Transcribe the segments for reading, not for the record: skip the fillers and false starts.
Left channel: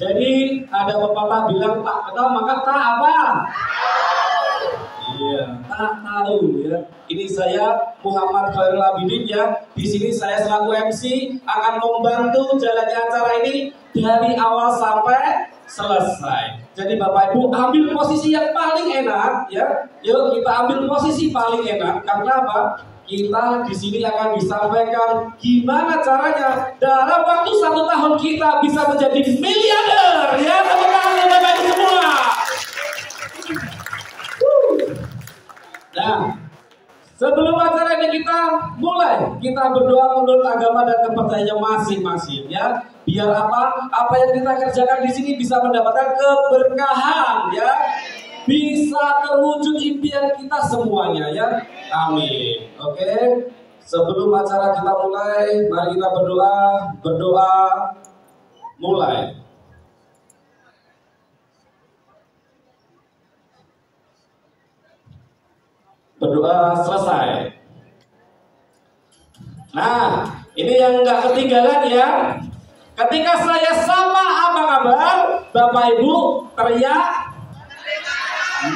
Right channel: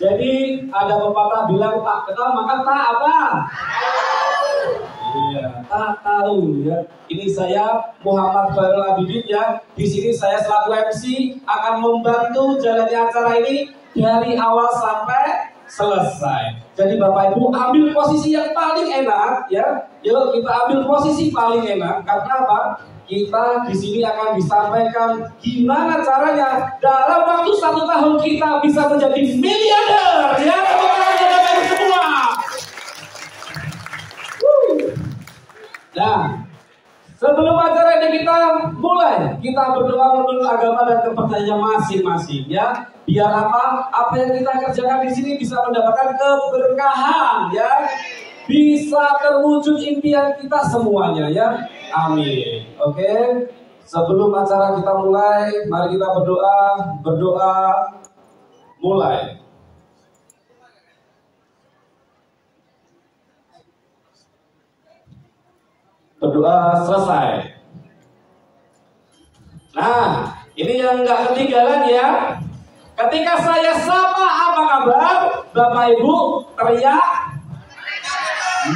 Jadi ada pepatah bilang tak kenal maka tak apa? Iya, tak tahu ya. Ini saya Muhammad Khairul Abidin ya. Di sini saya selaku MC akan membantu jalannya acara ini dari awal sampai selesai. Jadi Bapak Ibu ambil posisi yang paling enak ya. Yuk kita ambil posisi paling enak karena apa? Kita di sini akan disampaikan gimana caranya dalam waktu 1 tahun kita bisa menjadi miliarder ya teman-teman Bapak Ibu semua. Nah, sebelum acara ini kita mulai, kita berdoa menurut agama dan kepercayaan masing-masing ya. Biar apa? Apa yang kita kerjakan di sini bisa mendapatkan keberkahan ya. Bisa terwujud impian kita semuanya ya. Amin. Oke. Sebelum acara kita mulai, mari kita berdoa. Berdoa mulai. Berdoa selesai. Nah, ini yang nggak ketinggalan ya. Ketika saya sapa apa kabar, Bapak Ibu teriak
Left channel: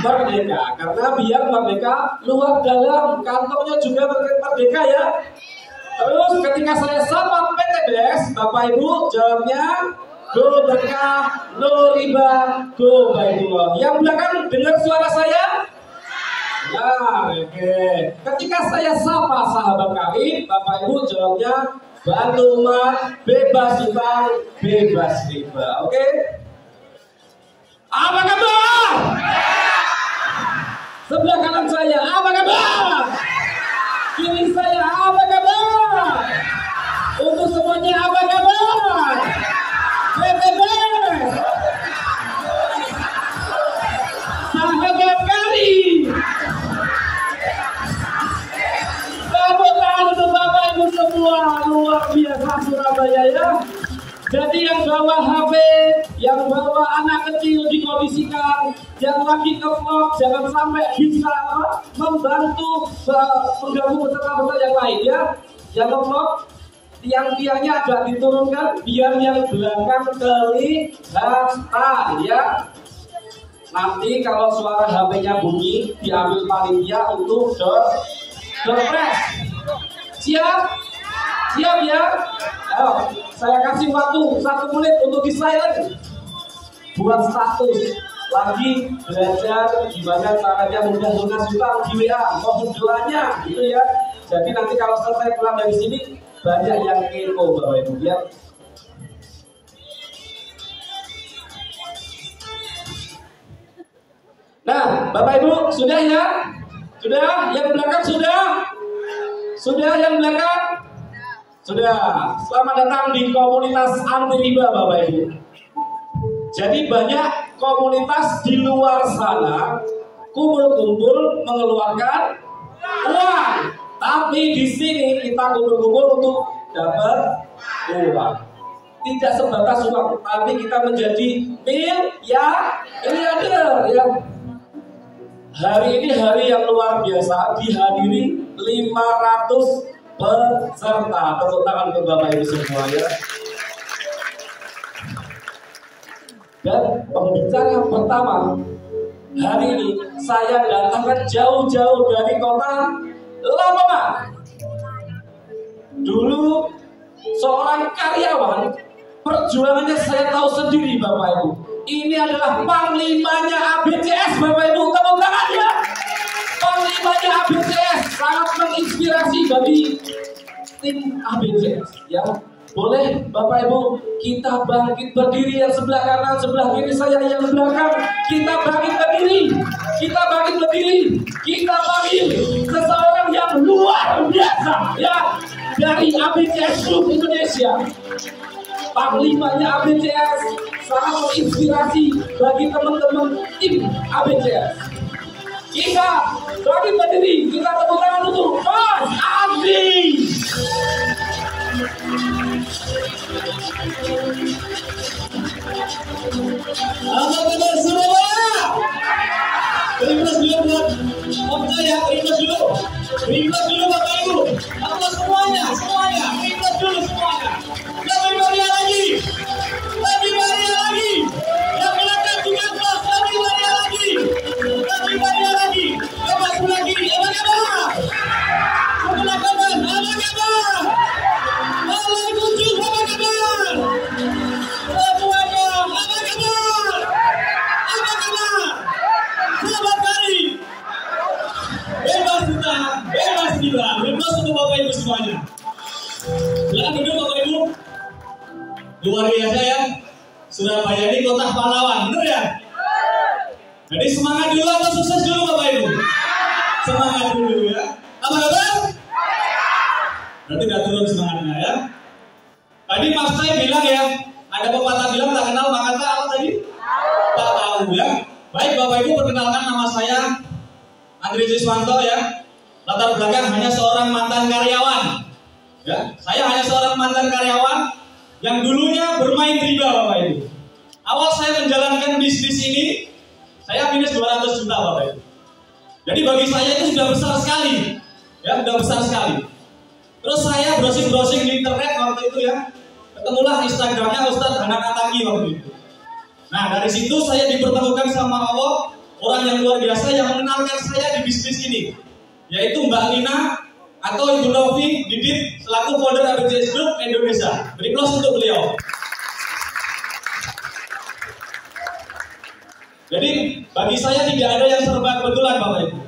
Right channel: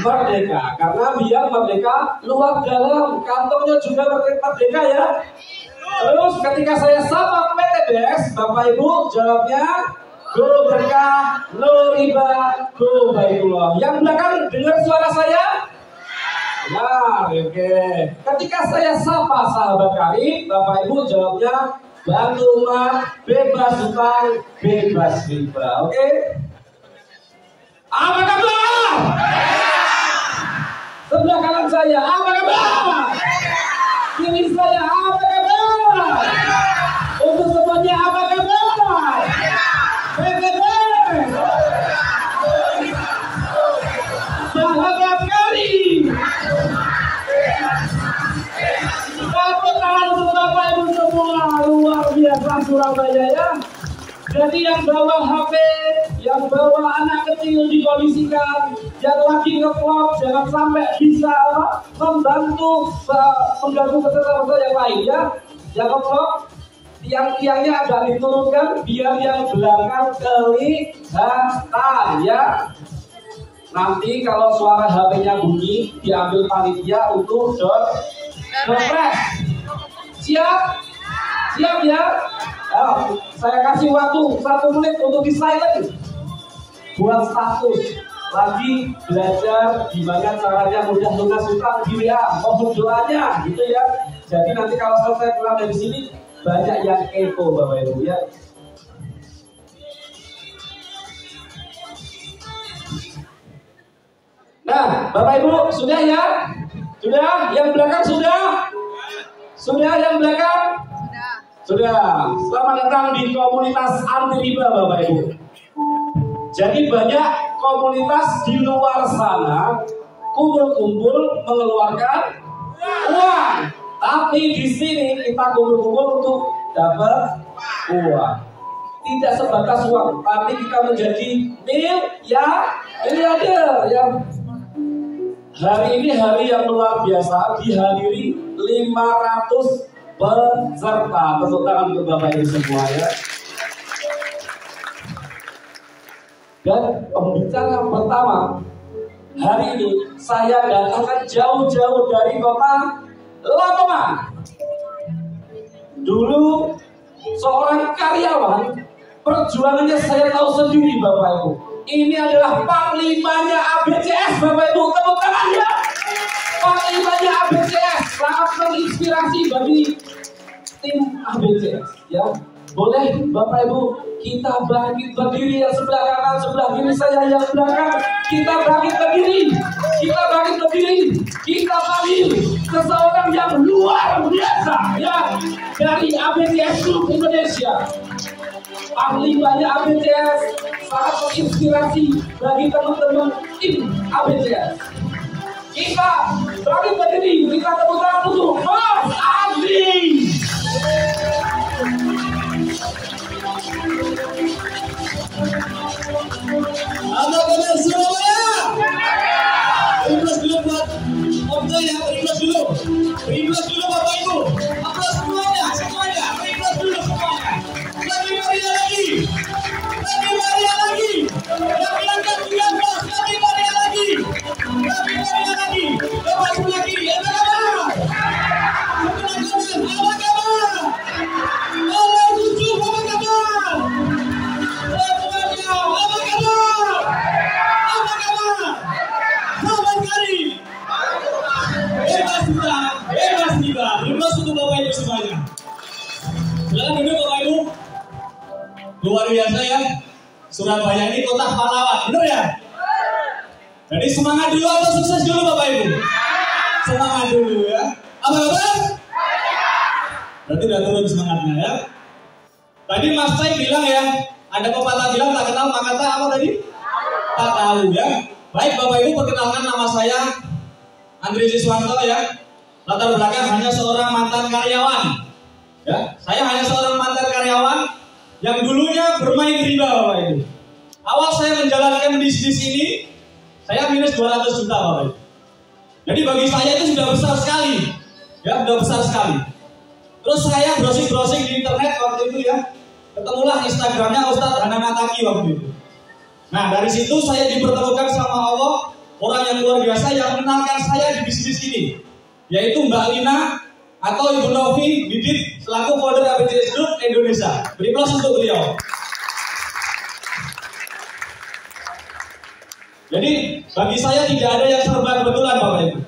merdeka. Karena biar merdeka luar dalam, kantongnya juga merdeka ya. Terus ketika saya sapa PTBS, Bapak Ibu jawabnya go berkah, no riba, go baitullah. Yang belakang dengar suara saya? Nah, oke. Ketika saya sapa sahabat karib, Bapak Ibu jawabnya bantu umat, bebas utang, bebas riba. Oke? Apa kabar? Sebelah kanan saya, apa kabar? Kiri saya, apa kabar? Untuk semuanya, apa kabar? PTBS, sahabat karib. Bapak Ibu semua, luar biasa Surabaya ya. Jadi yang bawa HP, yang bawa anak kecil dikondisikan, yang lagi nge-vlog jangan sampai bisa membantu mengganggu peserta-peserta yang lain ya. Yang nge-vlog, tiang-tiangnya agak diturunkan biar yang belakang kelihatan ya. Nanti kalau suara HP-nya bunyi, diambil panitia untuk refresh. Siap? Siap ya? Oh, saya kasih waktu 1 menit untuk di-silent. Buat status. Lagi belajar gimana caranya mudah lunas utang di WA. Mohon doanya gitu ya. Jadi nanti kalau selesai pulang dari sini, banyak yang kepo Bapak Ibu ya. Nah, Bapak Ibu sudah ya? Sudah? Yang belakang sudah? Sudah yang belakang? Sudah. Selamat datang di komunitas anti riba Bapak Ibu. Jadi banyak komunitas di luar sana kumpul-kumpul mengeluarkan uang. Tapi di sini kita kumpul-kumpul untuk dapat uang. Tidak sebatas uang, tapi kita menjadi miliarder ya. Hari ini hari yang luar biasa, dihadiri 500 peserta. Tepuk tangan untuk Bapak Ibu semua ya. Dan pembicara pertama hari ini saya datangkan jauh-jauh dari kota Lamongan. Dulu seorang karyawan, perjuangannya saya tahu sendiri Bapak Ibu. Ini adalah panglimanya ABCS Bapak Ibu, tepuk tangan ya. Panglimanya ABCS sangat menginspirasi bagi tim ABCS ya. Boleh Bapak Ibu kita bangkit berdiri, yang sebelah kanan, sebelah kiri saya yang belakang. Kita bangkit berdiri, kita bangkit berdiri. Kita panggil seseorang yang luar biasa ya, dari ABCS Group Indonesia. Panglimanya ABCS sangat menginspirasi bagi teman-teman tim ABCS. Kita bangkit berdiri, kita tepuk tangan untuk Mas Andi. Anak-anak Surabaya, request dulu buat Okta ya, request dulu Bapak Ibu. Apa semuanya, request dulu semuanya. Lebih meriah lagi. luar biasa ya. Surabaya ini kota pahlawan, bener ya? Jadi semangat dulu atau sukses dulu Bapak Ibu? Semangat dulu ya. Apa kabar? Berarti udah turun semangatnya ya. Tadi Mas Tay bilang ya, ada pepatah bilang tak kenal maka tak apa tadi? Tak tahu ya. Baik Bapak Ibu, perkenalkan nama saya Andri Siswanto ya. Latar belakang hanya seorang mantan karyawan. Ya, saya hanya seorang mantan karyawan yang dulunya bermain riba Bapak Ibu. Awal saya menjalankan bisnis ini, saya minus 200 juta Bapak Ibu. Jadi bagi saya itu sudah besar sekali. Ya, sudah besar sekali. Terus saya browsing-browsing di internet waktu itu ya. Ketemulah Instagramnya Ustadz Hanang Ataki waktu itu. Nah, dari situ saya dipertemukan sama Allah, orang yang luar biasa yang mengenalkan saya di bisnis ini, yaitu Mbak Lina atau Ibu Novi Didit selaku founder ABCS Group Indonesia. Beri aplaus untuk beliau. Jadi bagi saya tidak ada yang serba kebetulan Bapak Ibu.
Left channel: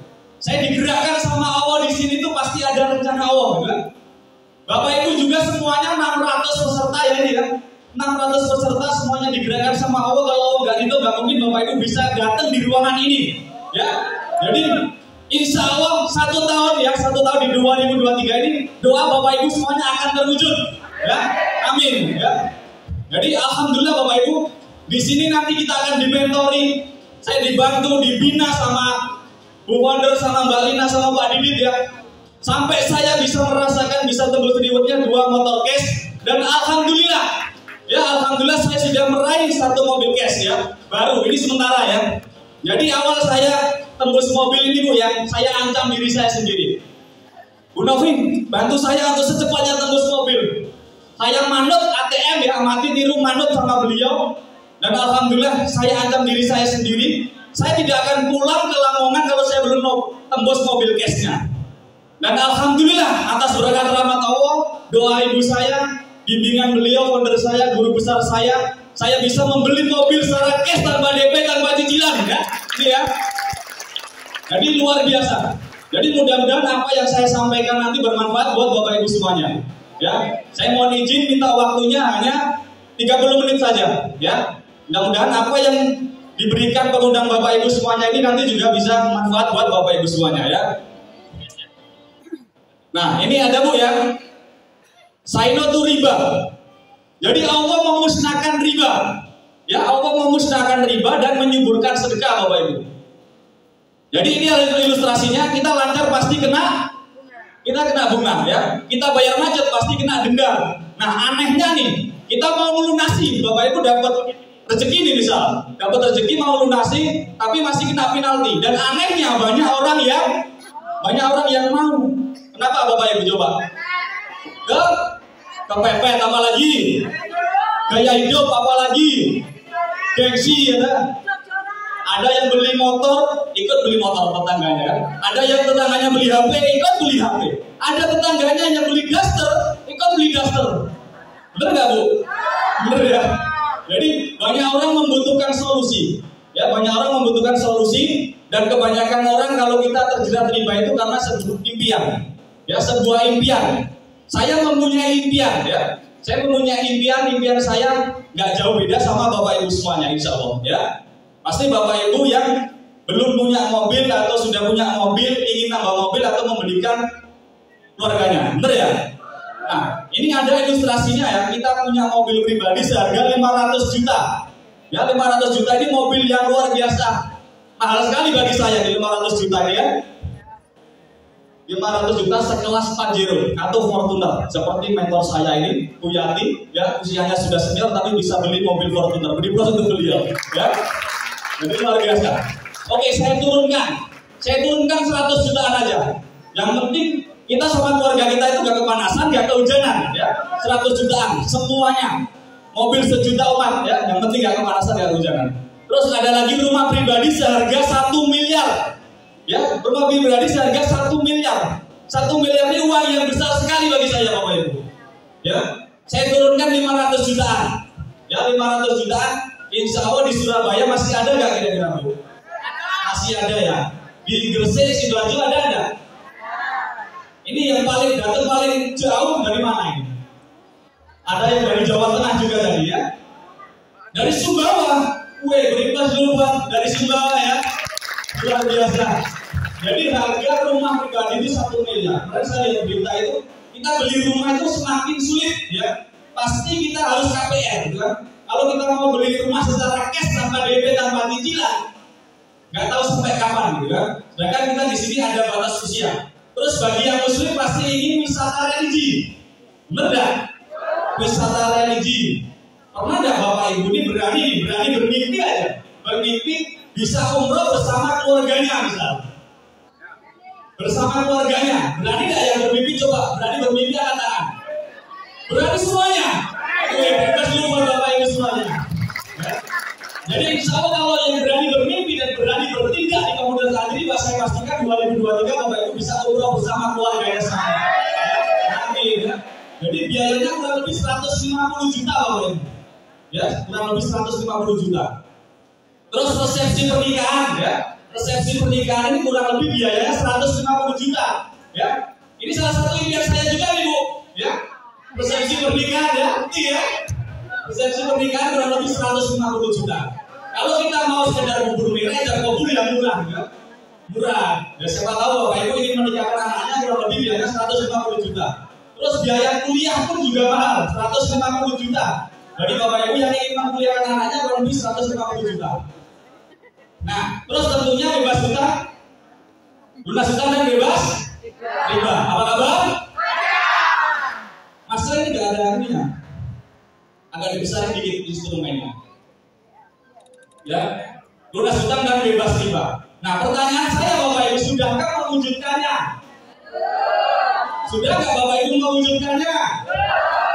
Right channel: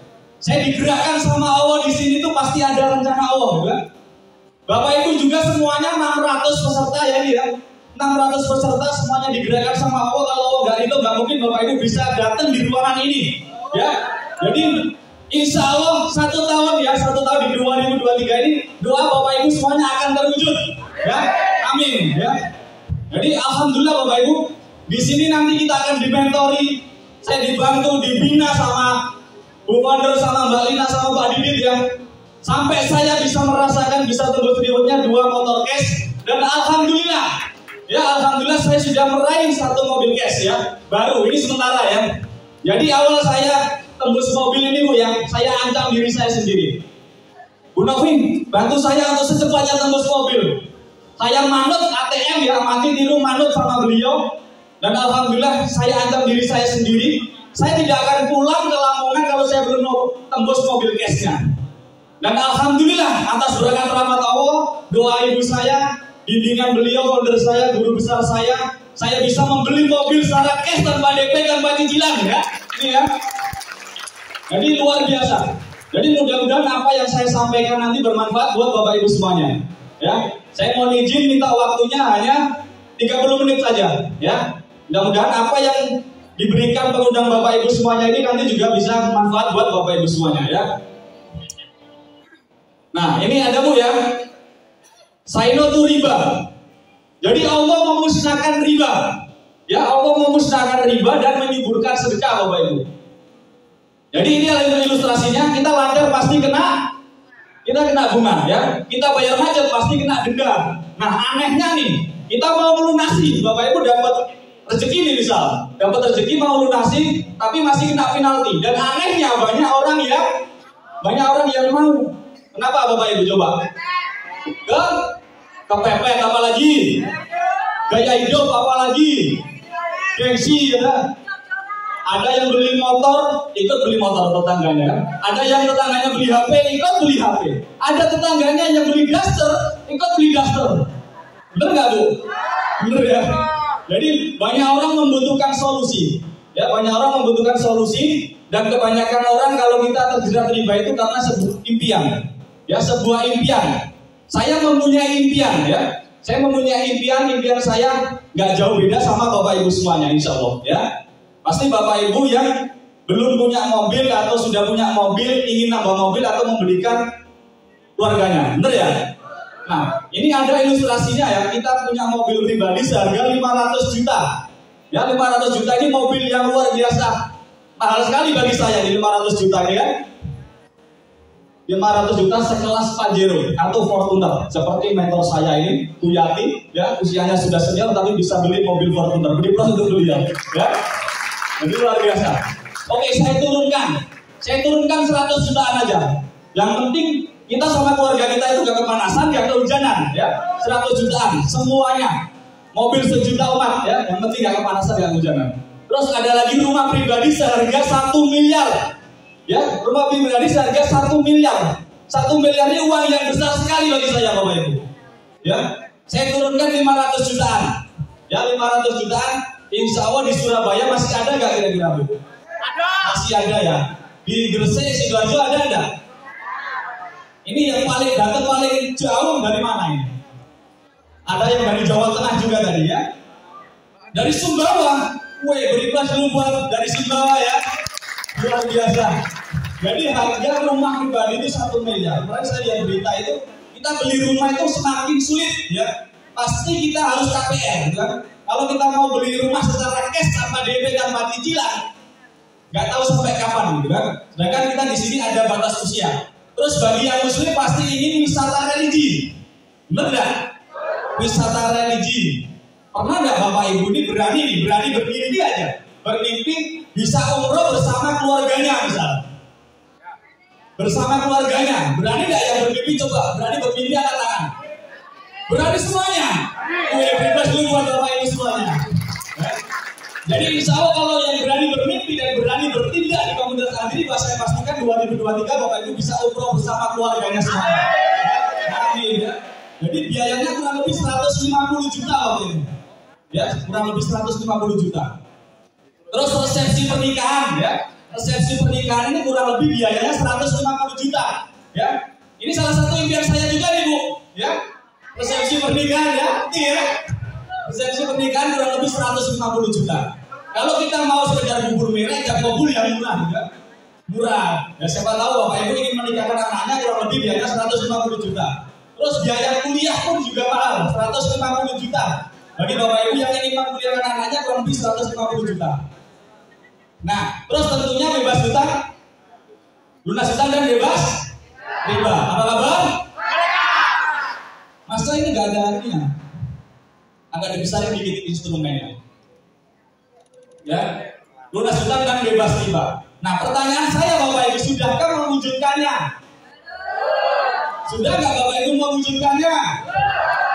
Saya digerakkan sama Allah di sini tuh pasti ada rencana Allah, kan? Bapak Ibu juga semuanya 600 peserta ya ini ya. 600 peserta semuanya digerakkan sama Allah. Kalau nggak itu nggak mungkin Bapak Ibu bisa datang di ruangan ini, ya. Jadi insya Allah 1 tahun di 2023 ini doa Bapak Ibu semuanya akan terwujud, ya. Amin, ya. Jadi alhamdulillah Bapak Ibu, di sini nanti kita akan dimentori. Saya dibantu, dibina sama Bu Founder, sama Mbak Lina, sama Pak Didit ya. Sampai saya bisa merasakan, bisa tembus rewardnya 2 motor cash. Dan alhamdulillah, ya alhamdulillah saya sudah meraih 1 mobil cash ya. Baru, ini sementara ya. Jadi awal saya tembus mobil ini Bu ya, saya ancam diri saya sendiri. Bu Novi, bantu saya untuk secepatnya tembus mobil. Saya manut ATM ya, mati tiru manut sama beliau. Dan alhamdulillah saya ancam diri saya sendiri. Saya tidak akan pulang ke Lamongan kalau saya belum tembus mobil cashnya. Dan alhamdulillah atas berkat rahmat Allah, doa ibu saya, bimbingan beliau, founder saya, guru besar saya bisa membeli mobil secara cash tanpa DP, tanpa cicilan ya. Ini ya. Jadi luar biasa. Jadi mudah-mudahan apa yang saya sampaikan nanti bermanfaat buat Bapak Ibu semuanya. Ya, saya mohon izin minta waktunya hanya 30 menit saja ya. Mudah-mudahan apa yang diberikan pengundang Bapak Ibu semuanya ini nanti juga bisa bermanfaat buat Bapak Ibu semuanya ya. Nah, ini ada Bu ya. Saino tu riba. Jadi Allah memusnahkan riba. Ya, Allah memusnahkan riba dan menyuburkan sedekah Bapak Ibu. Jadi ini ada ilustrasinya, kita lancar pasti kena bunga ya. Kita bayar macet pasti kena denda. Nah, anehnya nih, kita mau melunasi, Bapak Ibu dapat rezeki nih misal, dapat rezeki mau lunasi tapi masih kena penalti. Dan anehnya banyak orang yang mau. Kenapa Bapak Ibu coba? Kepepet apa lagi? Gaya hidup apa lagi? Gengsi ya. Ada yang beli motor, ikut beli motor tetangganya. Ada yang tetangganya beli HP, ikut beli HP. Ada tetangganya yang beli daster, ikut beli daster. Bener nggak Bu? Bener ya. Jadi banyak orang membutuhkan solusi. Ya, banyak orang membutuhkan solusi. Dan kebanyakan orang kalau kita terjerat riba itu karena sebuah impian. Ya, sebuah impian. Saya mempunyai impian ya. Saya mempunyai impian saya nggak jauh beda sama Bapak Ibu semuanya insya Allah ya. Pasti Bapak Ibu yang belum punya mobil atau sudah punya mobil, ingin nambah mobil atau membelikan keluarganya, bener ya? Nah, ini ada ilustrasinya ya, kita punya mobil pribadi seharga 500 juta. Ya, 500 juta ini mobil yang luar biasa. Mahal sekali bagi saya di 500 juta ya. 500 juta sekelas Pajero atau Fortuner. Seperti mentor saya ini, Bu Yati, ya, usianya sudah senior tapi bisa beli mobil Fortuner. Beli plus untuk beliau, ya. Jadi luar biasa. Oke, saya turunkan 100 jutaan aja. Yang penting kita sama keluarga kita itu gak kepanasan, gak kehujanan, ya. 100 jutaan semuanya. Mobil sejuta umat, ya. Yang penting gak kepanasan, gak kehujanan. Terus ada lagi rumah pribadi seharga 1 miliar. Ya, rumah pribadi seharga 1 miliar. 1 miliar ini uang yang besar sekali bagi saya Bapak Ibu. Ya, saya turunkan 500 jutaan. Ya, 500 jutaan. Insya Allah di Surabaya masih ada nggak kira-kira Bu? Ada. Masih ada ya. Di Gresik, Sidoarjo ada nggak? Ini yang paling datang paling jauh dari mana ini? Ada yang dari Jawa Tengah juga tadi ya. Dari Sumbawa, berikhlas dulu buat dari Sumbawa ya. Luar biasa. Jadi harga rumah pribadi itu 1 miliar. Kemarin saya lihat berita itu, kita beli rumah itu semakin sulit ya. Pasti kita harus KPR gitu kan. Kalau kita mau beli rumah secara cash tanpa DP tanpa cicilan, nggak tahu sampai kapan gitu kan. Sedangkan kita di sini ada batas usia. Terus bagi yang muslim pasti ingin wisata religi. Benar nggak? Wisata religi. Pernah nggak Bapak Ibu ini berani bermimpi aja, bermimpi bisa umroh bersama keluarganya misalnya, bersama keluarganya, berani nggak yang bermimpi? Coba berani bermimpi angkat tangan. Berani semuanya? Bebas dulu buat Bapak Ibu semuanya. Ya. Jadi insya Allah kalau yang berani bermimpi dan berani bertindak di komunitas Agribah, saya pastikan 2023 Bapak Ibu bisa umroh bersama keluarganya semua. Amin ya. Jadi biayanya kurang lebih 150 juta Bapak Ibu. Ya, kurang lebih 150 juta. Terus resepsi pernikahan ya. Resepsi pernikahan ini kurang lebih biayanya 150 juta. Ya. Ini salah satu impian saya juga nih Bu, ya. Resepsi pernikahan ya. Iya. Resepsi pernikahan kurang lebih 150 juta. Kalau kita mau sekedar bubur merah dan bubur yang murah ya. Murah. Ya siapa tahu Bapak Ibu ingin menikahkan anaknya kurang lebih biayanya 150 juta. Terus biaya kuliah pun juga mahal, 150 juta. Bagi Bapak Ibu yang ingin mengkuliahkan anaknya kurang lebih 150 juta. Nah, terus tentunya bebas hutang, lunas hutang dan bebas riba. Apa kabar? Masa ini nggak ada ininya? Agak dibesarin dikit instrumennya. Ya, lunas hutang dan bebas riba. Nah, pertanyaan saya Bapak Ibu, sudahkah mewujudkannya? Sudah nggak Bapak Ibu mewujudkannya?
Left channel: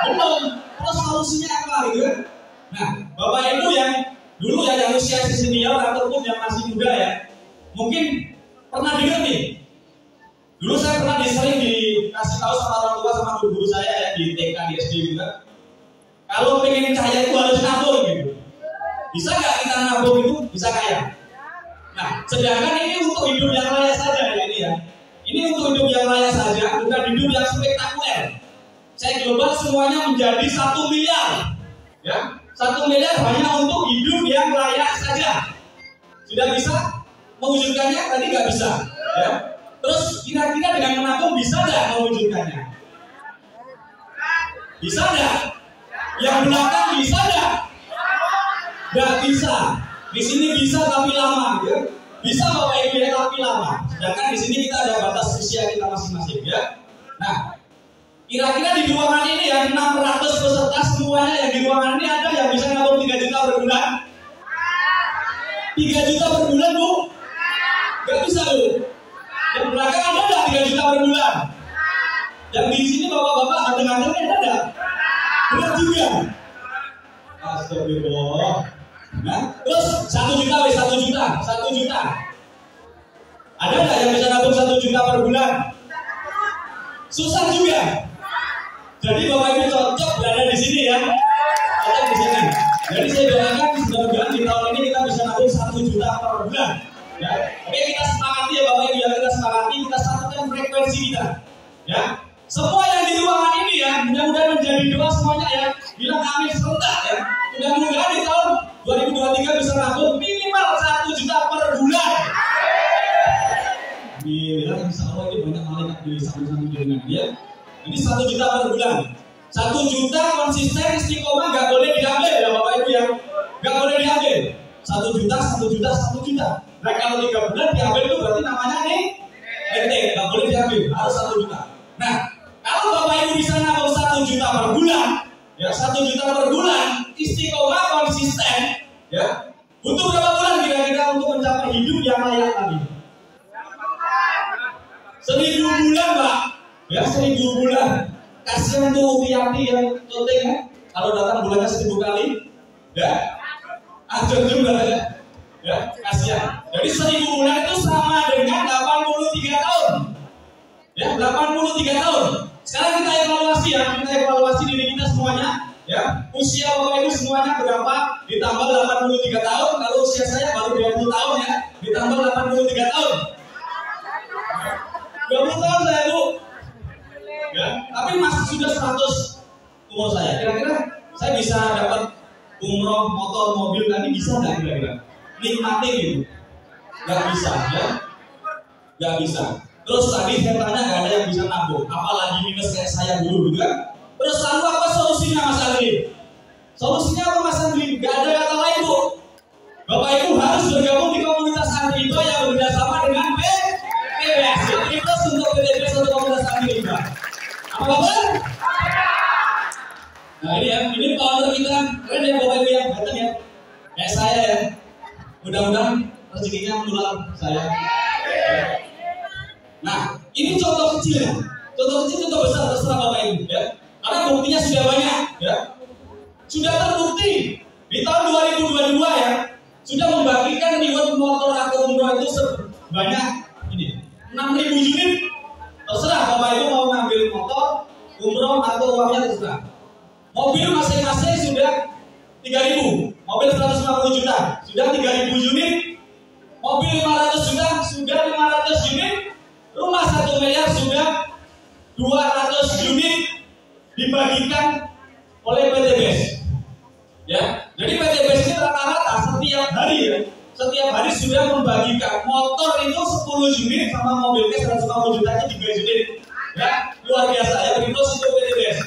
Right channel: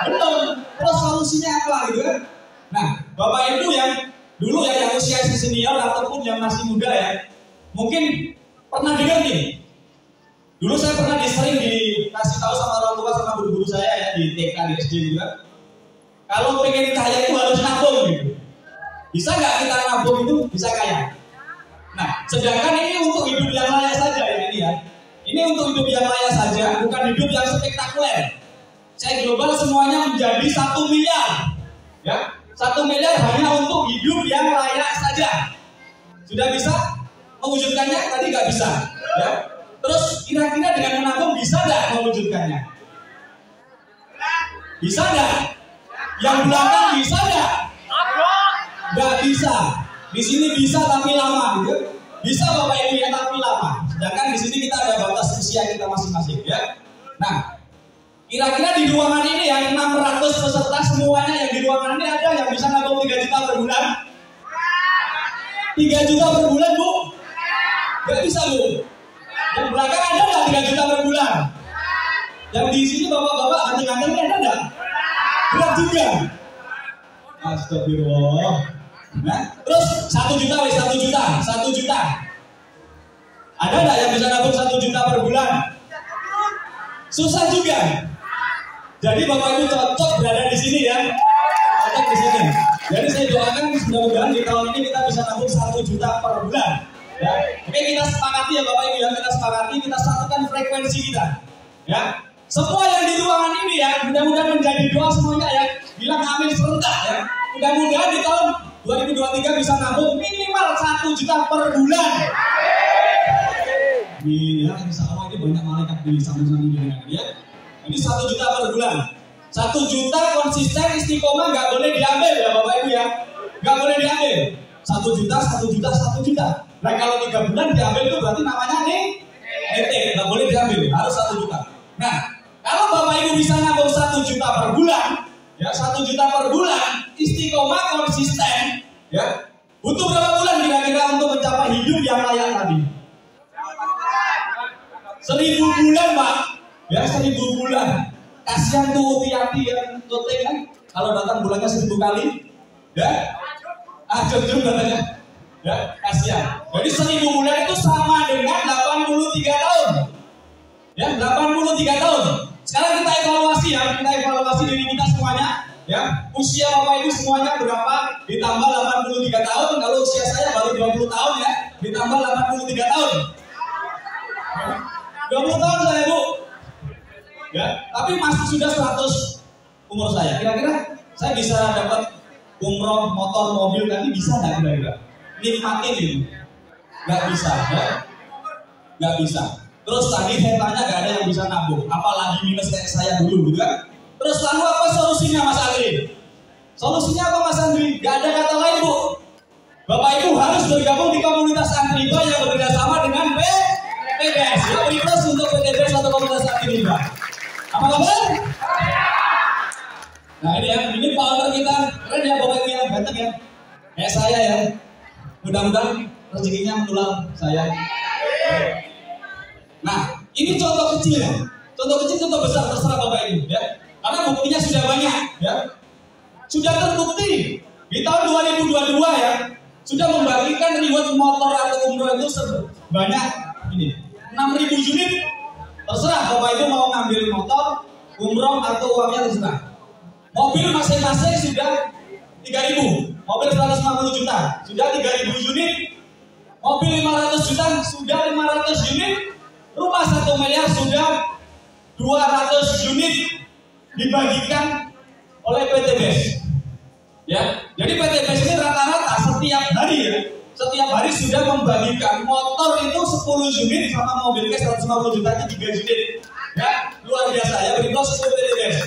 Belum. Terus solusinya apa gitu? Nah, Bapak Ibu yang dulu ya yang usia senior ataupun yang masih muda ya, mungkin pernah dengar nih. Dulu saya pernah sering dikasih tahu sama orang tua sama guru-guru saya ya di TK di SD gitu kan. Kalau pengen kaya itu harus nabung gitu. Bisa nggak kita nabung itu bisa kaya? Nah, sedangkan ini untuk hidup yang layak saja ya ini ya. Ini untuk hidup yang layak saja, bukan hidup yang spektakuler. Saya global semuanya menjadi 1 miliar. Ya, 1 miliar hanya untuk hidup yang layak saja. Sudah bisa mewujudkannya? Tadi nggak bisa. Ya. Terus kira-kira dengan menabung bisa nggak mewujudkannya? Bisa nggak? Yang belakang bisa nggak? Nggak bisa. Di sini bisa tapi lama, gitu. Bisa Bapak Ibu ya tapi lama. Sedangkan di sini kita ada batas usia kita masing-masing, ya. Nah, kira-kira di ruangan ini ya 600 peserta semuanya yang di ruangan ini ada yang bisa nabung 3 juta per bulan? 3 juta per bulan Bu? Gak bisa Bu. Yang belakang ada nggak 3 juta per bulan? Yang di sini bapak-bapak ganteng-gantengnya ada nggak? Berat juga. Astagfirullah. Nah, terus 1 juta wes 1 juta. Ada nggak yang bisa nabung 1 juta per bulan? Susah juga. Jadi Bapak Ibu cocok berada di sini ya. Cocok di sini. Jadi saya doakan mudah-mudahan di tahun ini kita bisa nabung 1 juta per bulan. Ya. Oke, kita sepakati ya Bapak Ibu ya, kita sepakati, kita satukan frekuensi kita. Ya. Semua yang di ruangan ini ya, mudah-mudahan menjadi doa semuanya ya. Bilang amin serentak ya. Mudah-mudahan di tahun 2023 bisa nabung minimal 1 juta per bulan. Iya, insya Allah ini banyak malaikat di samping-samping dengan dia. Ini 1 juta per bulan. 1 juta konsisten istiqomah nggak boleh diambil ya Bapak Ibu ya. Nggak boleh diambil. 1 juta. Nah kalau 3 bulan diambil itu berarti namanya nih netek, nggak boleh diambil. Harus 1 juta. Nah kalau Bapak Ibu bisa nabung 1 juta per bulan, ya 1 juta per bulan, istiqomah konsisten, ya. Butuh berapa bulan kira-kira untuk mencapai hidup yang layak tadi? 1000 bulan Pak. Ya 1000 bulan. Kasihan tuh Tiati yang syuting kan. Kalau datang bulannya 1000 kali. Ya. Ajar juga ya. Ya, kasihan. Jadi 1000 bulan itu sama dengan 83 tahun. Ya, 83 tahun. Sekarang kita evaluasi ya. Kita evaluasi diri kita semuanya. Ya. Usia Bapak Ibu semuanya berapa? Ditambah 83 tahun. Kalau usia saya baru 20 tahun ya. Ditambah 83 tahun. 20 tahun saya Bu. Ya, tapi masih sudah 100 umur saya. Kira-kira saya bisa dapat umroh umroh, motor, mobil tadi bisa nggak kira-kira? Nikmatin gitu. Nggak bisa, ya? Nggak bisa. Terus tadi saya tanya nggak ada yang bisa nabung, apalagi minus kayak saya dulu gitu kan? Terus lalu apa solusinya Mas Andri? Solusinya apa Mas Andri? Nggak ada kata lain Bu. Bapak Ibu harus bergabung di komunitas Andriba yang bekerjasama dengan PTBS. Ya, request untuk PTBS atau komunitas Andriba. Apa kabar? Nah ini founder kita, keren ya Bapak Ibu yang ganteng ya. Kayak saya ya. Mudah-mudahan rezekinya menular saya. Nah, ini contoh kecil ya. Contoh kecil, contoh besar, terserah Bapak Ibu ya. Karena buktinya sudah banyak ya. Sudah terbukti di tahun 2022 ya. Sudah membagikan reward motor atau umroh itu sebanyak ini 6.000 unit. Terserah Bapak Ibu mau ngambil motor, umroh atau uangnya terserah. Mobil masing-masing sudah 3.000. Mobil 150 juta sudah 3.000 unit. Mobil 500 juta sudah 500 unit. Rumah 1 miliar sudah 200 unit dibagikan oleh PTBS. Ya, jadi PTBS ini rata-rata setiap hari sudah membagikan motor itu 10 unit sama mobil cash 150 juta itu 3 unit. Ya, luar biasa ya, beri plus untuk PTBS.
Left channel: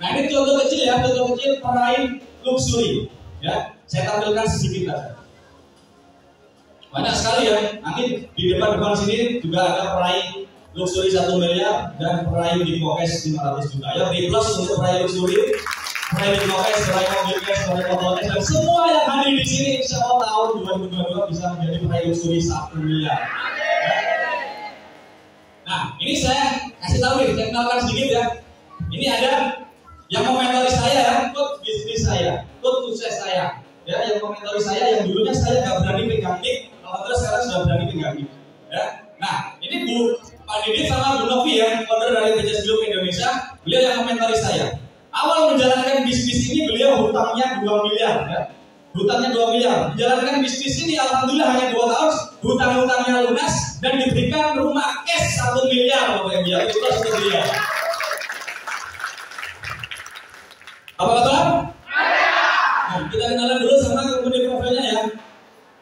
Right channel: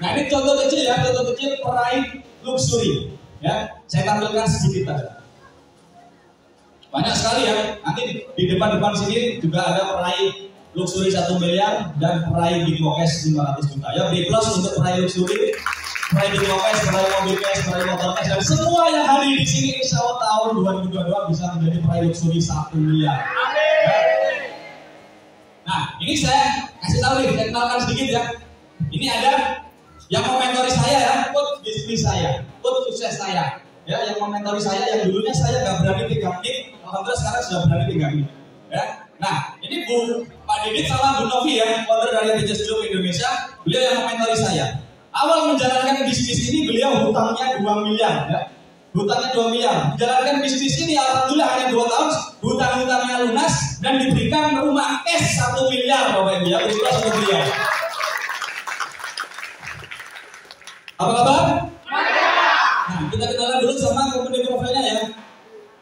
Nah, ini contoh kecil ya, contoh kecil peraih luxury. Ya, saya tampilkan sedikit saja. Banyak sekali ya, nanti di depan-depan sini juga ada peraih luxury 1 miliar dan peraih big cash 500 juta. Ya, big plus untuk peraih luxury, peraih big cash, peraih mobil cash, peraih motor cash, dan semua yang hadir di sini insya Allah tahun 2022 bisa menjadi peraih luxury 1 miliar. Ya. Nah, ini saya kasih tahu nih, saya kenalkan sedikit ya. Ini ada yang komentari saya ya, coach bisnis saya, coach sukses saya. Ya, yang komentari saya yang dulunya saya nggak berani pegang mic, alhamdulillah sekarang sudah berani pegang mic. Ya. Nah, ini Pak Didit sama Bu Novi ya, founder dari Business Group Indonesia, beliau yang komentari saya. Awal menjalankan bisnis ini beliau hutangnya 2 miliar ya. Hutangnya 2 miliar. Menjalankan bisnis ini alhamdulillah hanya 2 tahun, hutang-hutangnya lunas dan diberikan rumah cash 1 miliar Bapak Ibu ya. Itu satu miliar. Apa kabar? Nah, kita kenalan dulu sama company profilnya ya.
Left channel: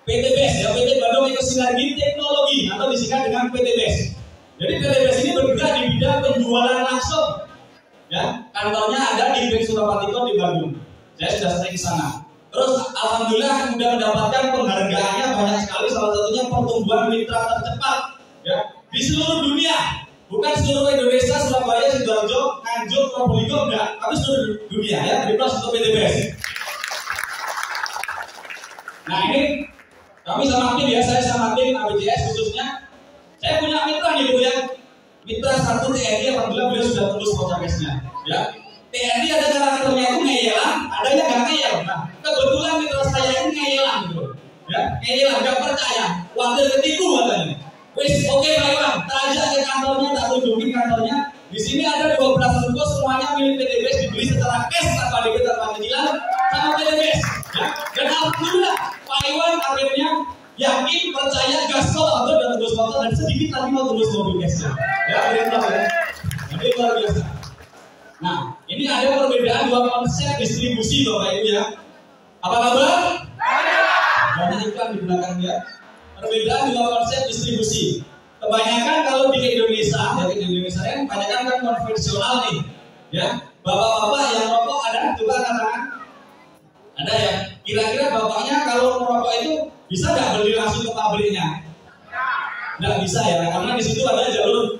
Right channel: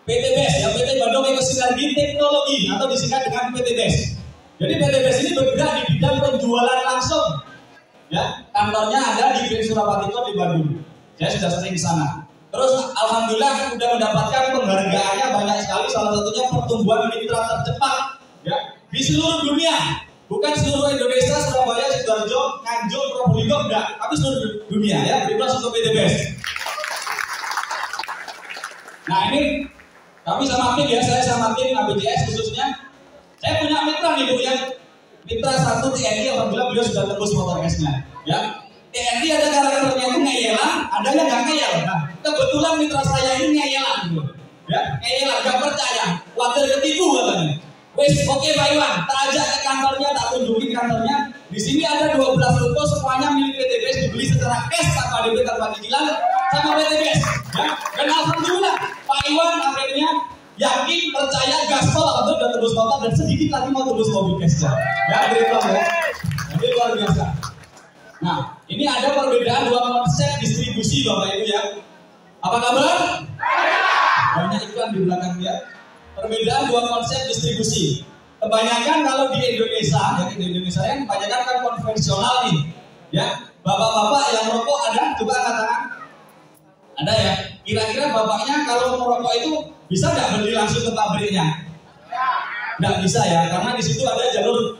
PTBS ya, PT Bandung Ekosinergi Teknologi atau disingkat dengan PTBS. Jadi PTBS ini bergerak di bidang penjualan langsung. Ya, kantornya ada di Green Surapatiko di Bandung. Saya sudah sering di sana. Terus alhamdulillah sudah mendapatkan penghargaannya banyak sekali, salah satunya pertumbuhan mitra tercepat ya di seluruh dunia. Bukan seluruh Indonesia, Surabaya, Sidoarjo, Nganjuk, Probolinggo, enggak, tapi seluruh dunia ya. Bebas untuk PTBS. Nah ini kami sama tim ya, saya sama tim ABCS khususnya. Saya punya mitra nih Bu ya. Mitra 1 TNI, alhamdulillah beliau sudah tembus motor cashnya. Ya, TNI ada karakternya itu ngeyelan, ada yang nggak ngeyel. Nah, kebetulan mitra saya ini ngeyelan gitu. Ya, ngeyelan, nggak percaya, khawatir ketipu katanya. Wes, oke Pak Iwan, tak ajak ke kantornya, tak tunjukin kantornya. Di sini ada 12 ruko, semuanya milik PTBS, dibeli secara cash tanpa DP tanpa cicilan sama PTBS. Ya, dan alhamdulillah Pak Iwan akhirnya yakin, percaya, gaspol, atau udah tembus motor dan sedikit lagi mau tembus mobil cashnya. Ya, akhirnya ya. Jadi luar biasa. Nah, ini ada perbedaan 2 konsep distribusi Bapak Ibu ya. Apa kabar? Banyak iklan di belakang dia. Perbedaan 2 konsep distribusi. Kebanyakan kalau di Indonesia, ya di Indonesia kan kebanyakan kan konvensional nih, ya. Bapak-bapak yang merokok ada, coba angkat tangan. Ada ya. Kira-kira bapaknya kalau merokok itu bisa nggak beli langsung ke pabriknya? Nggak bisa ya, karena di situ ada jalur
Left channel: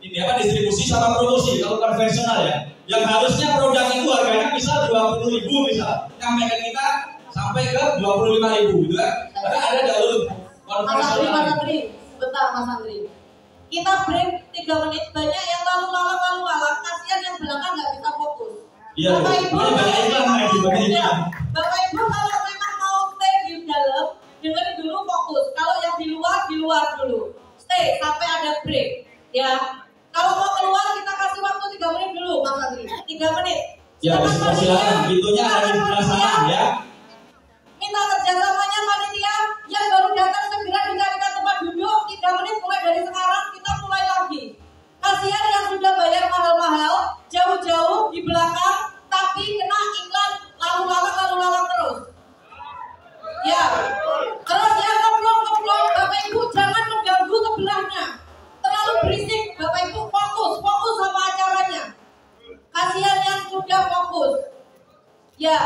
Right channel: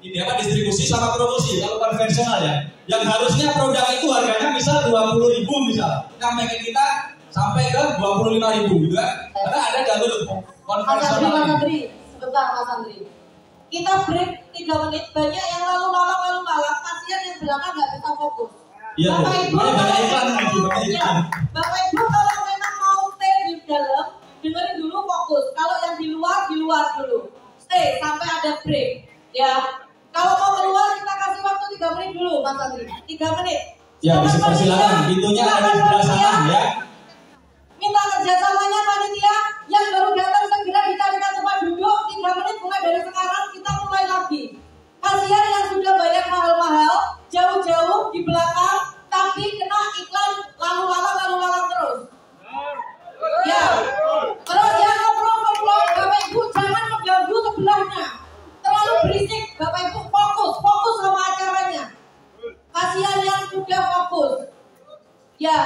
ini apa distribusi sama promosi. Kalau konvensional ya, yang harusnya produk itu harganya misal 20.000 misal, sampai ke kita sampai ke 25.000 gitu kan? Karena ada jalur konvensional. Mas Andri, sebentar Mas Andri. Kita break 3 menit, banyak yang lalu lalang, kasihan yang belakang nggak bisa fokus. Iya, Bapak Ibu, banyak iklan lagi, banyak iklan. Bapak Ibu kalau memang mau stay di dalam, dengerin dulu fokus. Kalau yang di luar dulu. Stay sampai ada break. Ya, kalau mau keluar kita kasih waktu 3 menit dulu, Mas Andri. 3 menit. Ya, silakan. Pintunya ada di sebelah sana ya. Minta kerjasamanya panitia yang baru datang segera dicarikan tempat duduk. 3 menit mulai dari sekarang kita mulai lagi. Kasihan yang sudah bayar mahal-mahal jauh-jauh di belakang, tapi Ya,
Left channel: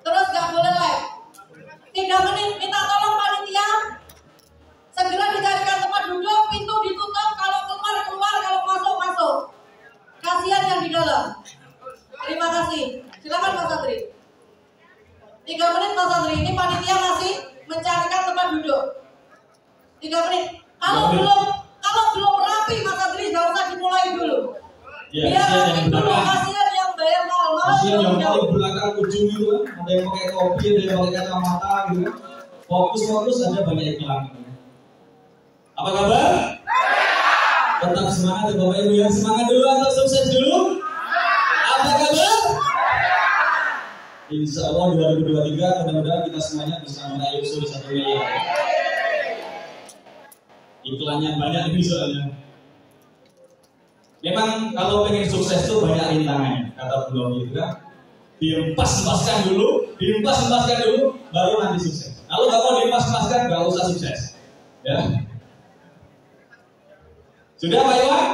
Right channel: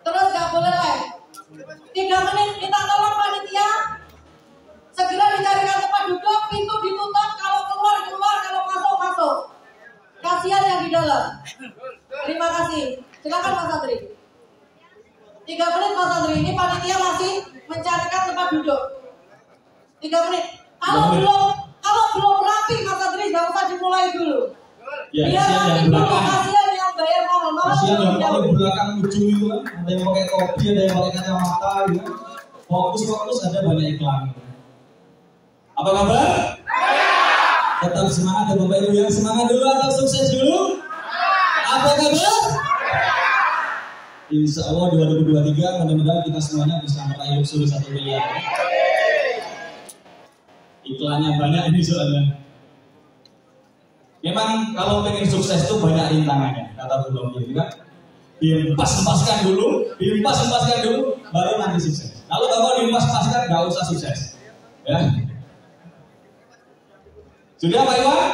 terus nggak boleh live. 3 menit, minta tolong panitia segera dicarikan tempat duduk, pintu ditutup, kalau keluar, kalau masuk. Kasihan yang di dalam. Terima kasih. Silakan Mas Satri. 3 menit Mas Satri, ini panitia masih mencarikan tempat duduk. 3 menit. Kalau belum rapi Mas Satri, nggak usah dimulai dulu. Ya, biar rapi dulu, kasihan yang bayar mahal. Kasihan yang paling belakang ujung itu kan, ada yang pakai topi, ada yang pakai kacamata gitu kan. Fokus ada banyak iklan. Apa kabar? Tetap semangat ya Bapak Ibu ya. Semangat dulu atau sukses dulu? Apa kabar? Insya Allah 2023 mudah-mudahan kita semuanya bisa meraih usul 1 miliar. Iklannya banyak ini soalnya. Memang kalau pengen sukses itu banyak rintangannya, kata Bu Dovi itu kan. Diempas-empaskan dulu, baru nanti sukses. Kalau nggak mau diempas-empaskan, nggak usah sukses. Ya. Sudah Pak Iwan?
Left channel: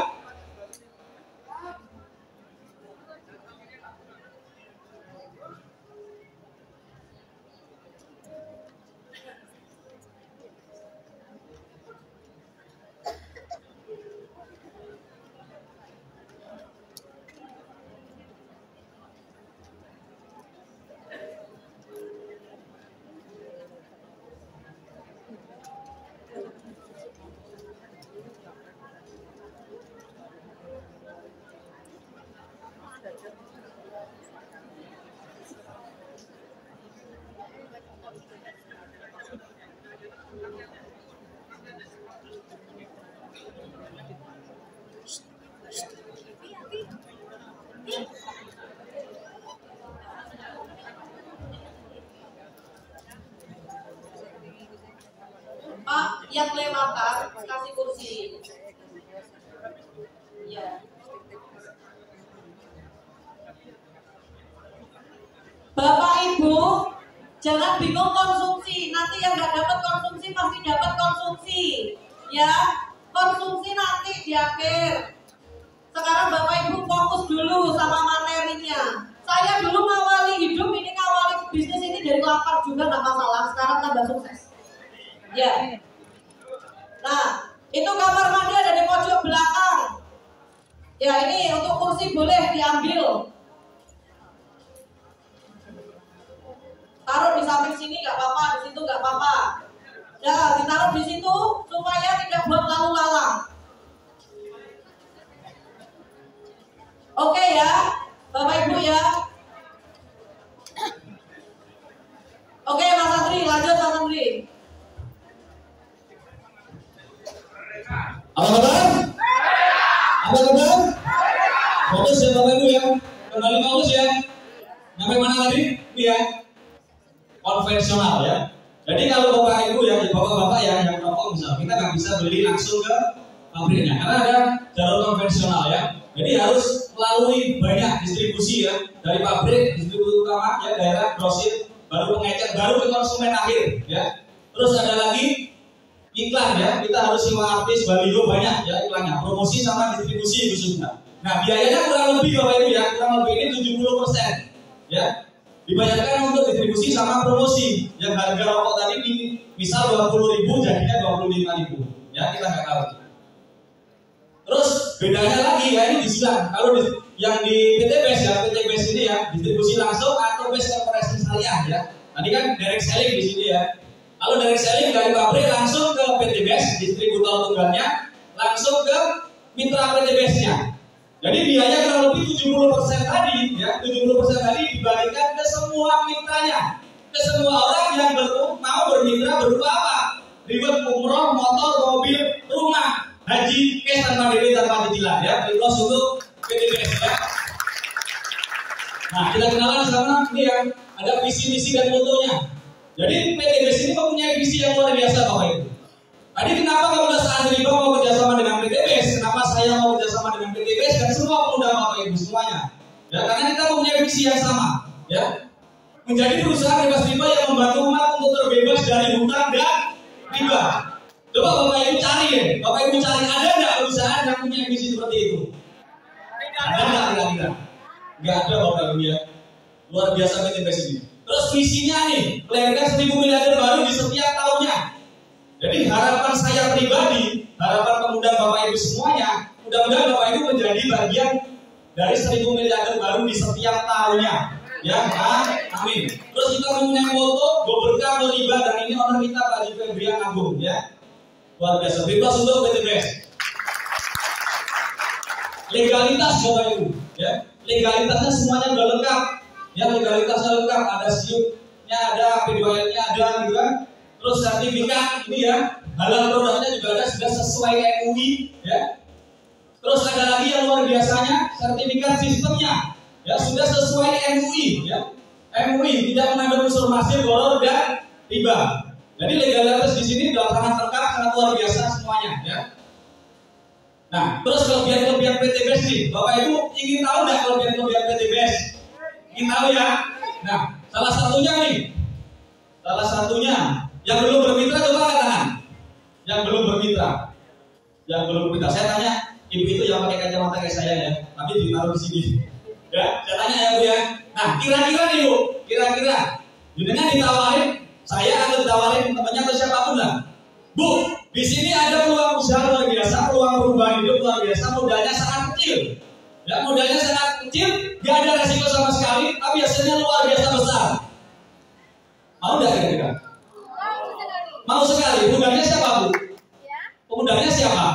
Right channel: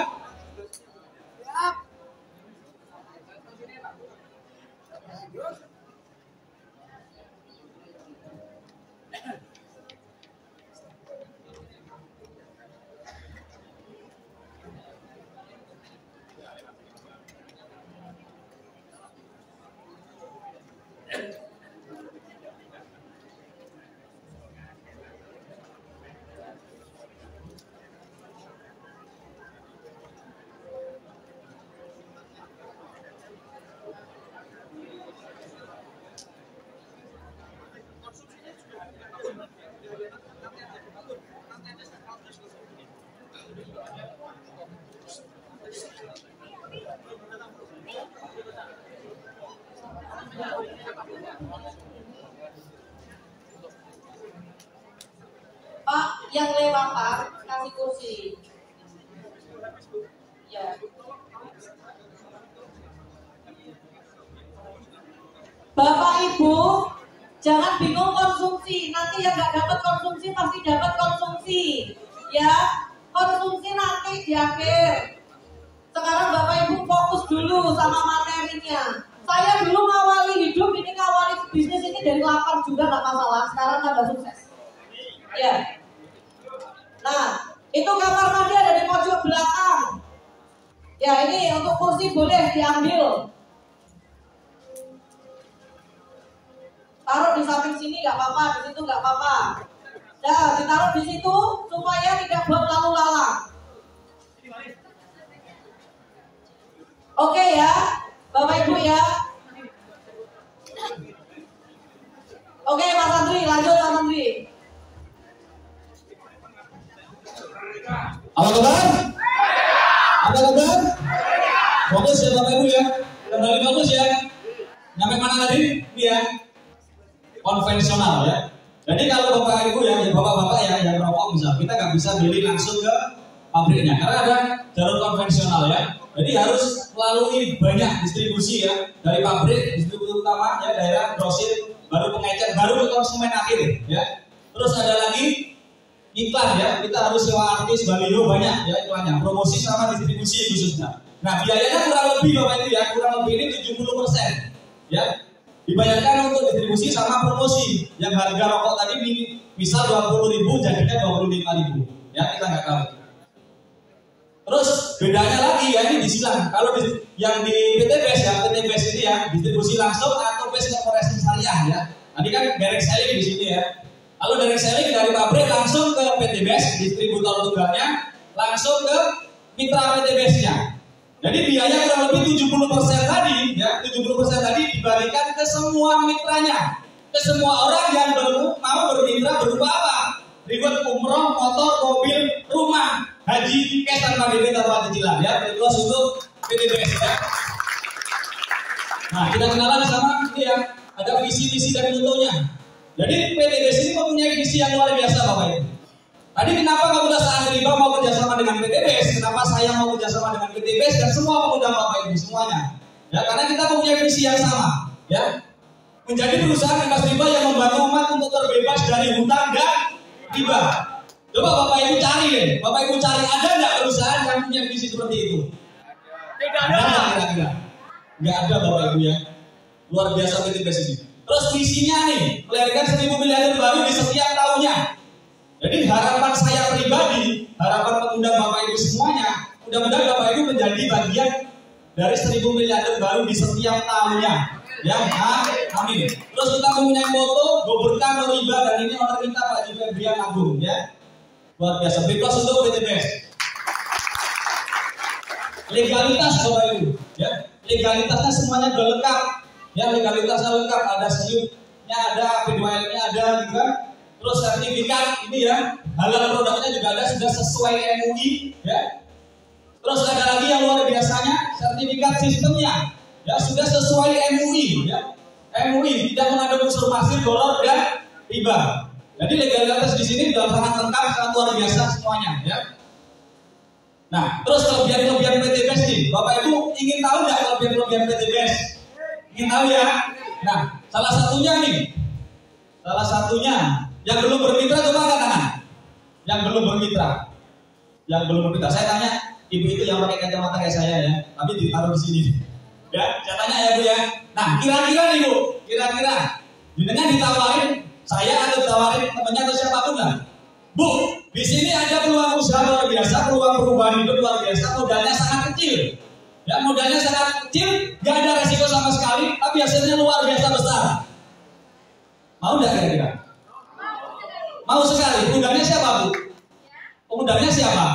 Pak, yang lewat Pak, kasih kursi. Ya. Bapak Ibu, jangan bingung konsumsi. Nanti yang nggak dapat konsumsi pasti dapat konsumsi. Ya, konsumsi nanti di akhir. Sekarang Bapak Ibu fokus dulu sama materinya. Saya dulu ngawali hidup ini, ngawali bisnis ini dari lapar juga nggak masalah. Sekarang tambah sukses. Ya. Nah, itu kamar mandi ada di pojok belakang. Ya, ini untuk kursi boleh diambil. Taruh di samping sini nggak apa-apa, di situ nggak apa-apa. Nah, ditaruh di situ supaya tidak buat lalu lalang. Oke ya, Bapak Ibu ya. Oke Mas Andri, lanjut Mas Andri. Apa kabar? Apa kabar? Fokus ya Bapak Ibu ya. Kembali fokus ya. Sampai mana tadi? Iya. Konvensional ya. Jadi kalau Bapak Ibu ya, Bapak-bapak ya yang merokok misalnya, kita nggak bisa beli langsung ke pabriknya karena ada jalur konvensional ya. Jadi harus melalui banyak distribusi ya, dari pabrik, distribusi utama ya, daerah, grosir, baru pengecer, baru ke konsumen akhir ya. Terus ada lagi iklan ya, kita harus sewa artis, baliho banyak ya iklannya, promosi sama distribusi khususnya. Nah biayanya kurang lebih Bapak Ibu ya, kurang lebih ini 70% ya. Dibayarkan untuk distribusi sama promosi. Yang harga rokok tadi misal 20.000 jadinya 25.000 ya, kita nggak tahu. Terus bedanya lagi ya, ini disilang. Kalau yang di PTBS ya, PTBS ini ya distribusi langsung atau base corporation syariah ya. Tadi kan direct selling di sini ya. Kalau direct selling dari pabrik langsung ke PTBS, distributor tunggalnya langsung ke mitra PTBS-nya. Jadi biaya kurang lebih 70% tadi ya, 70% tadi dibagikan ke semua mitranya, ke semua orang yang mau bermitra berupa apa? Ribet umroh, motor, mobil, rumah, haji, cash tanpa DP tanpa cicilan ya, terus untuk PTBS ya. Nah kita kenalan sama ini ya, ada visi misi dan motonya. Jadi PTBS ini mempunyai visi yang luar biasa Bapak Ibu. Tadi kenapa Pemuda Saat Riba mau kerjasama dengan PTBS? Kenapa saya mau kerjasama dengan PTBS dan semua pemuda Bapak Ibu semuanya? Ya karena kita mempunyai visi yang sama, ya. Menjadi perusahaan bebas riba yang membantu umat untuk terbebas dari hutang dan riba. Coba Bapak Ibu cari ya, Bapak Ibu cari ada nggak perusahaan yang punya visi seperti itu? Tidak ada. Ada nggak kira-kira? Nggak ada Bapak Ibu ya. Luar biasa PT BES ini. Terus visinya nih, melahirkan 1000 miliarder baru di setiap tahunnya. Jadi harapan saya pribadi, harapan pemuda Bapak Ibu semuanya, mudah-mudahan Bapak Ibu menjadi bagian dari 1000 miliarder baru di setiap tahunnya. Ya, amin. Terus kita mempunyai moto, go berkah, go riba, dan ini owner kita Pak Haji Febrian Agung, ya. Luar biasa. Beri aplaus untuk PT BES. Legalitas Bapak Ibu, ya. Legalitasnya semuanya sudah lengkap. Ya, legalitasnya lengkap, ada SIUP-nya ada, P2L-nya ada, gitu kan. Terus sertifikat ini ya, halal produknya juga ada, sudah sesuai MUI, ya. Terus ada lagi yang luar biasanya, sertifikat sistemnya, ya sudah sesuai MUI, ya. MUI tidak mengandung unsur masif, gharar dan riba. Jadi legalitas di sini sudah sangat lengkap, sangat luar biasa semuanya, ya. Nah, terus kelebihan-kelebihan PT BES nih, Bapak Ibu ingin tahu nggak kelebihan-kelebihan PT BES? Ingin tahu ya? Nah, salah satunya nih, yang belum bermitra coba angkat tangan. Yang belum bermitra. Saya tanya, ibu itu yang pakai kacamata kayak saya ya, tapi ditaruh di sini. Ya, saya tanya ya Bu ya. Nah, kira-kira nih Bu, jenengan ditawarin saya atau ditawarin temannya atau siapapun lah. Bu, di sini ada peluang usaha luar biasa, peluang perubahan hidup luar biasa, modalnya sangat kecil. Ya, modalnya sangat kecil, nggak ada resiko sama sekali, tapi hasilnya luar biasa besar. Mau nggak kira-kira? Mau sekali. Pemudanya siapa Bu? Pemudanya siapa?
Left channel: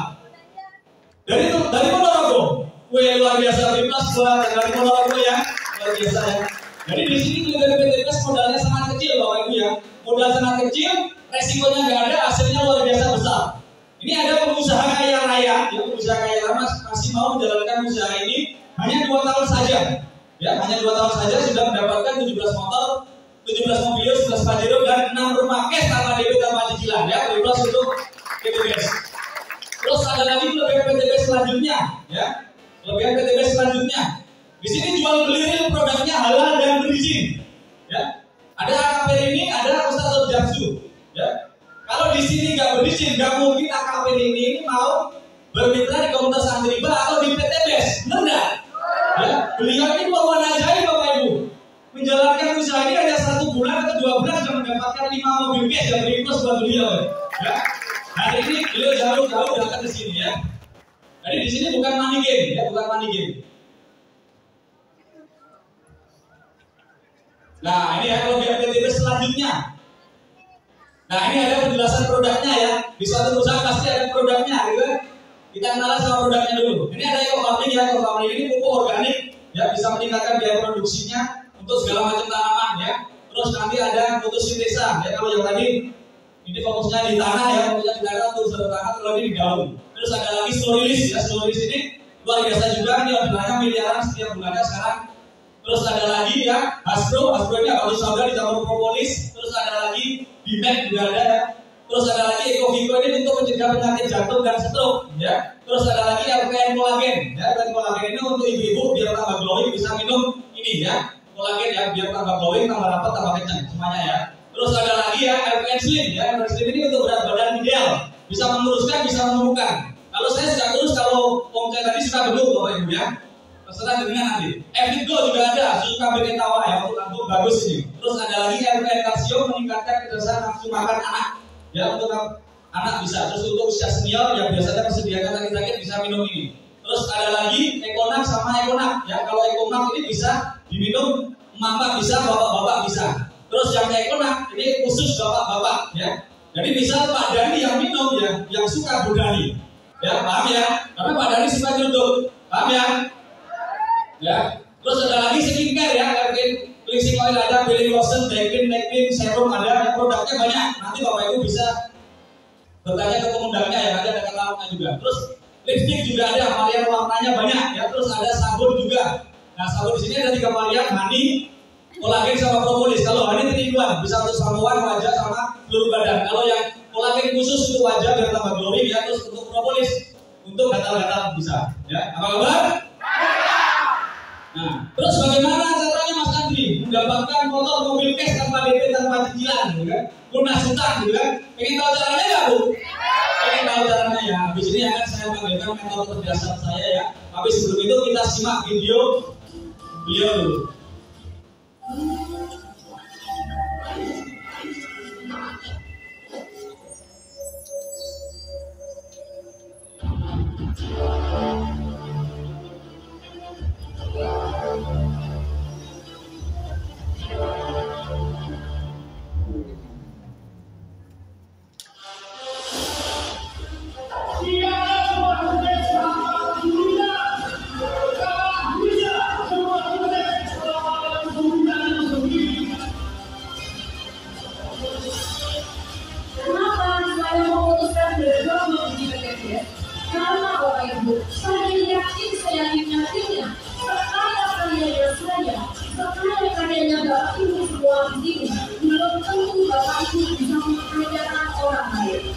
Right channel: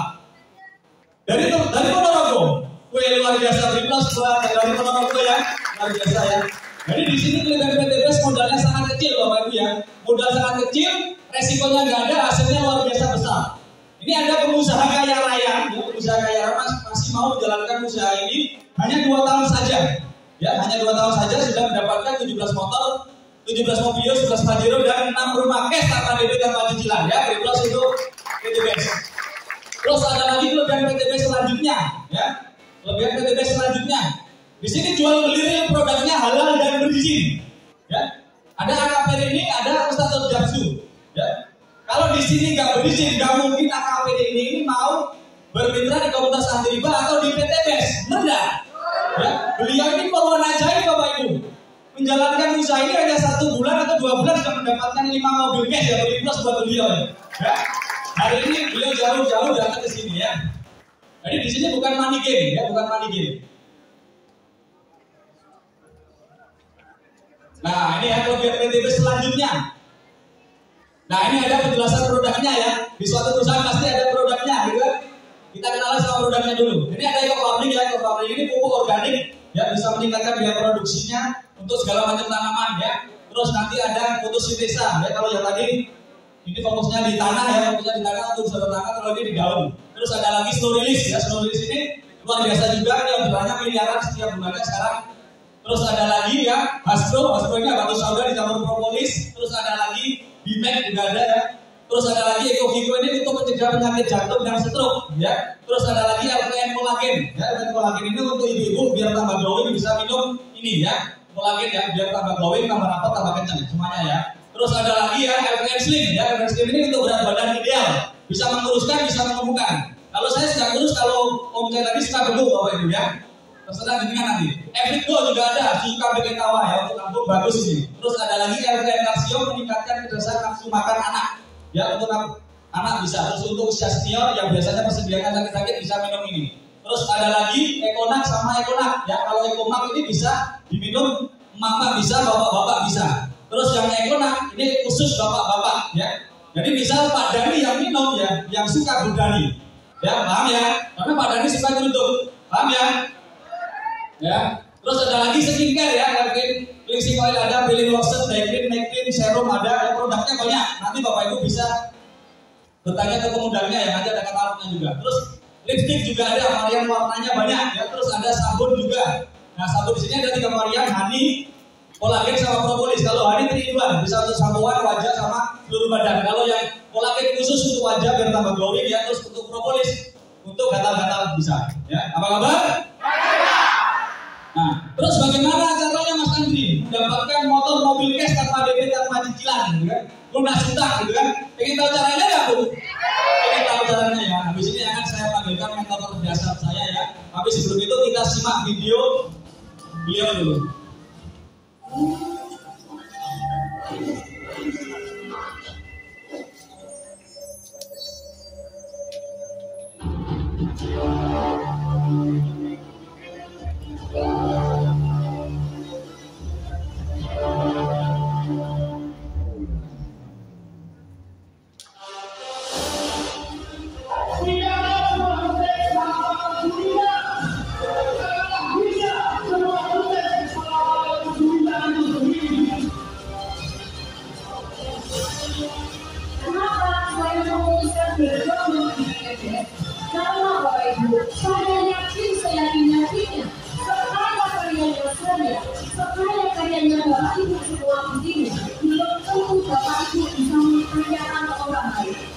Dari Ponorogo. Wih, luar biasa. Beri plus buat dari Ponorogo ya. Luar biasa ya. Jadi di sini kelebihan PT BES modalnya sangat kecil Bapak Ibu ya. Modal sangat kecil, resikonya nggak ada, hasilnya luar biasa besar. Ini ada pengusaha kaya raya, ya, pengusaha kaya raya masih mau menjalankan usaha ini hanya 2 tahun saja. Ya, hanya 2 tahun saja sudah mendapatkan 17 motor, 17 mobil, 11 Pajero dan 6 rumah cash tanpa DP tanpa cicilan. Ya, beri plus untuk PT BES. Terus ada lagi kelebihan PT BES selanjutnya, ya. Kelebihan PT BES selanjutnya. Di sini jual beli real produknya halal dan berizin. Ya. Ada AKP ini, ada Ustadz Japsu. Ya. Kalau di sini nggak berizin, nggak mungkin AKP ini mau bermitra di komunitas anti riba atau di PT BES. Benar nggak? Ya. Beliau ini poluan ajaib Bapak Ibu. Menjalankan usaha ini hanya 1 bulan atau 2 bulan sudah mendapatkan 5 mobil cash ya, beri plus buat beliau. Ya. Hari ini beliau jauh-jauh datang ke sini ya. Jadi di sini bukan money game ya, bukan money game. Nah, ini ya kelebihan PT BES selanjutnya. Nah, ini ada penjelasan produknya ya. Di suatu perusahaan pasti ada produknya, gitu kan? Kita kenalan sama produknya dulu. Ini ada eco farming ya, eco farming ini pupuk organik ya, bisa meningkatkan biaya produksinya untuk segala macam tanaman ya. Terus nanti ada fotosintesa ya, kalau yang tadi ini fokusnya di tanah ya, fokusnya di tanah untuk usaha tanah, kalau ini di dalam. Terus ada lagi Snowrelease ya, Snowrelease ini luar biasa juga, ini orderannya miliaran setiap bulannya sekarang. Terus ada lagi ya, Hasbro ini batu sauda dicampur propolis. Terus ada lagi Bimek juga ada ya. Terus ada lagi Ecovico ini untuk mencegah penyakit jantung dan stroke ya. Terus ada lagi LPN Kolagen ya, LPN Kolagen ini untuk ibu-ibu biar tambah glowing bisa minum ini ya, kolagen ya, biar tambah glowing, tambah rapat, tambah kencang semuanya ya. Terus ada lagi ya LPN Slim ya, LPN Slim ini untuk berat badan ideal, bisa menguruskan, bisa menumbuhkan. Kalau saya sudah kurus, kalau Om Cek tadi suka belum Bapak Ibu ya. Terserah dengan nanti. Evit Go juga ada, susu kambing tawa ya, untuk lambung bagus ini. Terus ada lagi LPN Kalsium meningkatkan kecerdasan nafsu makan anak. Ya, untuk anak bisa. Terus untuk usia senior yang biasanya persediaan sakit-sakit bisa minum ini. Terus ada lagi Ekonak sama Ekonak. Ya, kalau Ekonak ini bisa diminum mama bisa, bapak-bapak bisa. Terus yang Ekonak ini khusus bapak-bapak ya. Jadi misal Pak Dani yang minum ya, yang suka Bu Dani. Ya, paham ya? Karena Pak Dani suka nyeruduk. Paham ya? Ya, terus ada lagi skincare ya, cleansing oil ada, belly lotion, day cream, neck cream, serum ada, ya produknya banyak. Nanti Bapak Ibu bisa bertanya ke pemudanya ya, nanti ada katalognya juga. Terus lipstick juga ada, varian warnanya banyak ya. Terus ada sabun juga. Nah, sabun di sini ada 3 varian, honey, kolagen sama propolis. Kalau honey 3-in-1 bisa untuk sampoan, wajah sama seluruh badan. Kalau yang kolagen khusus untuk wajah biar tambah glowing ya. Terus untuk propolis untuk gatal-gatal bisa. Ya, apa kabar? Nah, terus bagaimana caranya Mas Andri mendapatkan motor mobil cash tanpa DP tanpa cicilan, gitu kan? Lunas utang, gitu kan? Pengen tahu caranya nggak Bu? Pengen tahu caranya ya. Habis ini akan saya panggilkan mentor kecerdasan saya ya. Tapi sebelum itu kita simak video beliau dulu. Bapak Ibu semua di sini, belum tentu Bapak Ibu bisa memperlihatkan orang lain.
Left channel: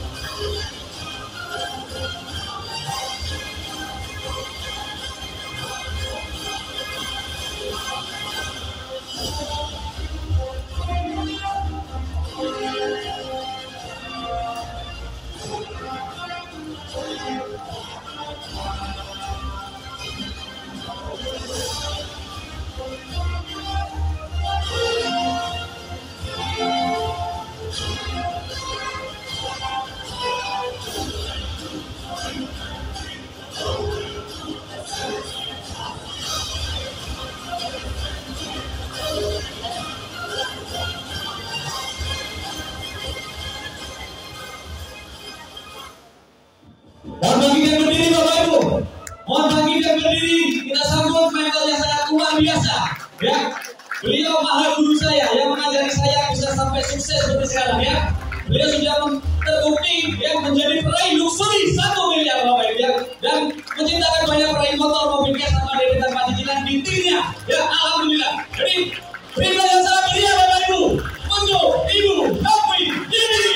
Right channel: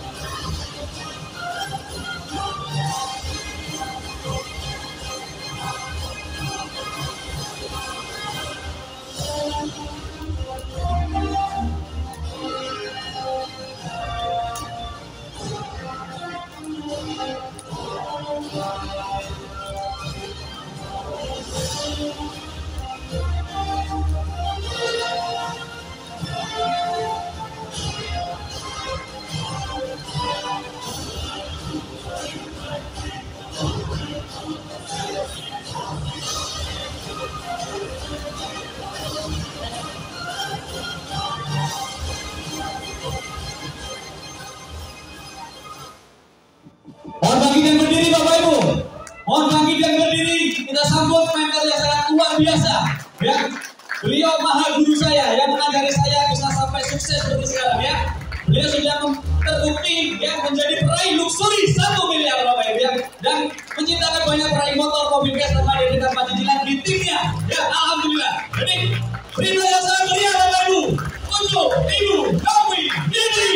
Mohon bangkit dan berdiri Bapak Ibu. Mohon bangkit dan berdiri. Kita sambut mentor yang sangat luar biasa. Ya, beliau maha guru saya yang mengajari saya bisa sampai sukses seperti sekarang ya. Beliau sudah terbukti ya menjadi peraih luxury 1 miliar Bapak Ibu ya, dan menciptakan banyak peraih motor, mobil gas serta dari tanpa cicilan di timnya. Ya, alhamdulillah. Jadi berita yang sangat meriah Bapak Ibu untuk Ibu Novi Didi.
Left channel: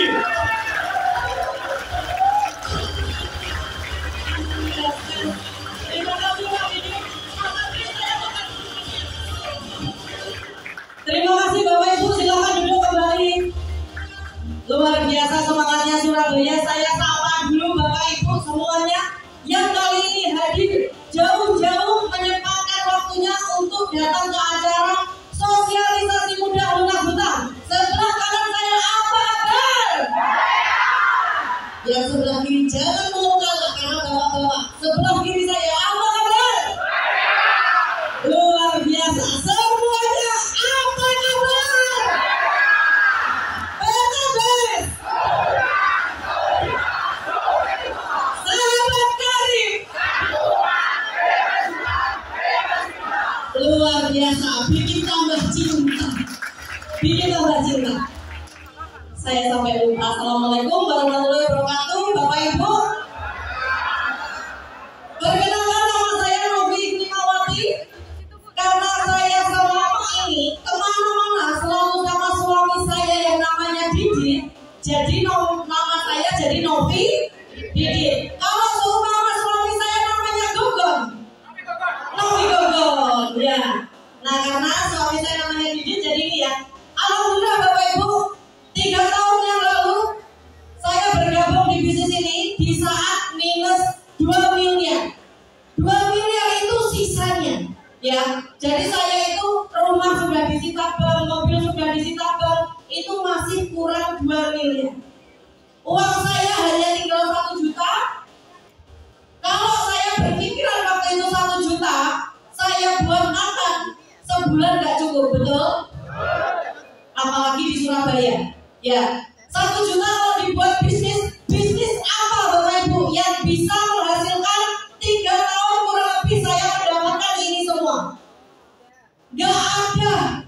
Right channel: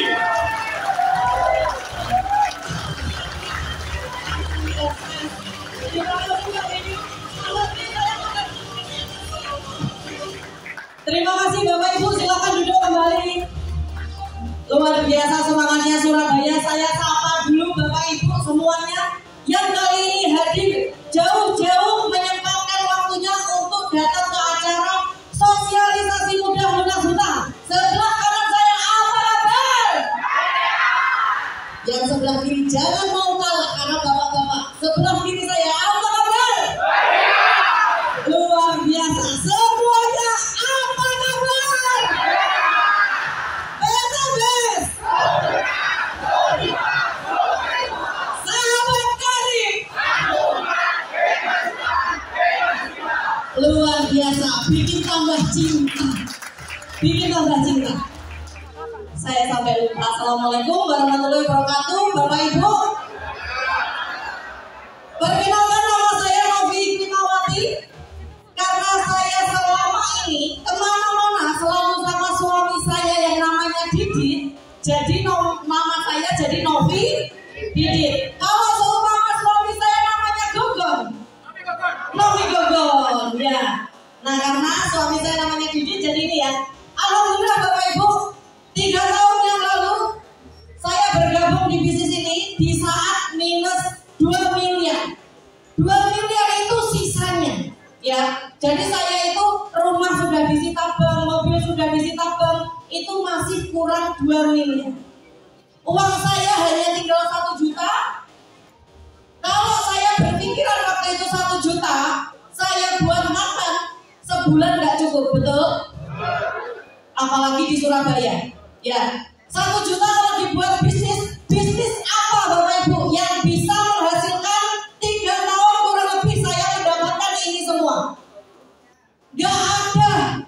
Terima kasih Bapak Ibu, silakan duduk kembali. Luar biasa semangatnya Surabaya. Saya sapa dulu Bapak Ibu semuanya yang kali ini hadir jauh-jauh menyempatkan waktunya untuk datang ke acara sosialisasi mudah lunas hutang. Sebelah kanan saya apa kabar? Yang sebelah kiri jangan mau kalah karena bapak-bapak. Sebelah kiri saya apa kabar? Luar biasa semuanya apa kabar? PTBS sahabat karib luar biasa, bikin tambah cinta, bikin tambah cinta. Saya sampai lupa. Assalamualaikum warahmatullahi wabarakatuh Bapak Ibu. Perkenalkan nama saya Novi Hikmawati. Karena saya selama ini kemana-mana selalu sama suami saya yang namanya Didi, jadi nama saya jadi Novi Didi. Kalau seumpama suami saya namanya Gogon, Novi Gogon, ya. Nah karena suami saya namanya Didi, jadi ini ya. Alhamdulillah Bapak Ibu, 3 tahun yang lalu saya bergabung di bisnis ini di saat minus 2 miliar. 2 miliar itu sisanya. Ya, jadi saya itu rumah sudah disita bank, mobil sudah disita bank, itu masih kurang 2 miliar. Uang saya hanya tinggal 1 juta. Kalau saya berpikiran waktu itu 1 juta, saya buat makan sebulan nggak cukup, betul? Apalagi di Surabaya. Ya, 1 juta kalau dibuat bisnis, bisnis apa Bapak Ibu yang bisa menghasilkan 3 tahun kurang lebih saya mendapatkan ini semua? Gak ada,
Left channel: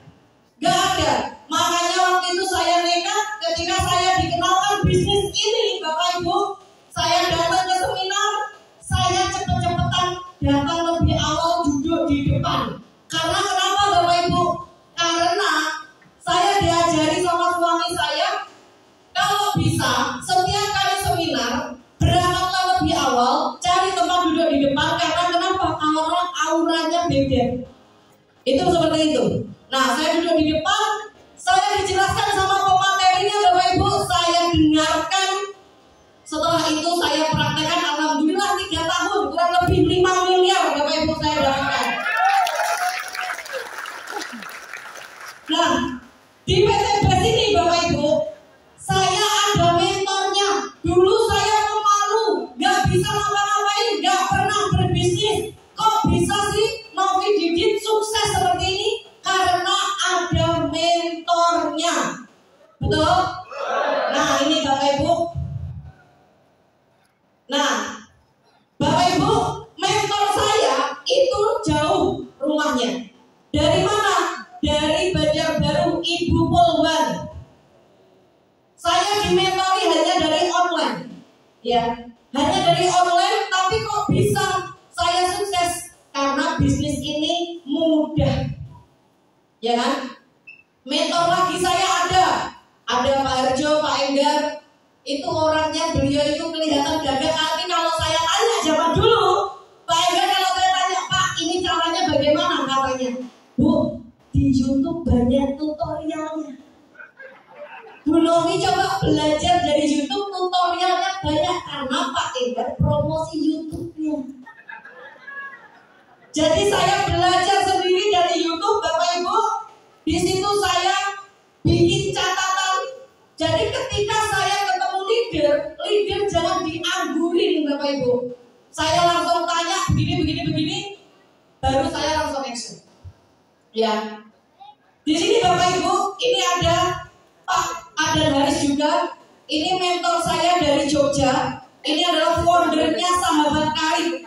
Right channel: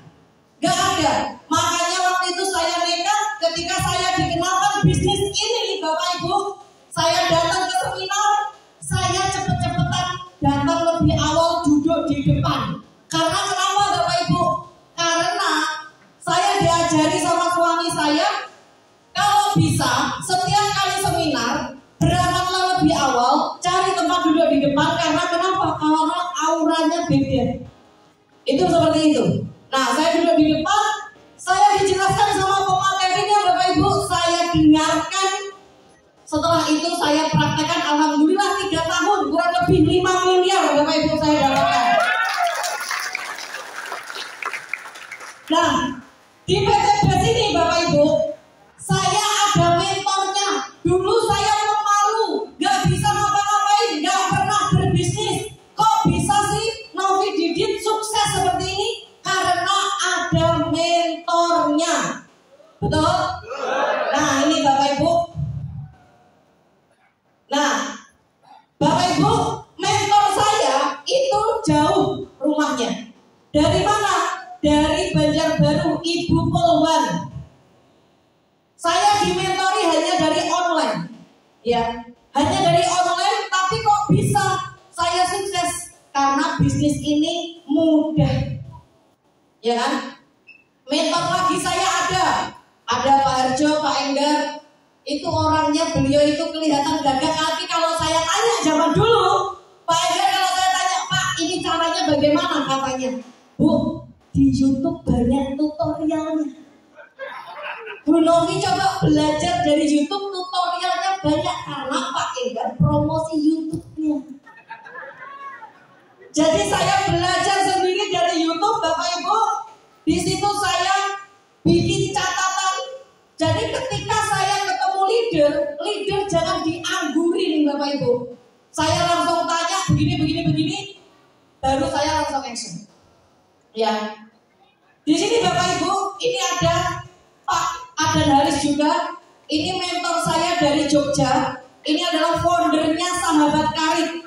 gak ada. Makanya waktu itu saya nekat ketika saya dikenalkan bisnis ini Bapak Ibu. Saya datang ke seminar, saya cepet-cepetan datang lebih awal duduk di depan. Karena kenapa Bapak Ibu? Karena saya diajari sama suami saya, kalau bisa setiap kali seminar berangkatlah lebih awal, cari tempat duduk di depan. Karena kenapa? Karena auranya beda. Itu seperti itu. Nah, saya duduk di depan, saya dijelaskan sama pematerinya Bapak Ibu, saya dengarkan. Setelah itu saya praktekkan, alhamdulillah 3 tahun kurang lebih 5 miliar Bapak Ibu saya dapatkan. Nah, di PTBS ini Bapak Ibu, saya ada mentornya. Dulu saya pemalu, gak bisa ngapa-ngapain, gak pernah berbisnis. Kok bisa sih Novi Didit sukses seperti ini? Karena ada mentornya. Betul? Nah ini Bapak Ibu. Nah Bapak Ibu, mentor saya itu jauh rumahnya. Dari mana? Dari Banjarbaru, Ibu Polwan. Saya dimentori hanya dari online. Ya, hanya dari online, tapi kok bisa saya sukses? Karena bisnis ini mudah. Ya kan? Mentor lagi saya ada Pak Harjo, Pak Enggar. Itu orangnya, beliau itu kelihatan gagah. Tapi kalau saya tanya zaman dulu, Pak Enggar kalau saya tanya, Pak ini caranya bagaimana, katanya, Bu, di YouTube banyak tutorialnya. Bu Nomi coba belajar dari YouTube, tutorialnya banyak. Karena Pak Enggar promosi YouTube-nya. Jadi saya belajar sendiri dari YouTube, Bapak Ibu. Di situ saya bikin catatan. Jadi ketika saya ketemu leader jangan dianggurin, Bapak Ibu. Saya langsung tanya begini, baru saya langsung action. Ya. Di sini Bapak Ibu, ini ada Pak Haris juga. Ini mentor saya dari Jogja. Ini adalah foundernya Sahabat Karib.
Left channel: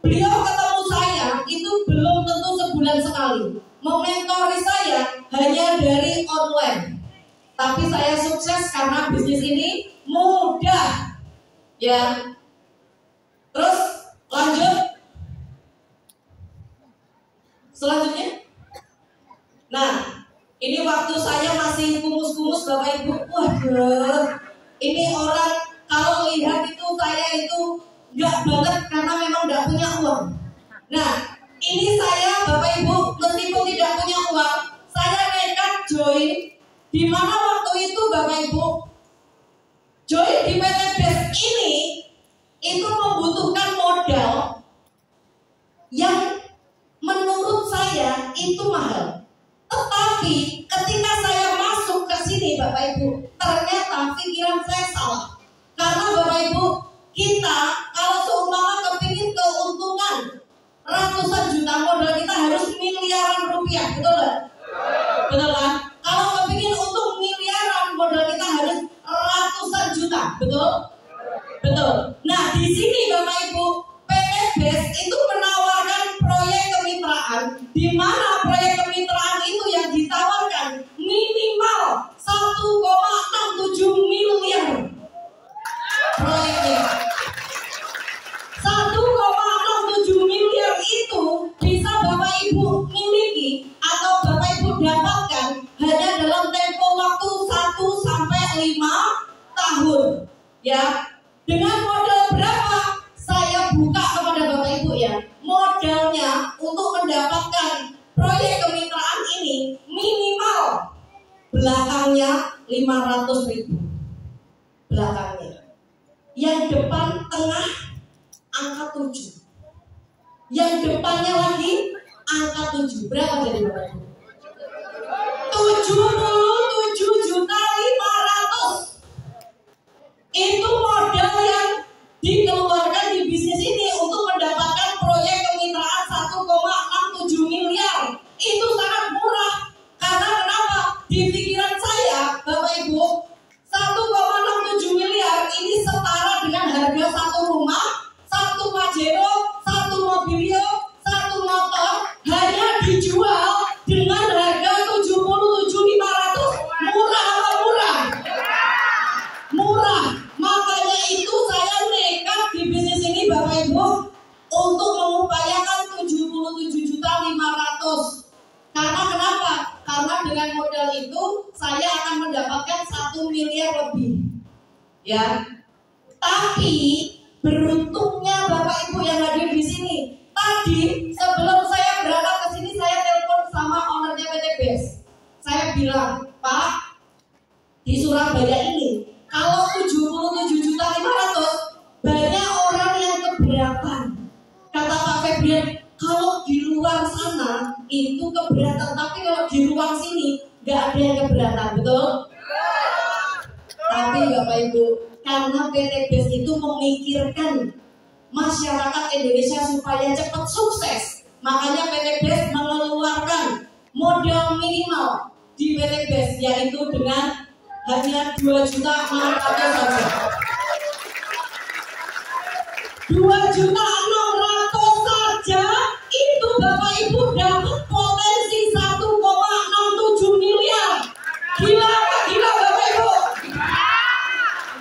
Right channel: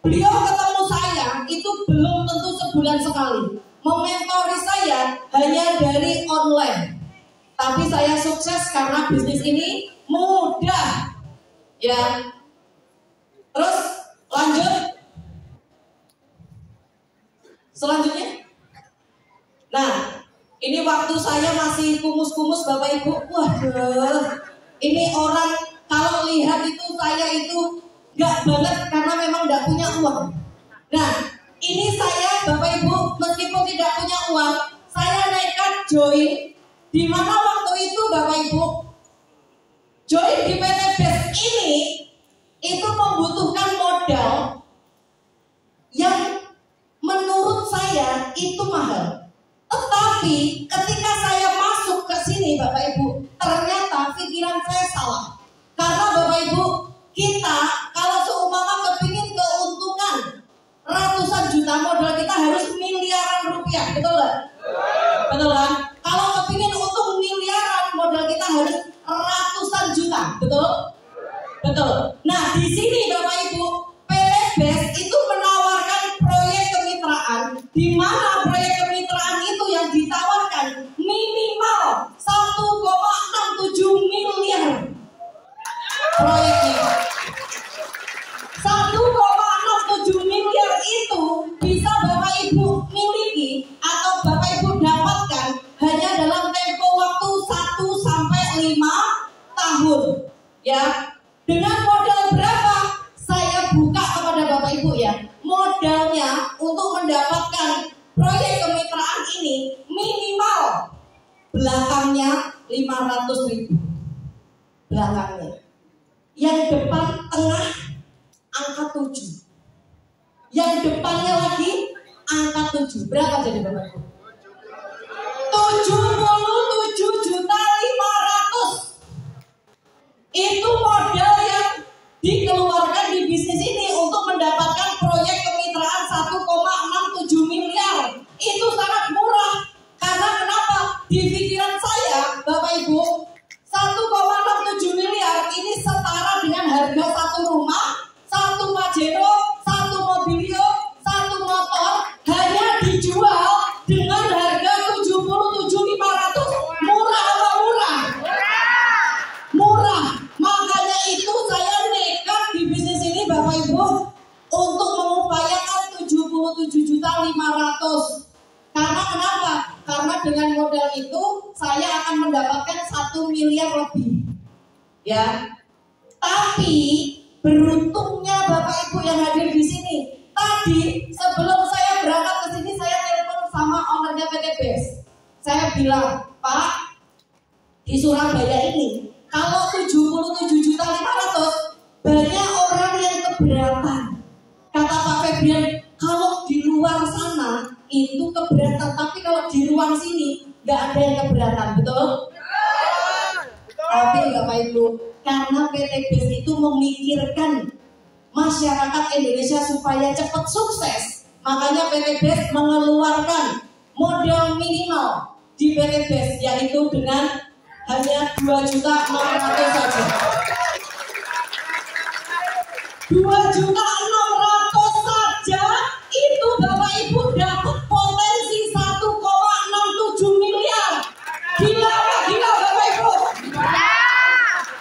Beliau ketemu saya itu belum tentu sebulan sekali. Mementori saya hanya dari online. Tapi saya sukses karena bisnis ini mudah. Ya. Terus lanjut. Selanjutnya. Nah, ini waktu saya masih kumus-kumus Bapak Ibu. Waduh. Ini orang kalau lihat itu saya itu nggak banget karena memang nggak punya uang. Nah, ini saya Bapak Ibu meskipun tidak punya uang, saya nekat join. Di mana waktu itu Bapak Ibu join di PT BES ini itu membutuhkan modal yang menurut saya itu mahal. Tetapi ketika saya masuk ke sini Bapak Ibu, ternyata pikiran saya salah. Karena Bapak Ibu, kita kalau seumpama kepingin keuntungan ratusan juta, modal kita harus miliaran rupiah, betul nggak? Betul kan? Kalau kepingin untung miliaran, modal kita harus ratusan juta, betul? Betul. Nah di sini Bapak Ibu, PT BES itu menawarkan proyek kemitraan, di mana proyek kemitraan itu yang ditawarkan minimal 1,67 miliar proyeknya. 1,67 miliar itu bisa Bapak Ibu miliki atau Bapak Ibu dapatkan hanya dalam tempo waktu 1 sampai 5 tahun. Ya. Dengan modal berapa? Saya buka kepada Bapak Ibu ya. Modalnya untuk mendapatkan proyek kemitraan ini minimal belakangnya 500.000. Belakangnya. Yang depan tengah angka 7. Yang depannya lagi angka 7. Berapa jadi Bapak Ibu? 77.500.000. Itu modal yang dikeluarkan di bisnis ini untuk mendapatkan proyek kemitraan 1,67 miliar. Itu sangat murah. Karena kenapa? Di pikiran saya, Bapak Ibu, 1,67 miliar ini setara dengan harga satu rumah, satu Pajero, satu mobilio, satu motor, hanya dijual dengan harga 77.500. Murah apa murah? Murah. Makanya itu saya nekat di bisnis ini Bapak Ibu untuk mengupayakan 77.500. Karena kenapa? Karena dengan modal itu saya akan mendapatkan 1 miliar lebih. Ya. Tapi beruntungnya Bapak Ibu yang hadir di sini. Tadi sebelum saya berangkat ke sini saya telepon sama ownernya PT BES. Saya bilang, Pak, di Surabaya ini kalau 77.500 banyak orang yang keberatan. Kata Pak Febrian, kalau di luar sana itu keberatan, tapi kalau di ruang sini nggak ada yang keberatan, betul? Tapi Bapak Ibu, karena PT BES itu memikirkan masyarakat Indonesia supaya cepat sukses, makanya PT BES mengeluarkan modal minimal di PT BES yaitu dengan hanya 2.600.000 saja. 2.600.000 saja itu Bapak Ibu dapat potensi 1,67 miliar. Gila nggak gila Bapak Ibu?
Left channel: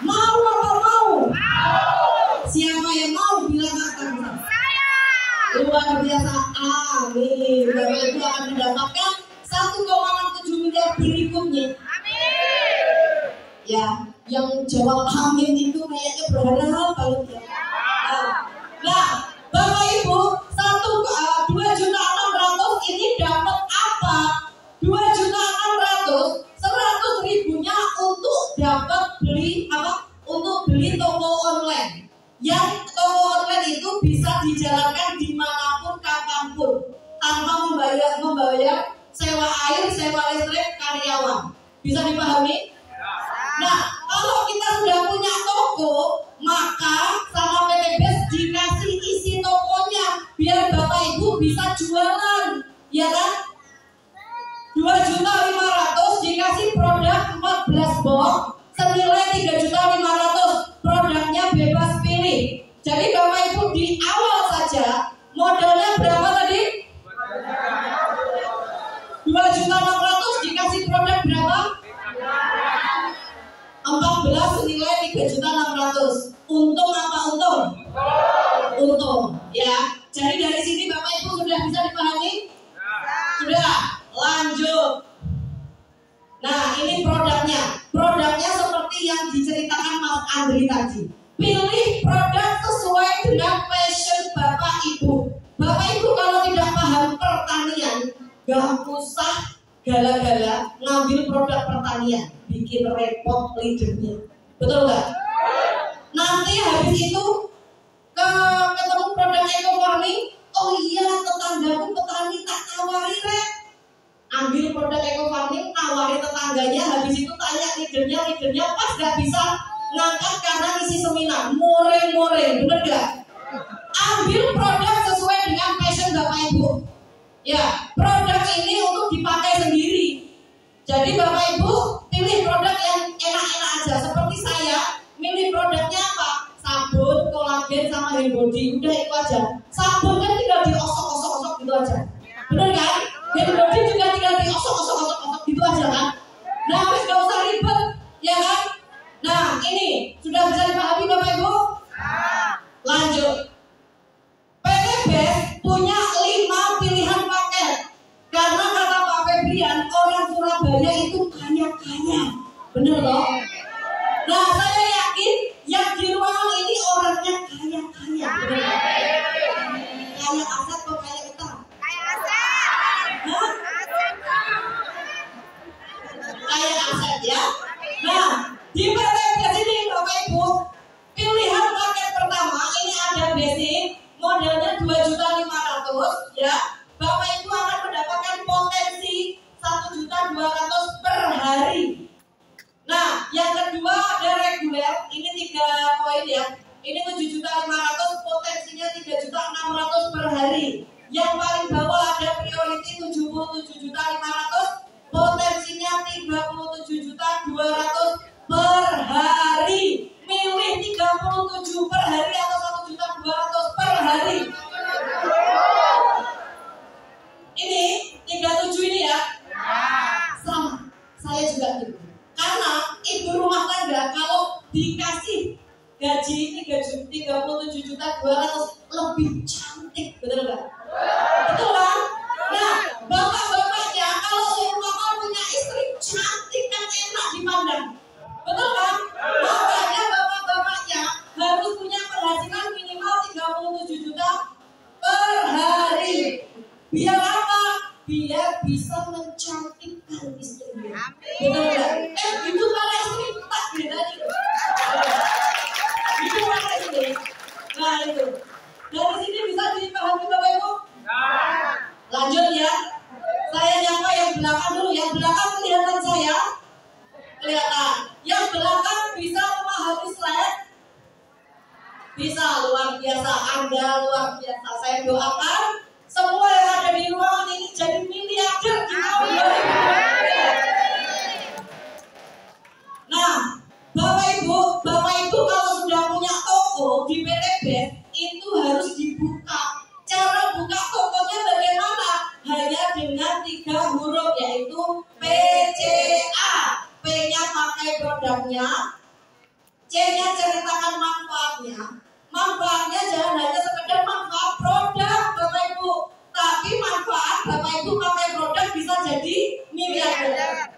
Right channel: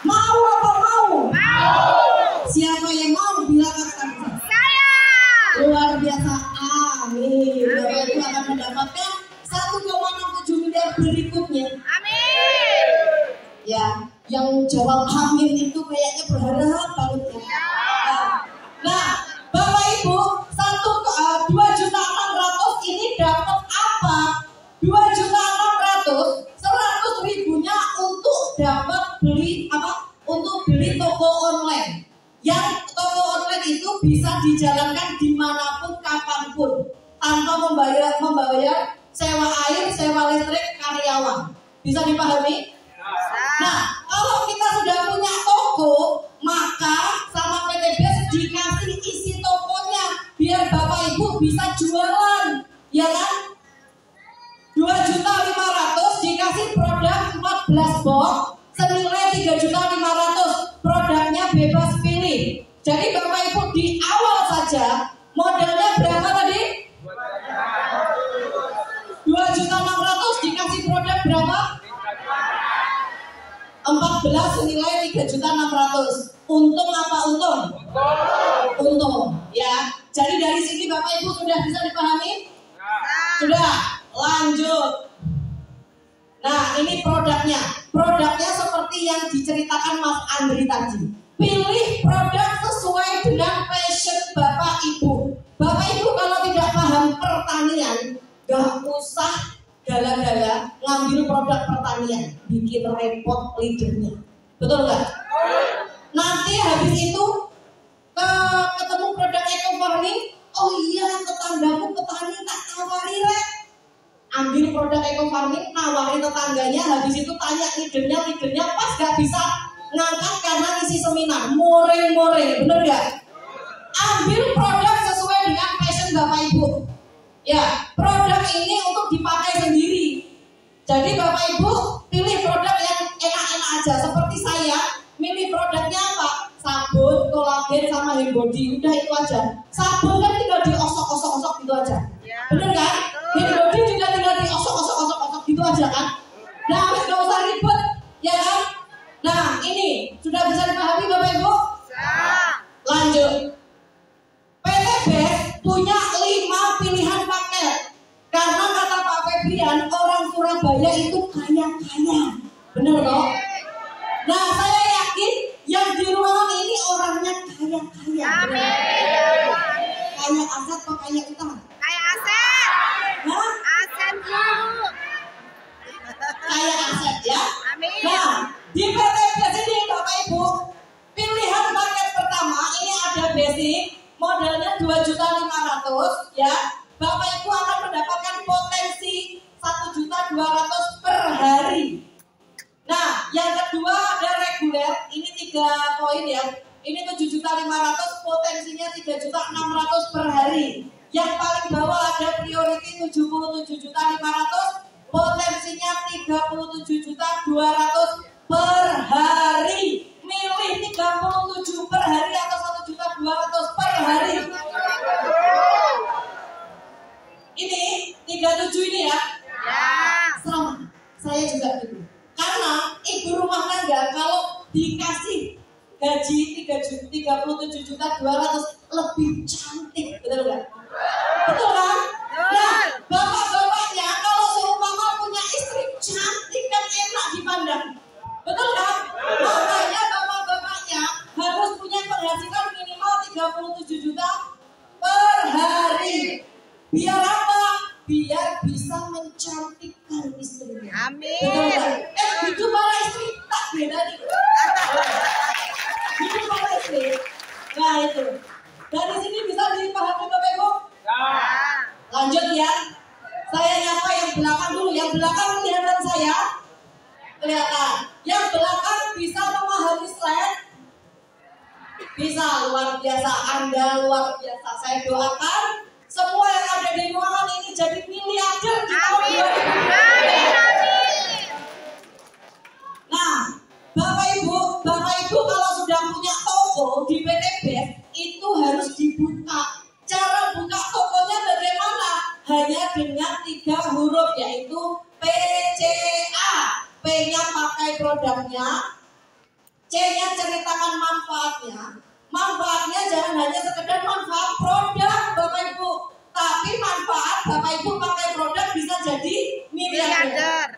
Mau apa mau? Siapa yang mau bilang akan? Luar biasa. Amin. Bapak Ibu akan mendapatkan 1,67 miliar berikutnya. Amin. Ya, yang jawab amin itu kayaknya berharap banget ya. Nah, Bapak Ibu, 2.600.000 ini dapat apa? 2.600.000, 100.000-nya untuk dapat beli apa? Untuk beli toko online. Yang toko online itu bisa dijalankan dimanapun, kapanpun, tanpa membayar sewa air, sewa listrik, karyawan. Bisa dipahami? Nah, kalau kita sudah punya toko, maka sama PT BES dikasih isi tokonya biar Bapak Ibu bisa jualan, ya kan? 2.500.000 dikasih produk 14 box senilai 3.500.000. Produknya bebas pilih. Jadi Bapak Ibu di awal saja modalnya berapa tadi? 2.600.000 dikasih produk berapa? 14 senilai 3.600.000. Untung apa untung? Untung, ya. Jadi dari sini Bapak Ibu sudah bisa dipahami? Sudah. Lanjut. Nah, ini produknya. Produknya seperti yang diceritakan Mas Andri tadi. Pilih produk sesuai dengan passion Bapak Ibu. Bapak Ibu kalau tidak paham pertanian, gak usah gala-gala ngambil produk pertanian, bikin repot leadernya. Betul nggak? Nanti habis itu ketemu produk eco farming, oh iya tetanggaku petani tak tawari rek. Ambil produk eco farming, nawari tetangganya, habis itu tanya leadernya pas gak bisa ngangkat karena isi seminar, moreng, bener gak? Ambil produk sesuai dengan passion Bapak Ibu. Ya, produk ini untuk dipakai sendiri. Jadi Bapak Ibu pilih produk yang enak-enak aja. Seperti saya, milih produknya apa? Sabun, kolagen, sama hand body. Udah itu aja. Sabun kan tinggal diosok-osok gitu aja. Bener kan? Hand body juga tinggal diosok-osok gitu aja kan? Nah, habis gak usah ribet, ya kan? Nah, ini sudah bisa dipahami Bapak Ibu? Lanjut. PT BES punya 5 pilihan paket. Karena kata Pak Febrian, orang Surabaya itu kaya-kaya. Bener toh? Nah, saya yakin yang di ruangan ini orangnya kaya-kaya. Kaya aset atau kaya utang? Kaya aset. Hah? Aset dulu. Kaya aset ya. Amin. Nah, di PT BES ini Bapak Ibu, pilihan paket pertama ini ada basic, modalnya 2.500.000 ya. Bapak Ibu akan mendapatkan potensi 1.200.000 per hari. Nah, yang kedua ada reguler, ini 3 poin ya. Ini 7.500.000, potensinya 3.600.000 per hari. Yang paling bawah ada priority 77.500.000, potensinya 37.200.000 per hari. Milih 37 per hari atau 1.200.000 per hari. Ini 37 ini ya. Sama. Saya juga gitu. Karena ibu rumah tangga kalau dikasih gaji 37.200.000 lebih cantik, betul nggak? Betul kan? Nah, bapak-bapaknya kalau seumpama punya istri cantik dan enak dipandang, betul kan? Makanya bapak-bapaknya harus punya penghasilan minimal 37 juta per hari. Biar apa? Biar bisa mencantikkan istrinya. Amin. Betul kan? Hidup para istri tak beda nih. Hidup para istri. Nah itu. Dari sini bisa dipahami Bapak Ibu? Lanjut ya. Saya nyapa yang belakang dulu. Yang belakang kelihatan saya? Kelihatan. Yang belakang bisa memahami slide? Bisa, luar biasa. Anda luar biasa. Saya doakan semua yang ada di ruangan ini jadi miliarder di tahun 2020. Nah, Bapak Ibu kalau sudah punya toko di PT BES itu harus dibuka. Cara buka tokonya bagaimana? Hanya dengan 3 huruf yaitu PCA. P-nya pakai produknya, C-nya ceritakan manfaatnya. Manfaatnya jangan hanya sekedar manfaat produk Bapak Ibu, tapi manfaat Bapak Ibu pakai produk bisa jadi miliarder.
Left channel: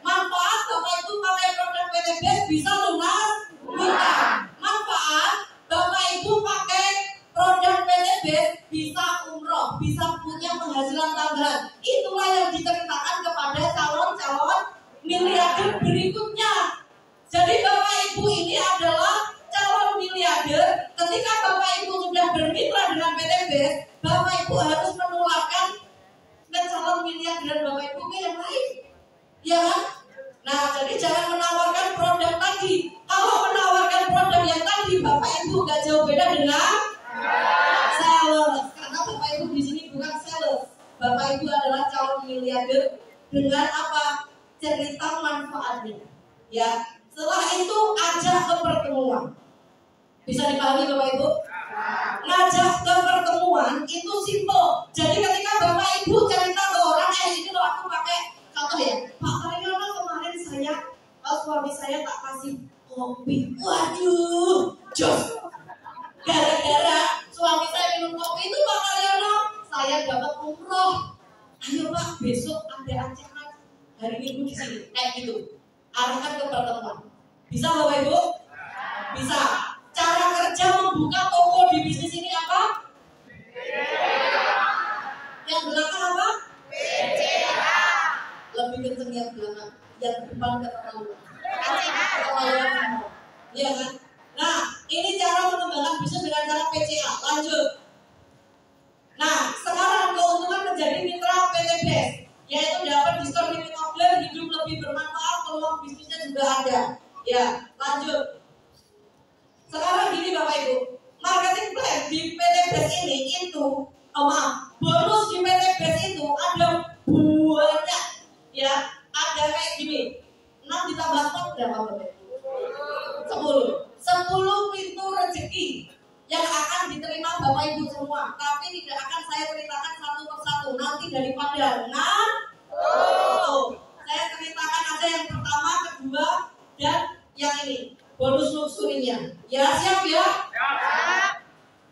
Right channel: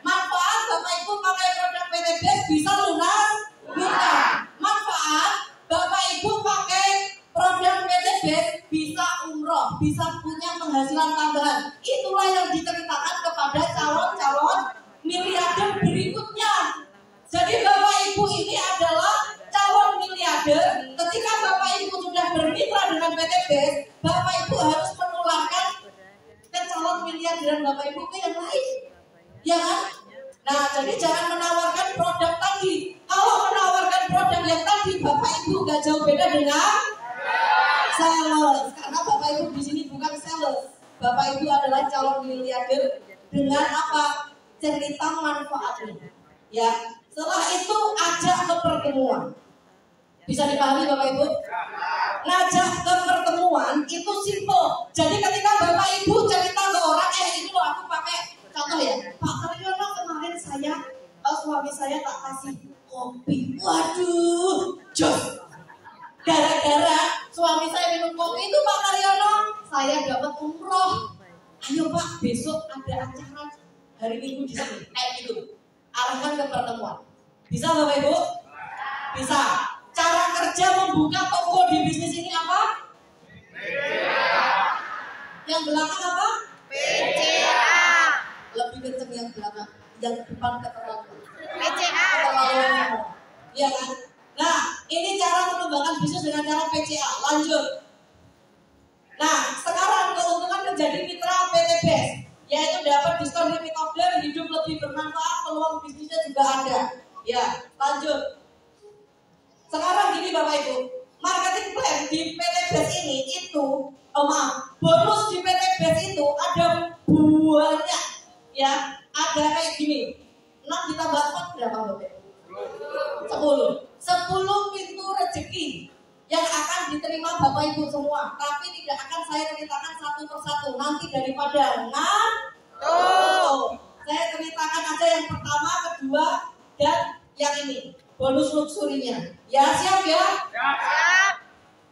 Nah, jadi jangan menawarkan produk tadi. Kalau menawarkan produk yang tadi, Bapak Ibu gak jauh beda dengan sales. Karena Bapak Ibu di sini bukan sales. Bapak Ibu adalah calon miliarder dengan apa? Cerita manfaatnya. Ya. Setelah itu ajak ke pertemuan. Bisa dipahami Bapak Ibu? Ngajak ke pertemuan itu simple. Jadi ketika Bapak Ibu cerita ke orang, ini loh aku pakai contoh ya, Pak Karyono kemarin saya suami saya tak kasih kopi. Waduh, jos. Gara-gara suami saya minum kopi itu Pak Karyono, saya dapat umroh. Ayo Pak, besok ada acara hari Minggu di sini. Gitu. Arahkan ke pertemuan. Bisa Bapak Ibu? Bisa. Cara kerja membuka toko di bisnis ini apa? Yang belakang apa? Lebih kenceng yang belakang. Yang depan terlalu. Iya kan? Nah, ini cara mengembangkan bisnis dengan cara PCA. Lanjut. Nah, sekarang keuntungan menjadi mitra PT BEST, yaitu dapat diskon limit order, hidup lebih bermanfaat, peluang bisnisnya juga ada. Ya, lanjut. Sekarang gini Bapak Ibu, marketing plan di PT BEST ini itu, bonus di PT BEST itu ada banyak, ya, ada kayak gini, 6 ditambah 4 berapa Bapak Ibu? 10 pintu rezeki yang akan diterima Bapak Ibu semua, tapi tidak akan saya ceritakan satu persatu, nanti daripada saya ceritakan aja yang pertama, kedua, dan yang ini. Bonus luxurinya. Ya siap ya?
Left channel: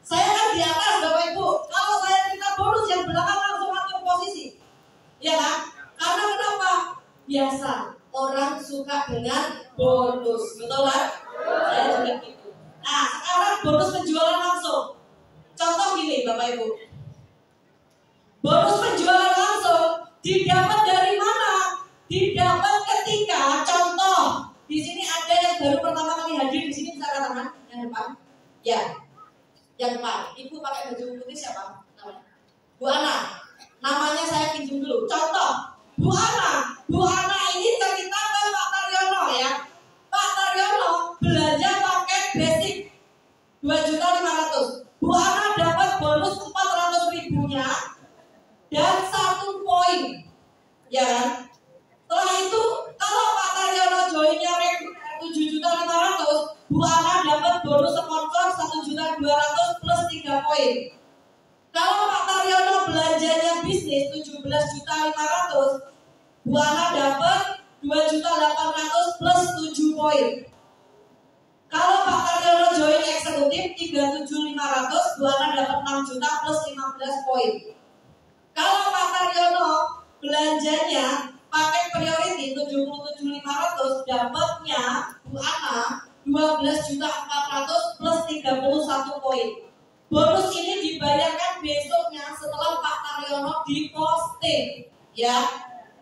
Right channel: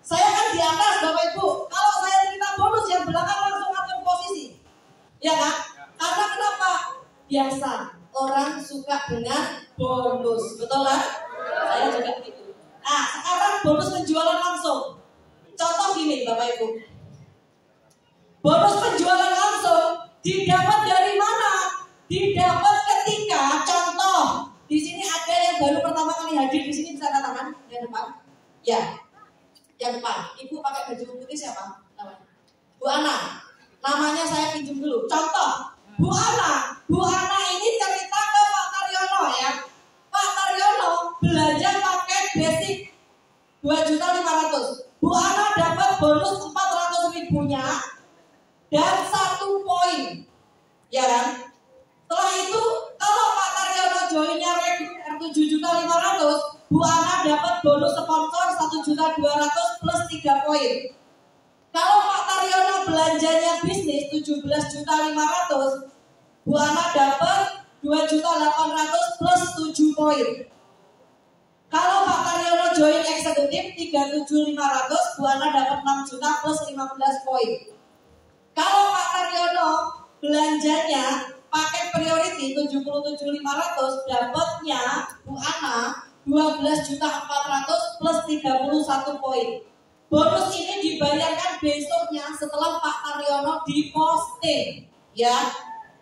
Saya kan di atas Bapak Ibu. Kalau saya cerita bonus yang belakang langsung atur posisi. Ya kan? Karena kenapa? Biasa. Orang suka dengan bonus. Betul kan? Saya juga gitu. Nah sekarang bonus penjualan langsung. Contoh gini Bapak Ibu. Bonus penjualan langsung didapat dari mana? Didapat ketika contoh. Di sini ada yang baru pertama kali hadir di sini, bisa angkat tangan yang depan. Ya, yang depan. Ibu pakai baju putih siapa? Namanya Bu Ana. Namanya saya pinjam dulu. Contoh, Bu Ana. Bu Ana ini cerita ke Pak Karyono ya. Pak Karyono belanja paket basic 2.500.000. Bu Ana dapat bonus 400.000-nya dan 1 poin. Ya kan? Setelah itu kalau Pak Karyono joinnya reguler 7.500.000, Bu Ana dapat bonus sponsor 1.200.000 plus 3 poin. Kalau Pak Karyono belanjanya bisnis 17.500.000, Bu Ana dapat 2.800.000 plus 7 poin. Kalau Pak Karyono join eksekutif 3.700.000, Bu Ana dapat 6 juta plus 15 poin. Kalau Pak Karyono belanjanya paket priority 77.500, dapatnya Bu Ana 12.400.000 plus 31 poin. Bonus ini dibayarkan besoknya setelah Pak Karyono diposting, ya.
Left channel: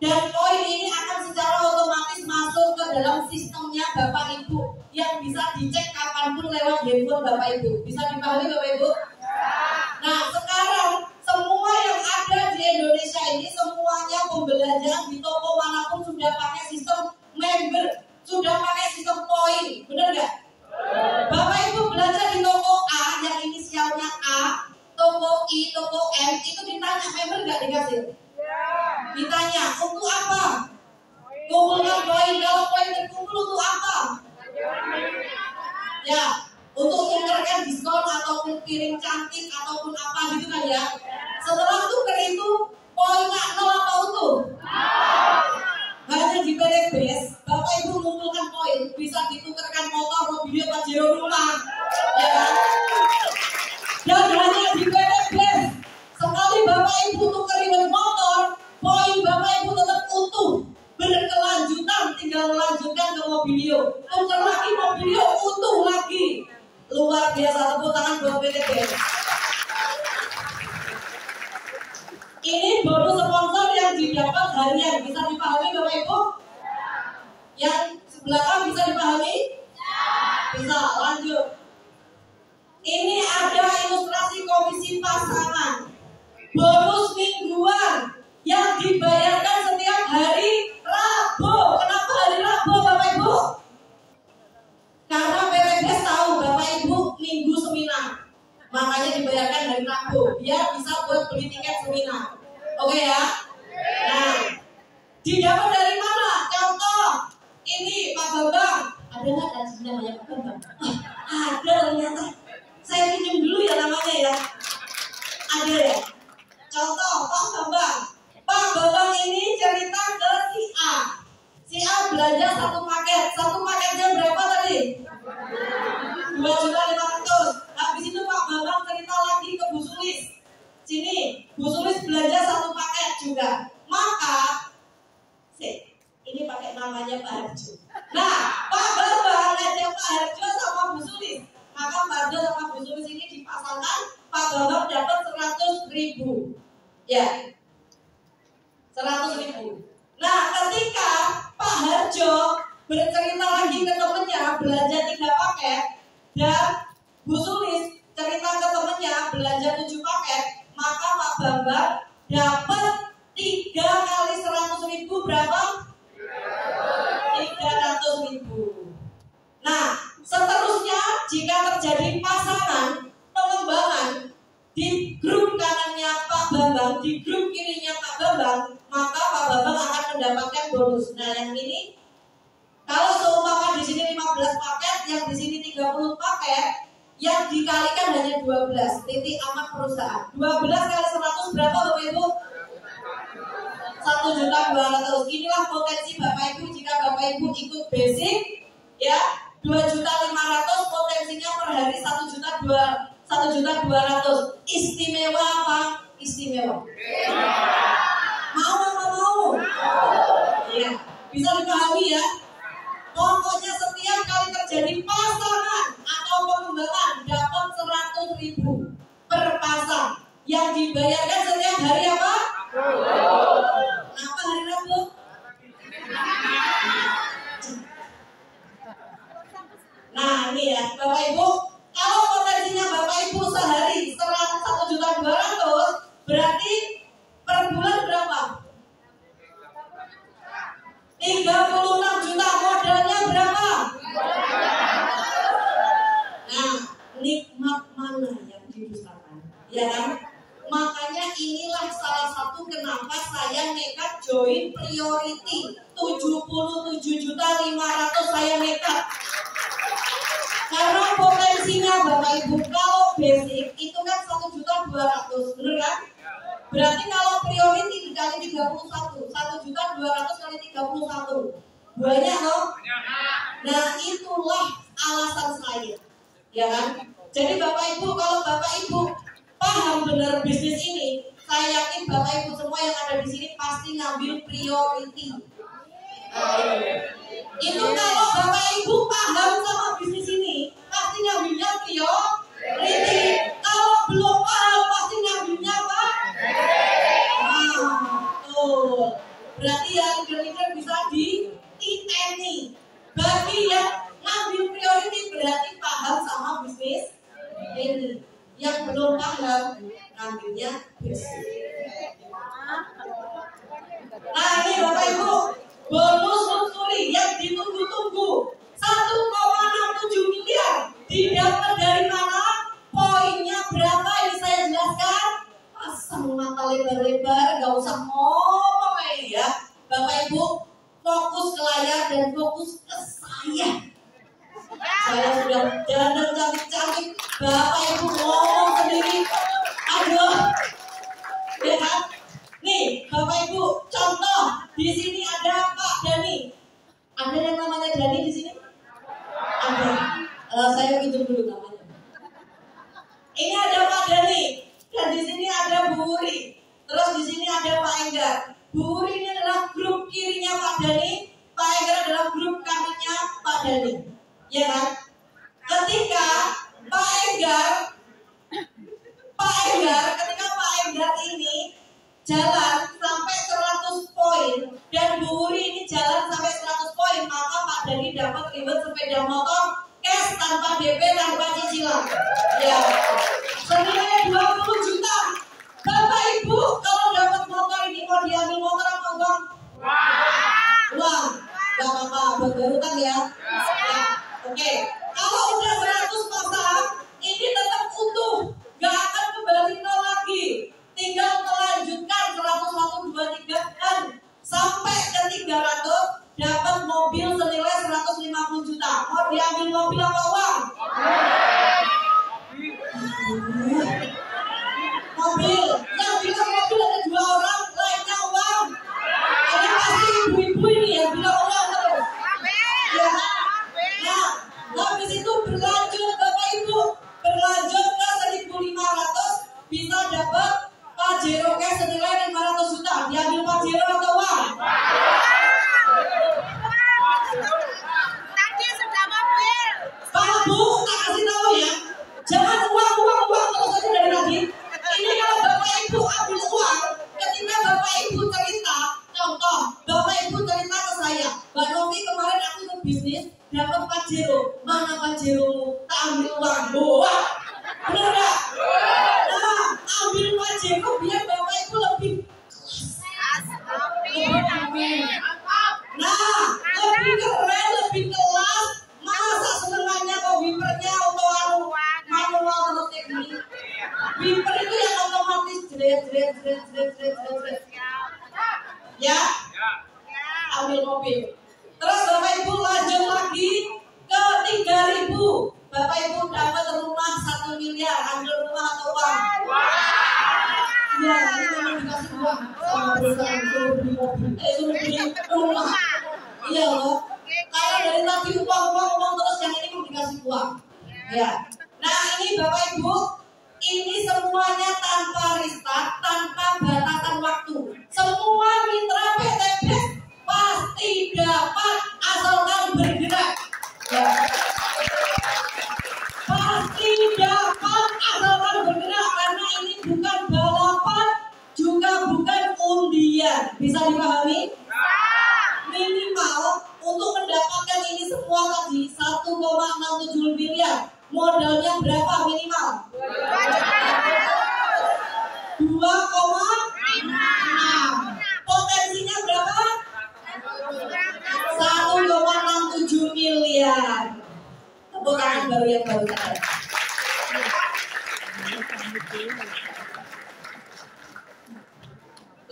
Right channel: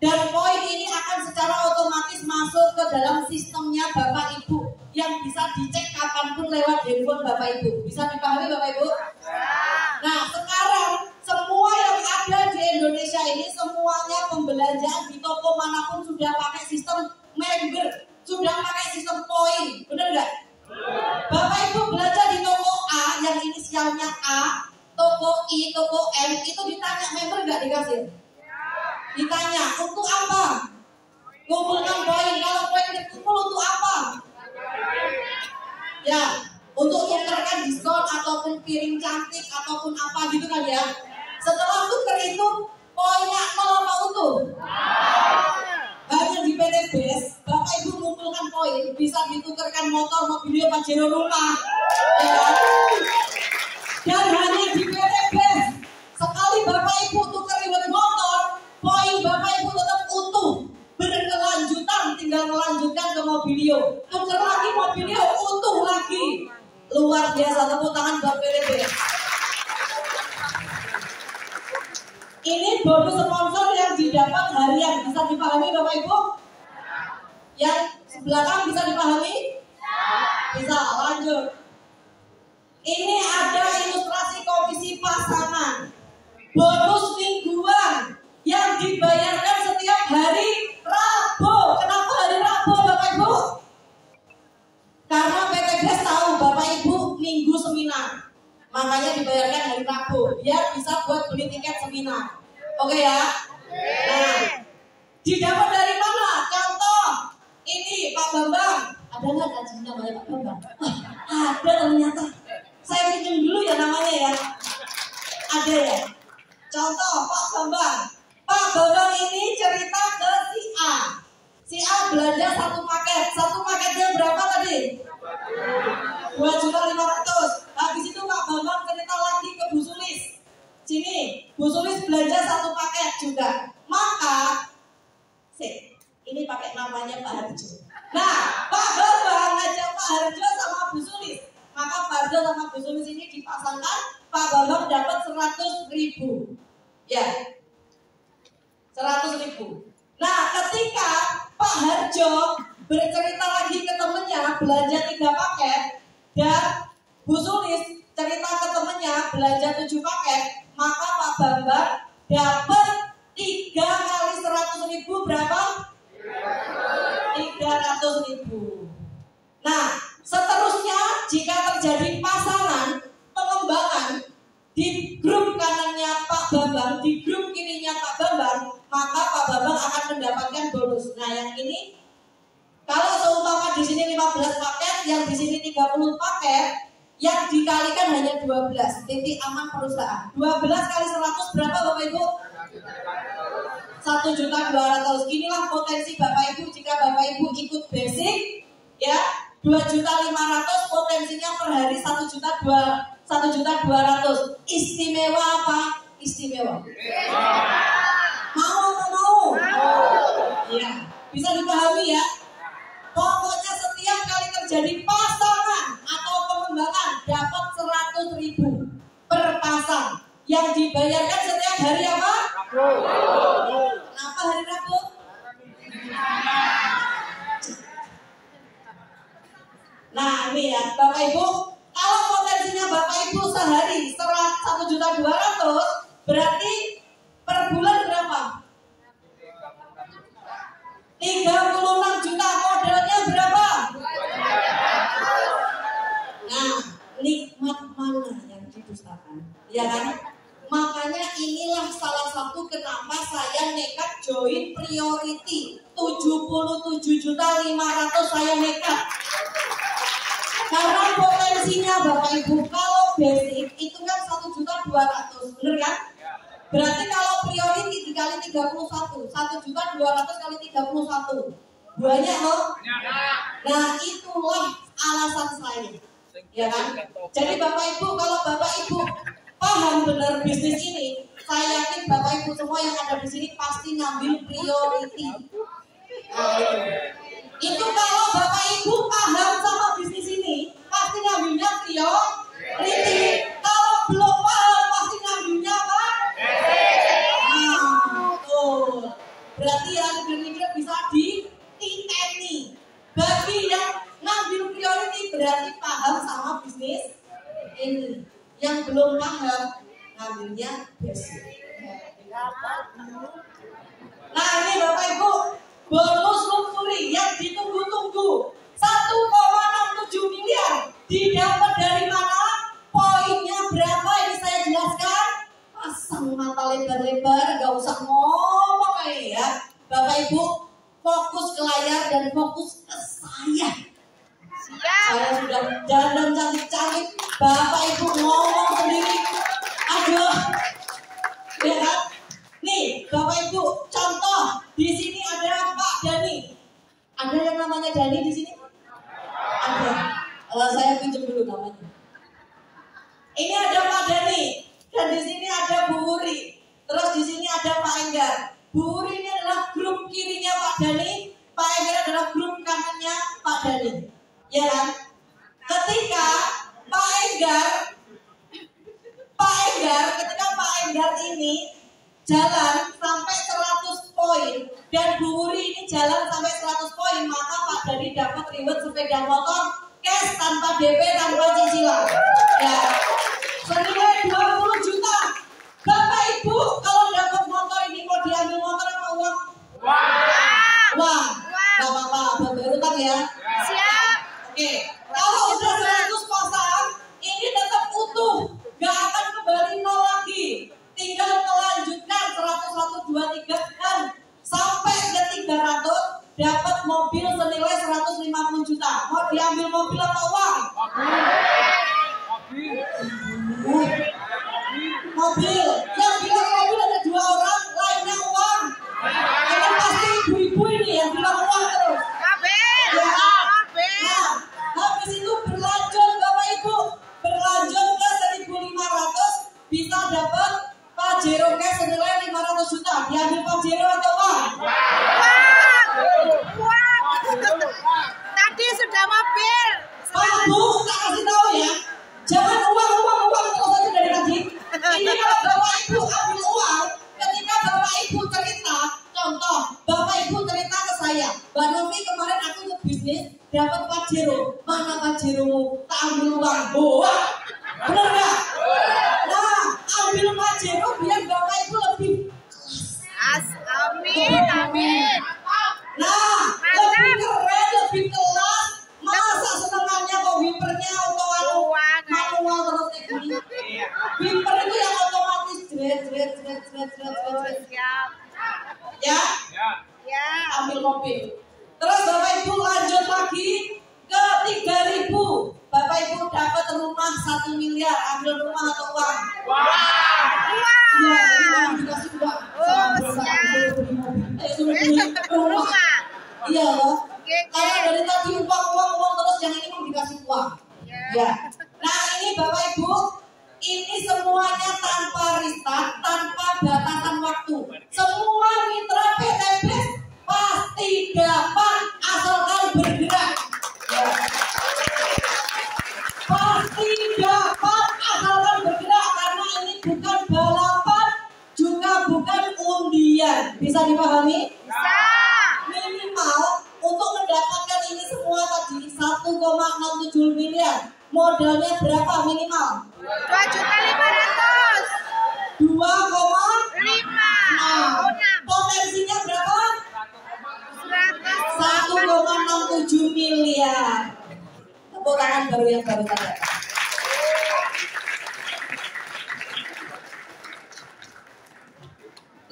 Dan poin ini akan secara otomatis masuk ke dalam sistemnya Bapak Ibu yang bisa dicek kapanpun lewat handphone Bapak Ibu. Bisa dipahami Bapak Ibu? Nah, sekarang semua yang ada di Indonesia ini semuanya pembelanjaan di toko manapun sudah pakai sistem member, sudah pakai sistem poin, benar nggak? Bapak Ibu belanja di toko A yang inisialnya A, toko I, toko M, itu ditanya member nggak dikasih? Ditanya untuk apa? Kumpulkan poin. Kalau poin terkumpul untuk apa? Ya, untuk tukarkan diskon ataupun piring cantik ataupun apa gitu kan ya. Setelah tuker itu poinnya 0 apa utuh? Hanya di PT BEST Bapak Ibu mengumpulkan poin bisa ditukarkan motor, mobil, pajero rumah, ya kan? Dan hanya di PT BEST sekali Bapak Ibu tukerin motor, poin Bapak Ibu tetap utuh, berkelanjutan, tinggal melanjutkan ke mobilio, tuker lagi mobilio utuh lagi. Luar biasa, tepuk tangan buat PT BEST. Ini bonus sponsor yang didapat harian, bisa dipahami Bapak Ibu? Yang belakang bisa dipahami? Bisa, lanjut. Ini ada ilustrasi komisi pasangan. Bonus mingguan yang dibayarkan setiap hari Rabu. Kenapa hari Rabu? Minggu seminar. Makanya dibayarkan hari Rabu biar bisa buat beli tiket seminar. Oke ya? Nah, didapat dari mana? Contoh, ini Pak Bambang. Ada nggak kajian namanya Pak Bambang? Ada ternyata. Saya pinjam dulu ya namanya ya. Ada ya? Contoh Pak Bambang. Pak Bambang ini cerita ke si A. Si A belanja satu paket. Satu paketnya berapa tadi? 2.500.000. Habis itu Pak Bambang cerita lagi ke Bu Sulis. Sini, Bu Sulis belanja satu paket juga. Maka, ini pakai namanya Pak Harjo. Nah, Pak Bambang ngajak Pak Harjo sama Bu Sulis. Maka Pak Harjo sama Bu Sulis ini dipasangkan. Pak Bambang dapat 100.000. Ya, 100.000. Nah, ketika Pak Harjo bercerita lagi ke temennya belanja 3 paket dan Bu Sulis cerita ke temennya belanja 7 paket, maka Pak Bambang dapat 3 kali 100.000 berapa? 300.000. Nah, seterusnya jika terjadi pasangan pengembangan di grup kanannya Pak Bambang, di grup kirinya Pak Bambang, maka Pak Bambang akan mendapatkan bonus. Nah, yang ini kalau seumpama di sini 15 paket, yang di sini 30 paket, yang dikalikan hanya 12. Titik aman perusahaan. 12 kali 100 berapa Bapak Ibu? 1.200.000. Inilah potensi Bapak Ibu jika Bapak Ibu ikut basic, ya 2.500.000 potensinya per hari 1.200.000. Istimewa apa? Istimewa. Mau atau mau? Iya. Bisa dipahami ya? Pokoknya setiap kali terjadi pasangan atau pengembangan dapat 100.000 per pasang. Yang dibayarkan setiap hari apa? Kenapa hari Rabu? Nah ini ya Bapak Ibu, kalau potensinya Bapak Ibu sehari 1.200.000, berarti per bulan berapa? 36 juta. Modalnya berapa? Nah, nikmat mana yang didustakan? Ya kan? Makanya inilah salah satu kenapa saya nekat join priority 77.500.000 saya nekat. Karena potensinya Bapak Ibu kalau basic itu kan 1.200.000, bener kan? Berarti kalau priority dikali 31, 1.200.000 kali 31. Banyak loh. Nah, itulah alasan saya. Ya kan? Jadi Bapak Ibu, kalau Bapak Ibu paham benar bisnis ini, saya yakin Bapak Ibu semua yang ada di sini pasti ngambil priority. Itu kalau Bapak Ibu paham sama bisnis ini, pasti ngambilnya priority. Kalau belum paham, pasti ngambilnya apa? Tuh. Berarti yang mikir bisa dititeni. Bagi yang ngambil priority berarti paham sama bisnis ini. Yang belum paham ngambilnya basic. Nah ini Bapak Ibu, bonus luxury yang ditunggu-tunggu 1,67 miliar didapat dari mana? Poinnya berapa? Ini saya jelaskan. Pasang mata lebar-lebar, gak usah ngomong ya. Bapak Ibu fokus ke layar dan fokus ke saya. Saya sudah dandan cantik-cantik, Bapak Ibu ngomong sendiri. Aduh, ya kan? Nih, Bapak Ibu, contoh di sini ada Pak Dani. Ada yang namanya Dani di sini? Ada. Saya pinjam dulu namanya. Ini ada Pak Dani, dan di sini ada Bu Wuri. Terus di sini ada Pak Enggar. Bu Wuri ini adalah grup kirinya Pak Dani, Pak Enggar adalah grup kanannya Pak Dani. Ya kan? Ketika Pak Enggar ketika Pak Enggar ini jalan sampai 100 poin dan Bu Wuri ini jalan sampai 100 poin, maka Pak Dani dapat reward sepeda motor cash tanpa DP tanpa cicilan. Ya. Senilai 20 juta. Bapak Ibu kalau dapat motor ini mau diambil motor apa uang? Uang. Gak apa-apa, buat utang ya. Siap. Oke. Kalau udah 100 pasang, dapat mobil senilai 150 juta. Mau diambil mobil apa uang? Mobil. Yang bilang mobil ada 2 orang, lainnya uang. Ini pasti ibu-ibu ini yang bilang uang terus. Ya. Nah, habis itu berlanjut Bapak Ibu, berlanjut ke 1.500 bisa dapat Pajero cash senilai 500 juta. Diambil Pajero atau uang? Tadi sudah mobil. Pak Bu, tak kasih tahu ya. Jangan uang terus aja dari tadi. Ini kalau Bapak Ibu ambil uang, ketika Bapak Ibu cerita, contoh, Bapak Ibu cerita ke saya, Mbak Novi kemarin aku ke bisnis, dapat Pajero. Mana Pajero? Tak ambil uang. Boa. Benar nggak? Nah, ambil Pajero biar Bapak Ibu lebih. Amin. Nah, lebih keren, lebih kelas. Masa senengannya kok wipernya manual terus kayak gini. Wiper itu yang otomatis jret. Ya? Ambil mobil. Terus Bapak Ibu lanjut lagi ke 3.000. Bapak Ibu dapat rumah 1 miliar. Ambil rumah atau uang? Ya, ini memang dikasih uang. Sama bersama suruh beli mobil. Suruh beli rumah. Iya loh. Kayak dari tadi uang terus yang ini mau dikasih uang. Ya. Nah ini Bapak Ibu, ini semuanya tanpa restart, tanpa batasan waktu. Semua mitra PTB pasti dapat asalkan bergerak. Ya. Pasti dapat asalkan bergerak karena ini bukan balapan, juga bukan undian. Bisa dipahami? Minimal untuk mendapatkan ini semua tadi 1,67 miliar. Modalnya berapa minimal? 2,5. Potensinya berapa? 1,67 miliar. Tepuk tangan baru yang baru saja.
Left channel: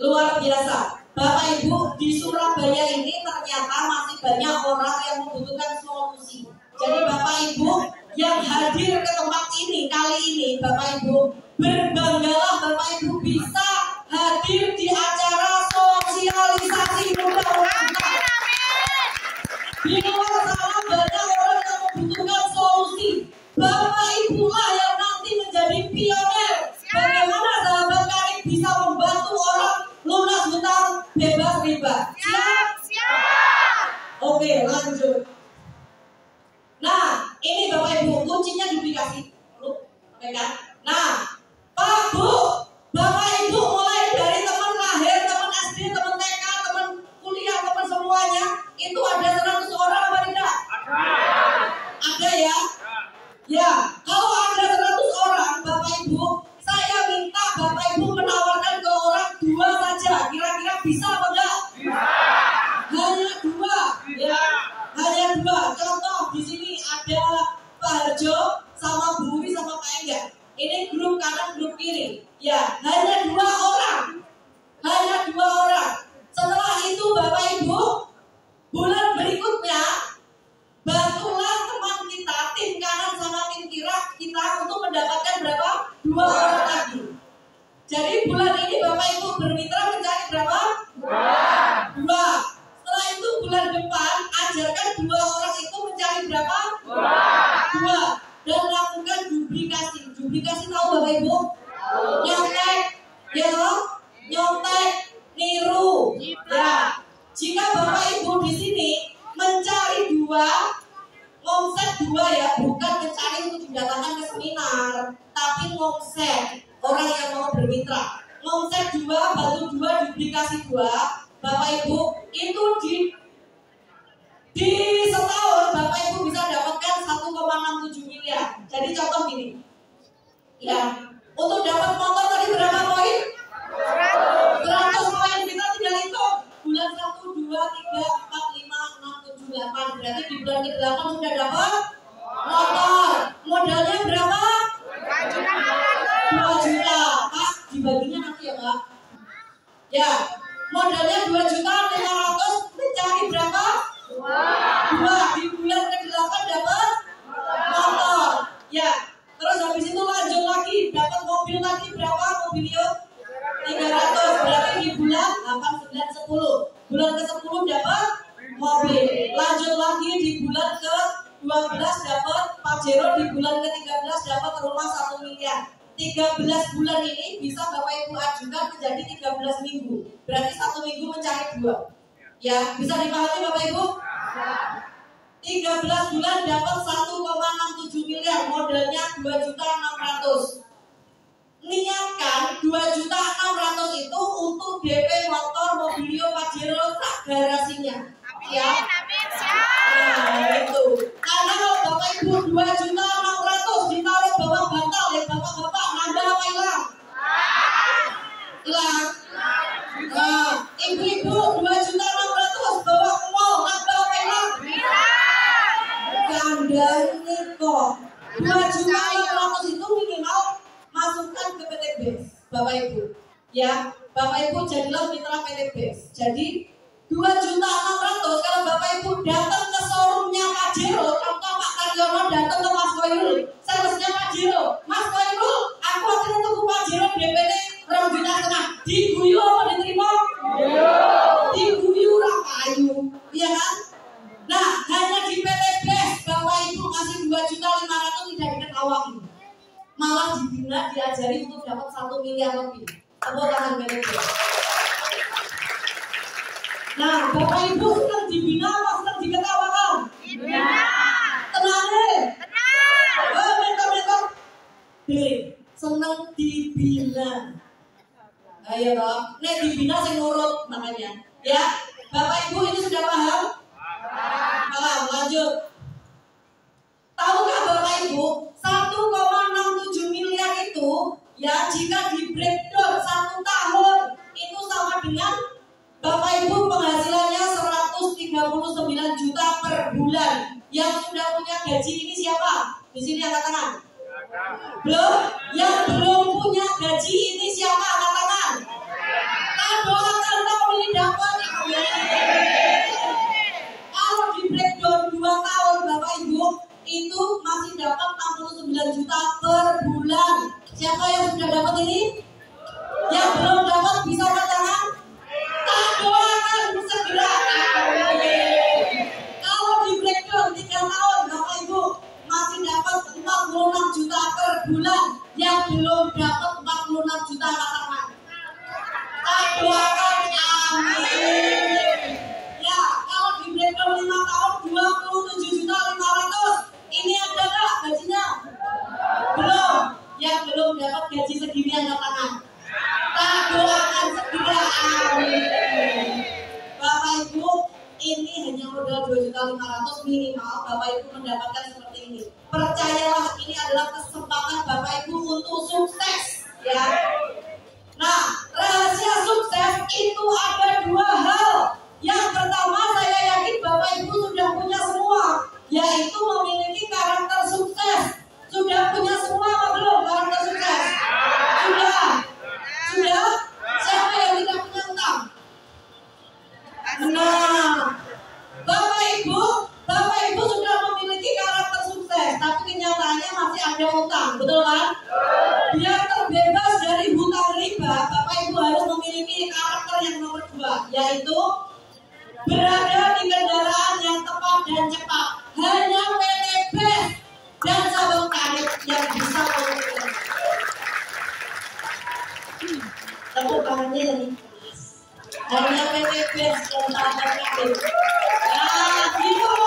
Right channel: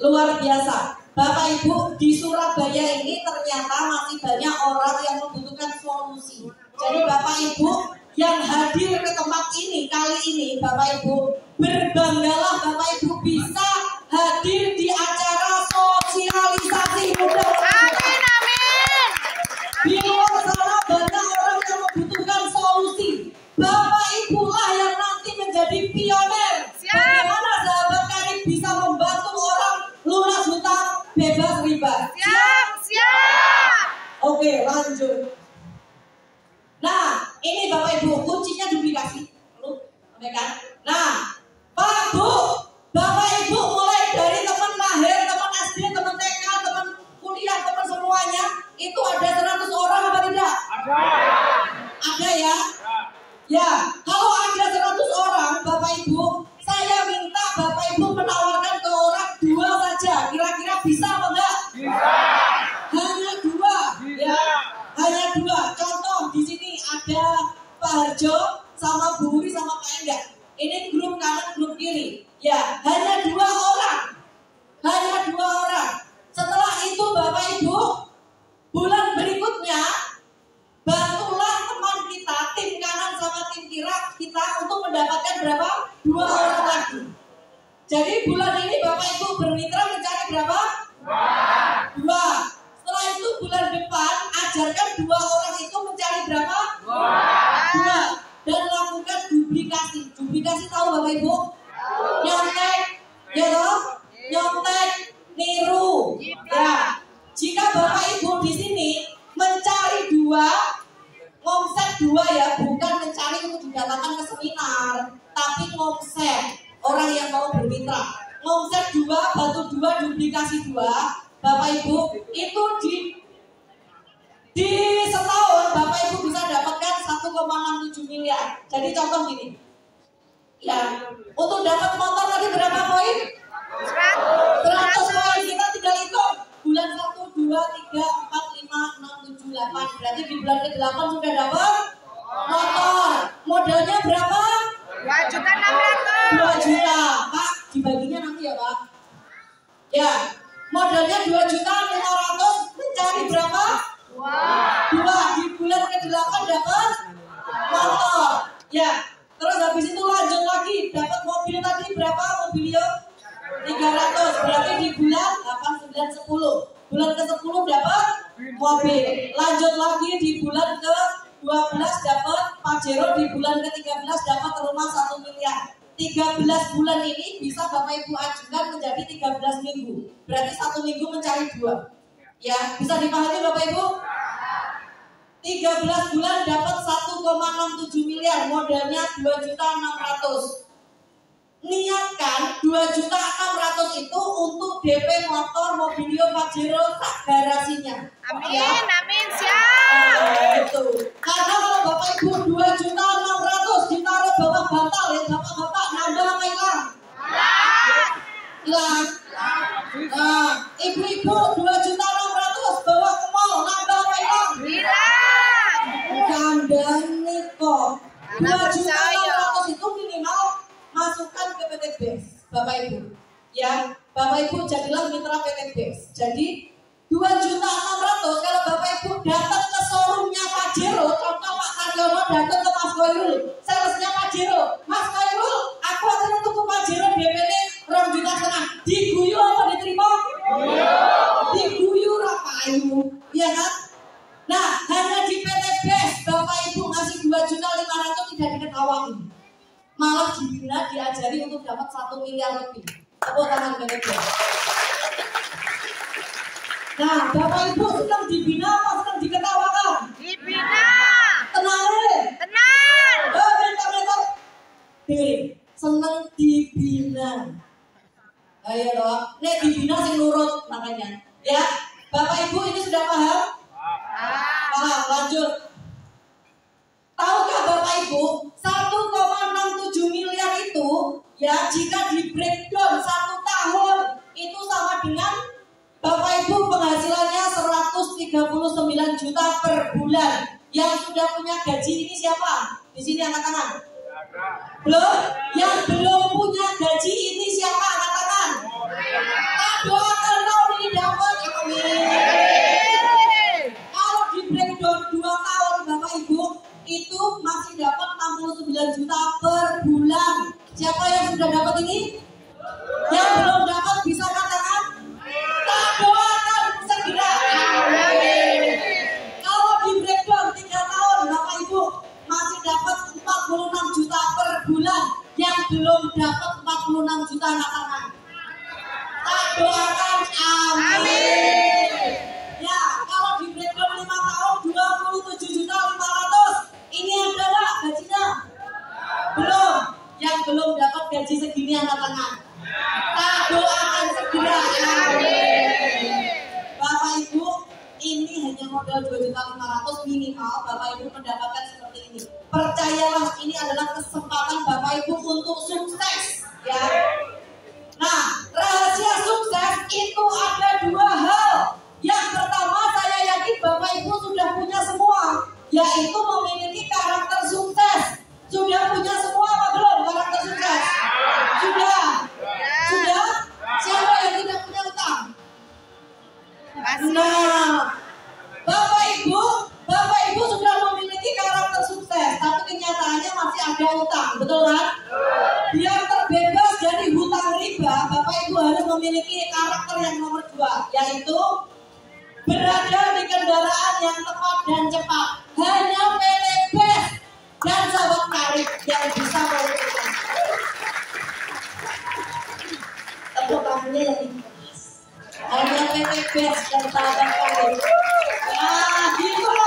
Luar biasa. Bapak Ibu, di Surabaya ini ternyata masih banyak orang yang membutuhkan solusi. Jadi Bapak Ibu yang hadir ke tempat ini kali ini, Bapak Ibu, berbanggalah Bapak Ibu bisa hadir di acara sosialisasi muda. Di luar sana banyak orang yang membutuhkan solusi. Bapak Ibu lah yang nanti menjadi pionir. Bagaimana sahabat karib bisa membantu orang lunas hutang bebas riba. Siap. Oke, lanjut. Nah, ini Bapak Ibu, kuncinya duplikasi. Oke kan? Nah, Pak Bu, Bapak Ibu mulai dari teman lahir, teman SD, teman TK, teman kuliah, teman semuanya, itu ada 100 orang apa tidak? Ada ya? Ya, kalau ada 100 orang, Bapak Ibu, saya minta Bapak Ibu menawarkan ke orang 2 saja. Kira-kira bisa apa enggak? Bisa. Hanya 2, ya. Hanya 2. Contoh di sini ada Pak Harjo sama Bu Wuri sama Pak Enggak. Ini grup kanan, grup kiri. Ya, hanya 2 orang. Hanya 2 orang. Setelah itu Bapak Ibu, bulan berikutnya bantulah teman kita, tim kanan sama tim kiri kita untuk mendapatkan berapa? 2 orang lagi. Jadi bulan ini Bapak Ibu bermitra mencari berapa? 2. Setelah itu bulan depan ajarkan 2 orang itu mencari berapa? 2. Dan lakukan duplikasi. Duplikasi tahu Bapak Ibu? Nyontek, ya toh? Nyontek, niru. Ya. Jika Bapak Ibu di sini mencari 2, ngomset 2 ya, bukan mencari untuk didatangkan ke seminar, tapi ngomset orang yang mau bermitra. Ngomset 2, bantu 2, duplikasi 2. Bapak Ibu itu di setahun Bapak Ibu bisa dapatkan 1,67 miliar. Jadi contoh gini, ya untuk dapat motor tadi berapa poin? 100 poin. Kita tinggal hitung bulan 1, 2, 3, 4, 5, 6, 7, 8. Berarti di bulan ke-8 sudah dapat motor. Modalnya berapa? 2 juta. Pak, dibaginya nanti ya Pak. Ya, modalnya 2.500.000 mencari berapa? Lanjut lagi di bulan ke-12 dapat Pajero, di bulan ke-13 dapat rumah 1 miliar. 13 bulan ini bisa Bapak Ibu ajukan menjadi 13 minggu. Berarti 1 minggu mencari 2. Ya, bisa dipahami Bapak Ibu? 13 bulan dapat 1,67 miliar, modalnya 2.600.000. Niatkan 2.600.000 itu untuk DP motor Mobilio Pajero garasinya. Amin, Ya. amin, siap. Nah, itu. Karena kalau Bapak Ibu 2.600.000 ditaruh bawah bantal ya Bapak-bapak, nambah apa hilang? Hilang. Nah, ibu-ibu 2.600.000 bawa ke mall, nambah apa hilang? Kandani kok. 2.600.000 itu minimal masukkan ke PT BES, Bapak Ibu. Ya, Bapak Ibu jadilah mitra PT BES. Jadi 2.600.000 kalau Bapak Ibu datang ke showroomnya Pajero, contoh Pak Karyono datang ke Mas Koirul, salesnya Pajero, Mas Koirul, aku akan tuku Pajero DP-nya 2,5 juta. Diguyu apa diterima? Diguyu rapayu, iya kan? Nah, hanya di PT BES Bapak Ibu ngasih 2.500.000 tidak diketawain, malah dibina diajari untuk dapat 1 miliar lebih. Tepuk tangan PT BES. Nah, Bapak Ibu senang dibina apa senang diketawakan? Dibina. Tenang deh. Tenang. Mentor. Senang dibina. Ayo toh, nek dibina sing nurut makanya. Ya, Bapak Ibu ini sudah paham? Paham, lanjut. Tahukah Bapak Ibu 1,67 miliar itu ya jika di breakdown 1 tahun itu sama dengan Bapak Ibu penghasilannya 139 juta per bulan. Yang sudah punya gaji ini siapa? Di sini angkat tangan. Belum? Yang belum punya gaji ini siapa? Angkat tangan. Doakan tahun ini dapat. Kalau di breakdown 2 tahun Bapak Ibu itu masih dapat 69 juta per bulan. Siapa yang sudah dapat ini? Yang belum dapat bisa angkat tangan. Doakan segera. Kalau di breakdown 3 tahun Bapak Ibu masih dapat 46 juta per bulan. Yang belum dapat 46 juta angkat tangan. Doakan amin. Ya, kalau di breakdown 5 tahun 27.500.000. Ini adalah gajinya. Belum. Yang belum dapat gaji segini angkat tangan. Doakan segera amin. Bapak Ibu, ini hanya modal 2.500.000 minimal. Bapak Ibu mendapatkan seperti ini. Percayalah, ini adalah kesempatan Bapak Ibu untuk sukses, ya. Nah, rahasia sukses itu ada 2 hal. Yang pertama, saya yakin Bapak Ibu sudah punya semua, yaitu memiliki karakter sukses. Sudah punya semua apa belum karakter sukses? Sudah. Sudah? Siapa yang tidak punya utang? Nah, Bapak Ibu sudah memiliki karakter sukses, tapi kenyataannya masih ada utang, betul kan? Biar terbebas dari hutang riba, Bapak Ibu harus memiliki karakter yang nomor 2, yaitu berada di kendaraan yang tepat dan cepat. Hanya PT BES dan Sabang Tarif yang bisa melakukan. Tepuk tangannya yang ikhlas. Hanya PT BES dan Sabang Tarif. Nah, gitu.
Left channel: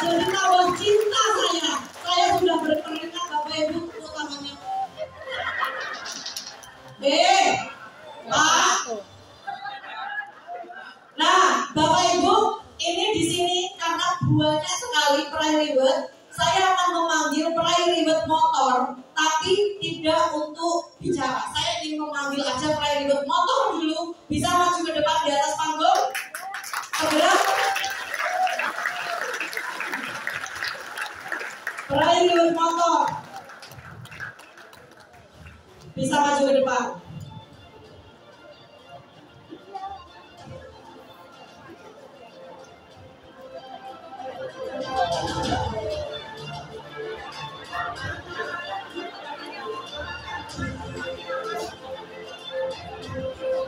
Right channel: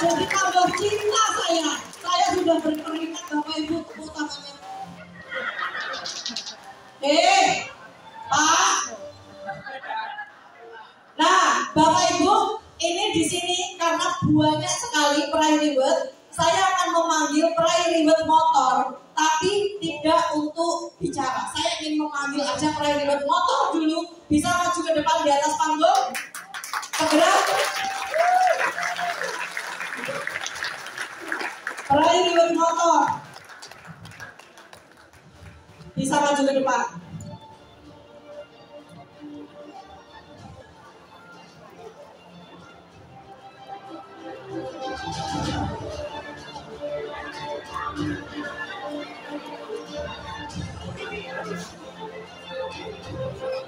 Jadi tambah cinta saya. Saya sudah berkeringat Bapak Ibu, tepuk tangannya. Pak. Nah, Bapak Ibu, ini di sini karena banyak sekali Prairie Wood, saya akan memanggil Prairie Wood motor, tapi tidak untuk bicara. Saya ingin memanggil aja Prairie Wood motor dulu. Bisa maju ke depan di atas panggung? Segera. Prairie Wood motor. Bisa maju ke depan.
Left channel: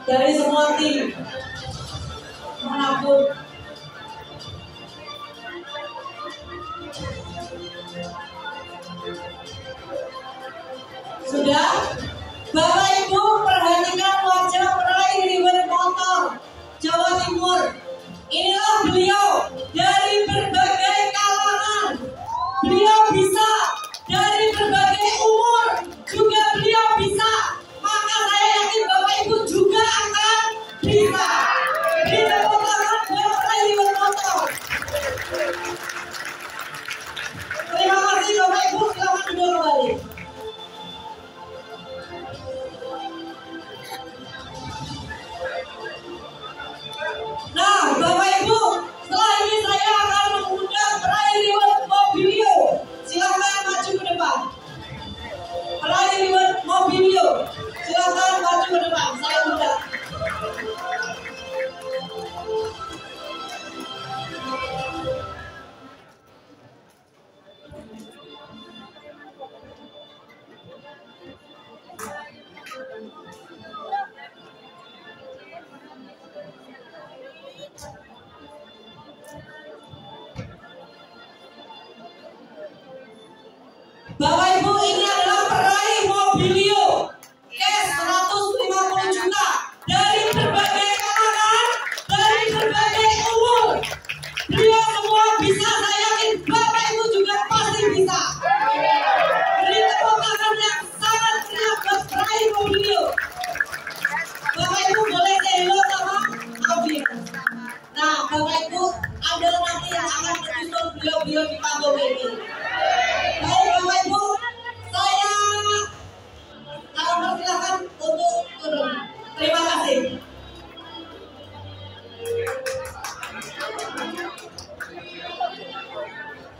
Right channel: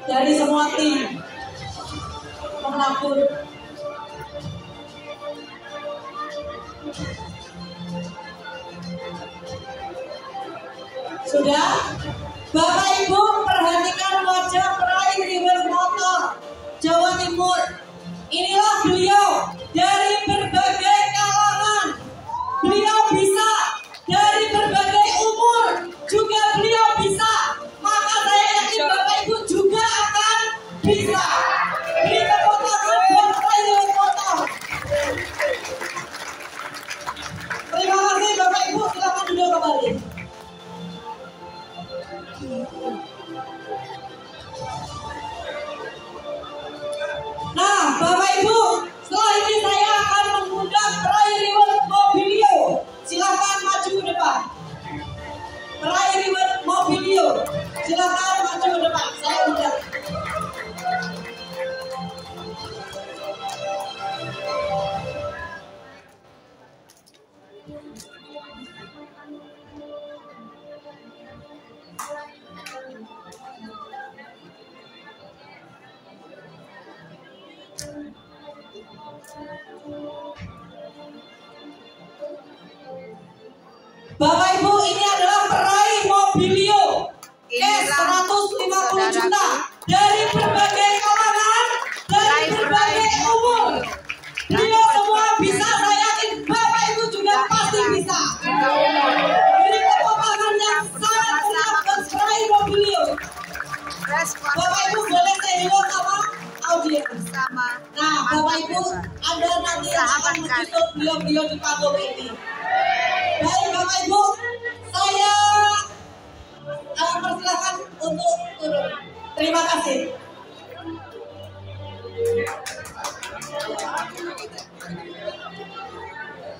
Dari semua tim manapun Sudah? Bapak Ibu perhatikan wajah peraih reward motor Jawa Timur. Inilah beliau dari berbagai kalangan. Beliau bisa dari berbagai umur, juga beliau bisa. Maka saya yakin Bapak Ibu juga akan bisa. Beri tepuk tangan buat peraih reward motor. Terima kasih Bapak Ibu, silakan duduk kembali. Nah, Bapak Ibu, setelah ini saya akan mengundang peraih reward Mobilio. Silakan maju ke depan. Peraih reward Mobilio, silakan maju ke depan. Saya undang. Bapak Ibu, ini adalah peraih Mobilio cash 150 juta dari berbagai kalangan, dari berbagai umur. Beliau semua bisa, saya yakin Bapak Ibu juga pasti bisa. Beri tepuk tangan yang sangat meriah buat peraih Mobilio. Bapak Ibu boleh say hello sama audiens. Nah, Bapak Ibu, Anda nanti yang akan menyusul beliau-beliau di panggung ini. Baik Bapak Ibu, saya persilakan untuk turun. Terima kasih.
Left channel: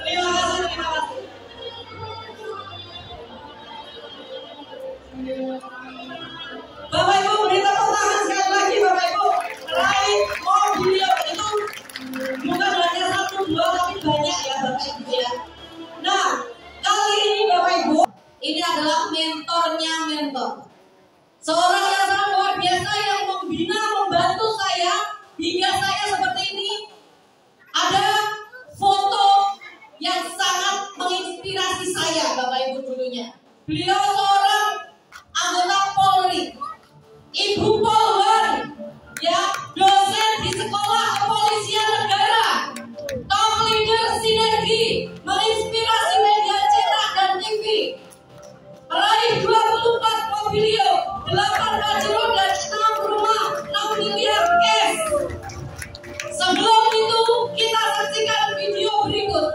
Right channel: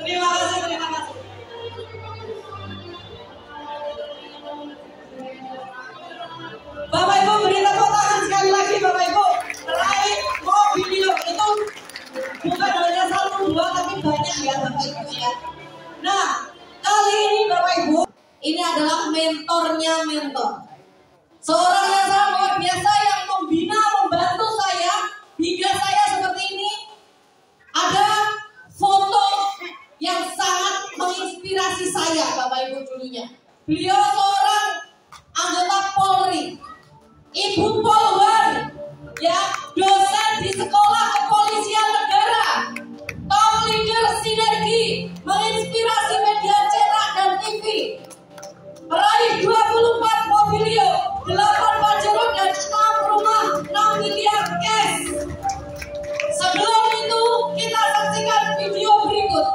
Terima kasih, terima kasih. Bapak Ibu beri tepuk tangan sekali lagi Bapak Ibu. Peraih Mobilio itu bukan hanya 1, 2 tapi banyak ya Bapak Ibu ya. Nah, kali ini Bapak Ibu, ini adalah mentornya mentor. Seorang yang sangat luar biasa yang membina, membantu saya hingga saya seperti ini. Ada foto yang sangat menginspirasi saya Bapak Ibu dulunya. Beliau seorang anggota Polri, Ibu Polwan, ya, dosen di Sekolah Kepolisian Negara, top leader sinergi, menginspirasi media cetak dan TV, meraih 24 Mobilio, 8 Pajero dan 6 rumah, 6 miliar cash. Sebelum itu kita saksikan video berikut.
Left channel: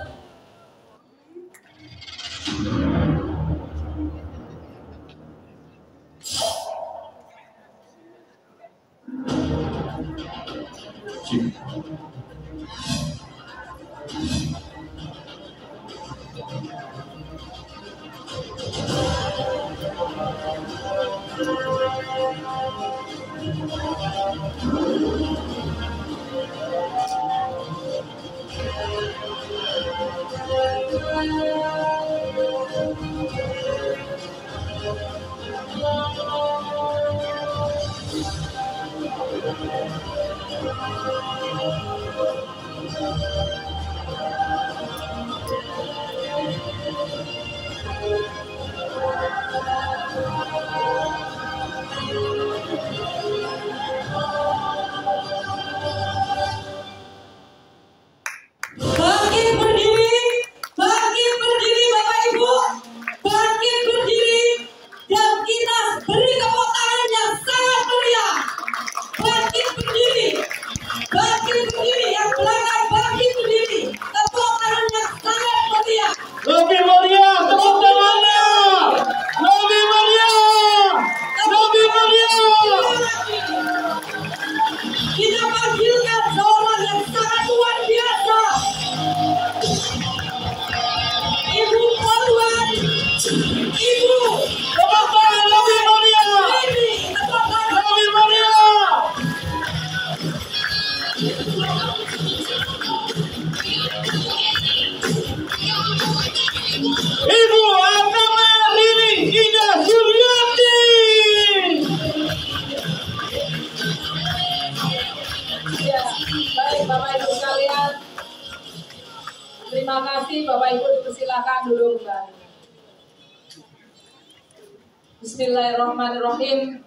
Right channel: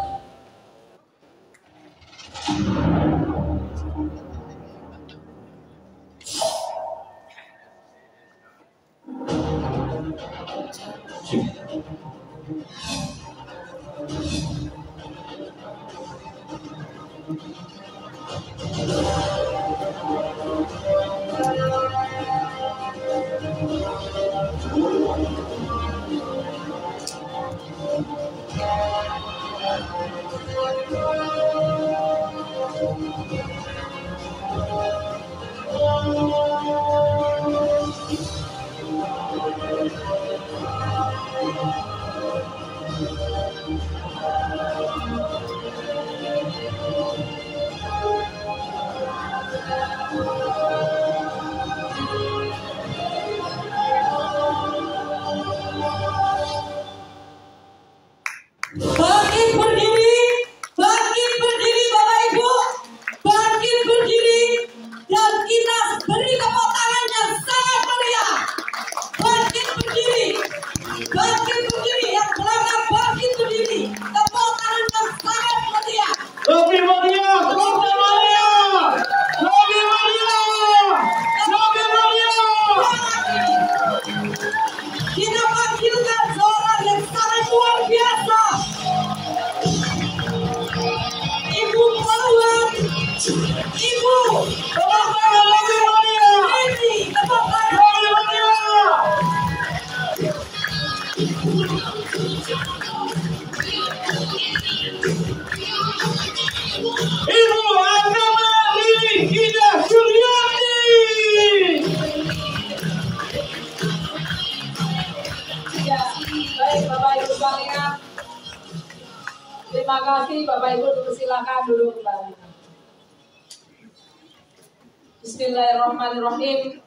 Baik, Bapak Terima kasih Bapak Ibu, persilakan duduk kembali. Bismillahirrahmanirrahim.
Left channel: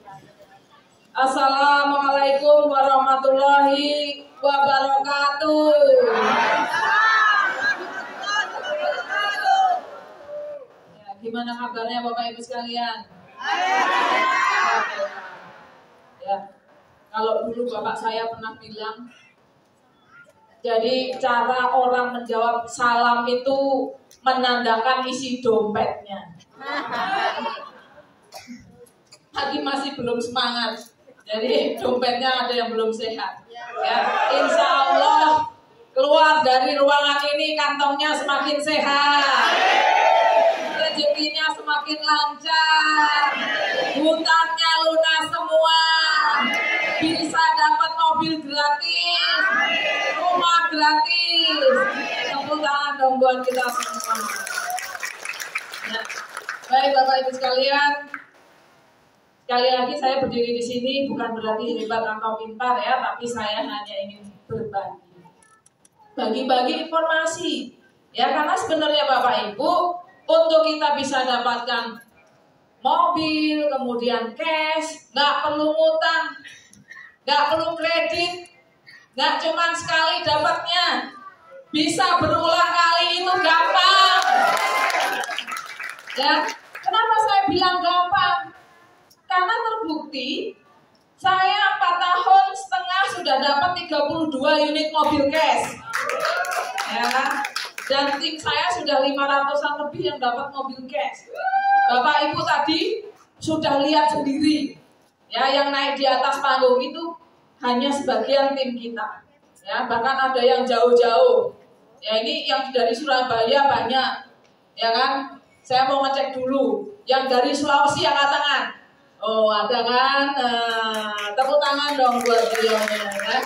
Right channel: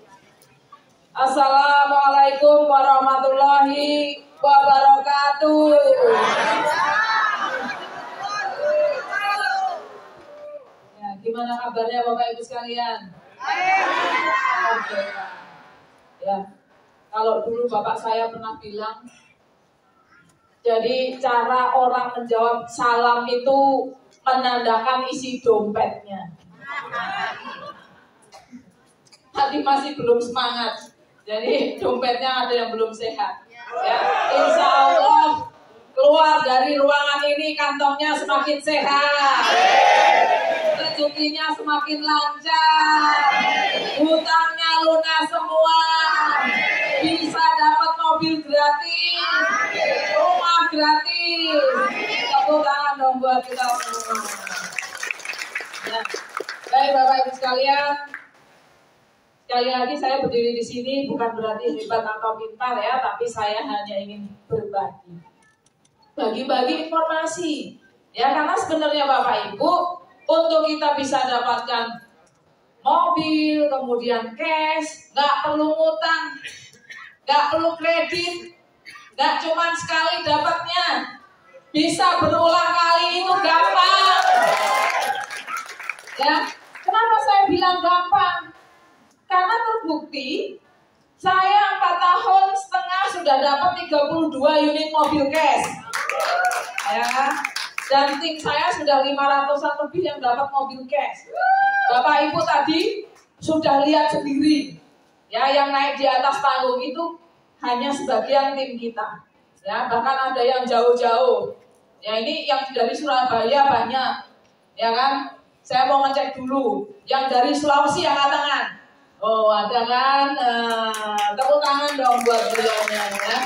Assalamualaikum warahmatullahi wabarakatuh. Ya, gimana kabarnya Bapak Ibu sekalian? Oke. Ya, kalau dulu bapak saya pernah bilang, jadi cara orang menjawab salam itu menandakan isi dompetnya. Tadi masih belum semangat, jadi dompetnya ada yang belum sehat. Ya, insya Allah keluar dari ruangan ini kantongnya semakin sehat, rezekinya semakin lancar, hutangnya lunas semua, bisa dapat mobil gratis, rumah gratis. Tepuk tangan dong buat kita semua. Ya. Baik Bapak Ibu sekalian, sekali lagi saya berdiri di sini bukan berarti hebat atau pintar ya, tapi saya hanya ingin berbagi, bagi-bagi informasi. Ya, karena sebenarnya Bapak Ibu, untuk kita bisa dapatkan mobil, kemudian cash, nggak perlu ngutang, nggak perlu kredit, nggak cuma sekali dapatnya, bisa berulang kali, itu gampang. Ya, kenapa saya bilang gampang? Karena terbukti saya 4 tahun setengah sudah dapat 32 unit mobil cash. Ya, dan tim saya sudah 500-an lebih yang dapat mobil cash. Bapak Ibu tadi sudah lihat sendiri, ya, yang naik di atas panggung itu hanya sebagian tim kita. Ya, bahkan ada yang jauh-jauh. Ya, ini yang dari Surabaya banyak, ya kan? Saya mau ngecek dulu. Yang dari Sulawesi angkat tangan. Oh, ada kan? Tepuk tangan dong buat beliaunya, ya.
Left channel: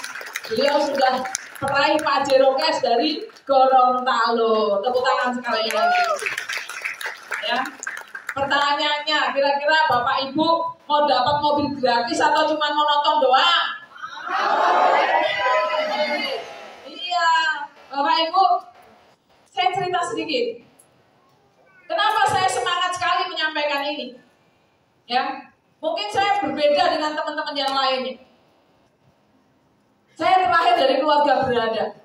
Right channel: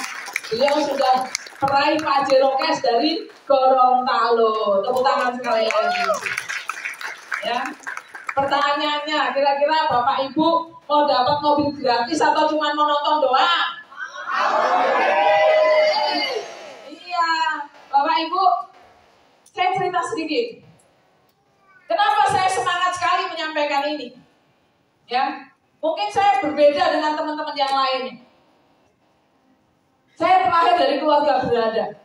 Beliau sudah peraih Pajero Cash dari Gorontalo. Tepuk tangan sekali lagi. Ya. Pertanyaannya, kira-kira Bapak Ibu mau dapat mobil gratis atau cuma mau nonton doang? Iya, Bapak Ibu, saya cerita sedikit. Kenapa saya semangat sekali menyampaikan ini? Ya, mungkin saya berbeda dengan teman-teman yang lainnya. Saya terlahir dari keluarga berada.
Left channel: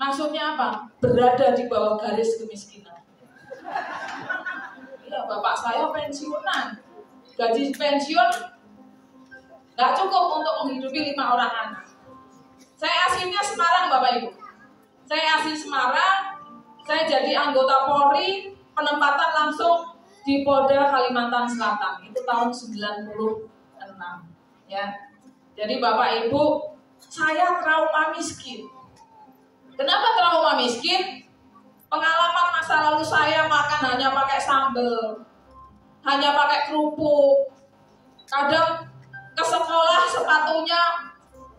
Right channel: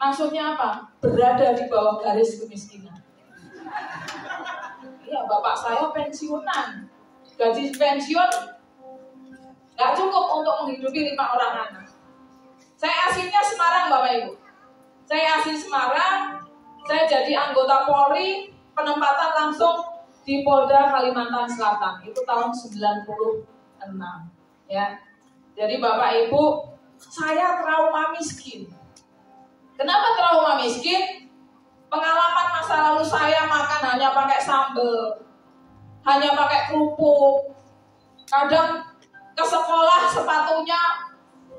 Maksudnya apa? Berada di bawah garis kemiskinan. Iya, bapak saya pensiunan. Gaji pensiun nggak cukup untuk menghidupi 5 orang anak. Saya aslinya Semarang, Bapak Ibu. Saya asli Semarang. Saya jadi anggota Polri, penempatan langsung di Polda Kalimantan Selatan. Itu tahun 96. Ya. Jadi Bapak Ibu, saya trauma miskin. Kenapa trauma miskin? Pengalaman masa lalu saya makan hanya pakai sambal, hanya pakai kerupuk. Kadang ke sekolah sepatunya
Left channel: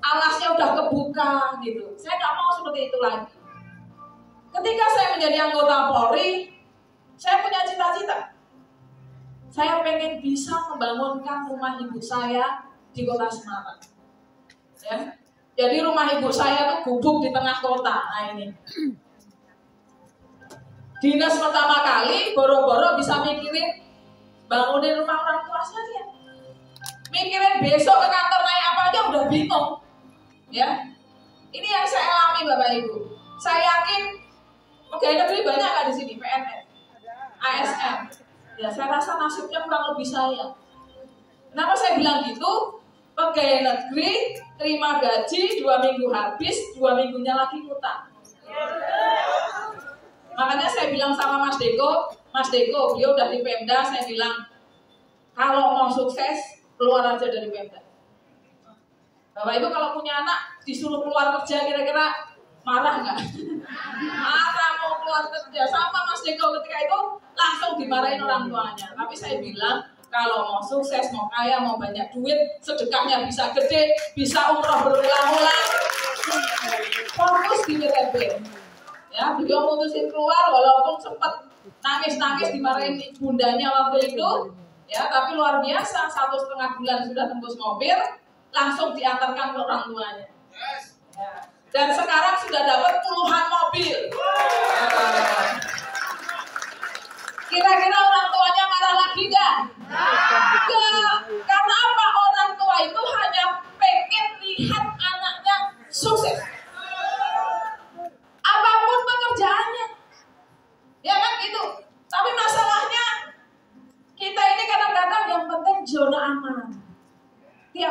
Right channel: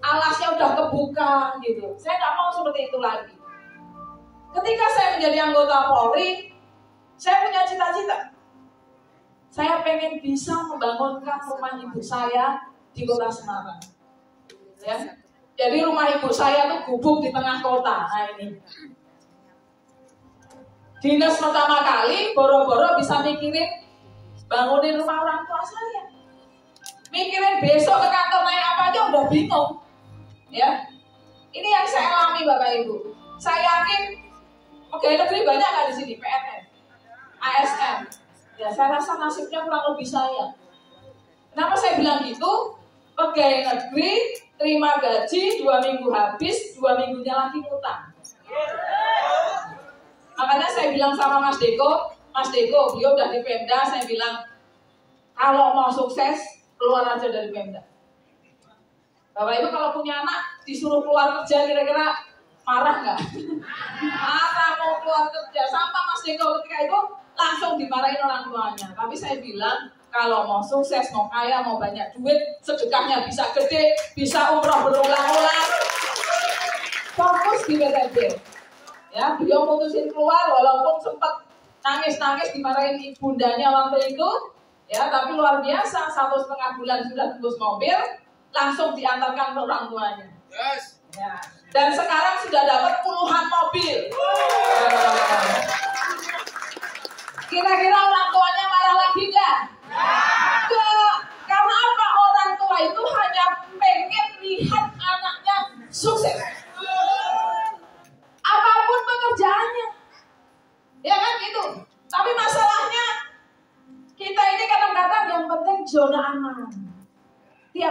alasnya udah kebuka gitu. Saya nggak mau seperti itu lagi. Ketika saya menjadi anggota Polri, saya punya cita-cita. Saya pengen bisa membangunkan rumah ibu saya di kota Semarang. Ya. Jadi rumah ibu saya itu gubuk di tengah kota. Nah ini. Dinas pertama kali, boro-boro bisa mikirin bangunin rumah orang tua saya. Mikirin besok ke kantor naik apa aja udah bingung. Ya. Ini yang saya alami Bapak Ibu. Saya yakin pegawai negeri banyak kan di sini, PNS, ASN. Ya, saya rasa nasibnya kurang lebih saya. Kenapa saya bilang gitu? Pegawai negeri terima gaji 2 minggu habis, 2 minggunya lagi ngutang. Makanya saya bilang sama Mas Deko, beliau udah di Pemda, saya bilang kalau mau sukses keluar aja dari Pemda. Bapak Ibu kalau punya anak disuruh keluar kerja kira-kira marah nggak? Marah mau keluar kerja. Sama Mas Deko ketika itu langsung dimarahin orang tuanya. Tapi saya bilang kalau mau sukses, mau kaya, mau banyak duit, sedekahnya bisa gede, bisa umroh berulang-ulang, fokus di PTB. Ya, beliau mutusin keluar walaupun sempat nangis-nangis dimarahin ibundanya waktu itu. Ya, tapi luar biasa 1,5 bulan sudah tembus mobil, langsung diantarkan ke orang tuanya. Ya. Dan sekarang sudah dapat puluhan mobil.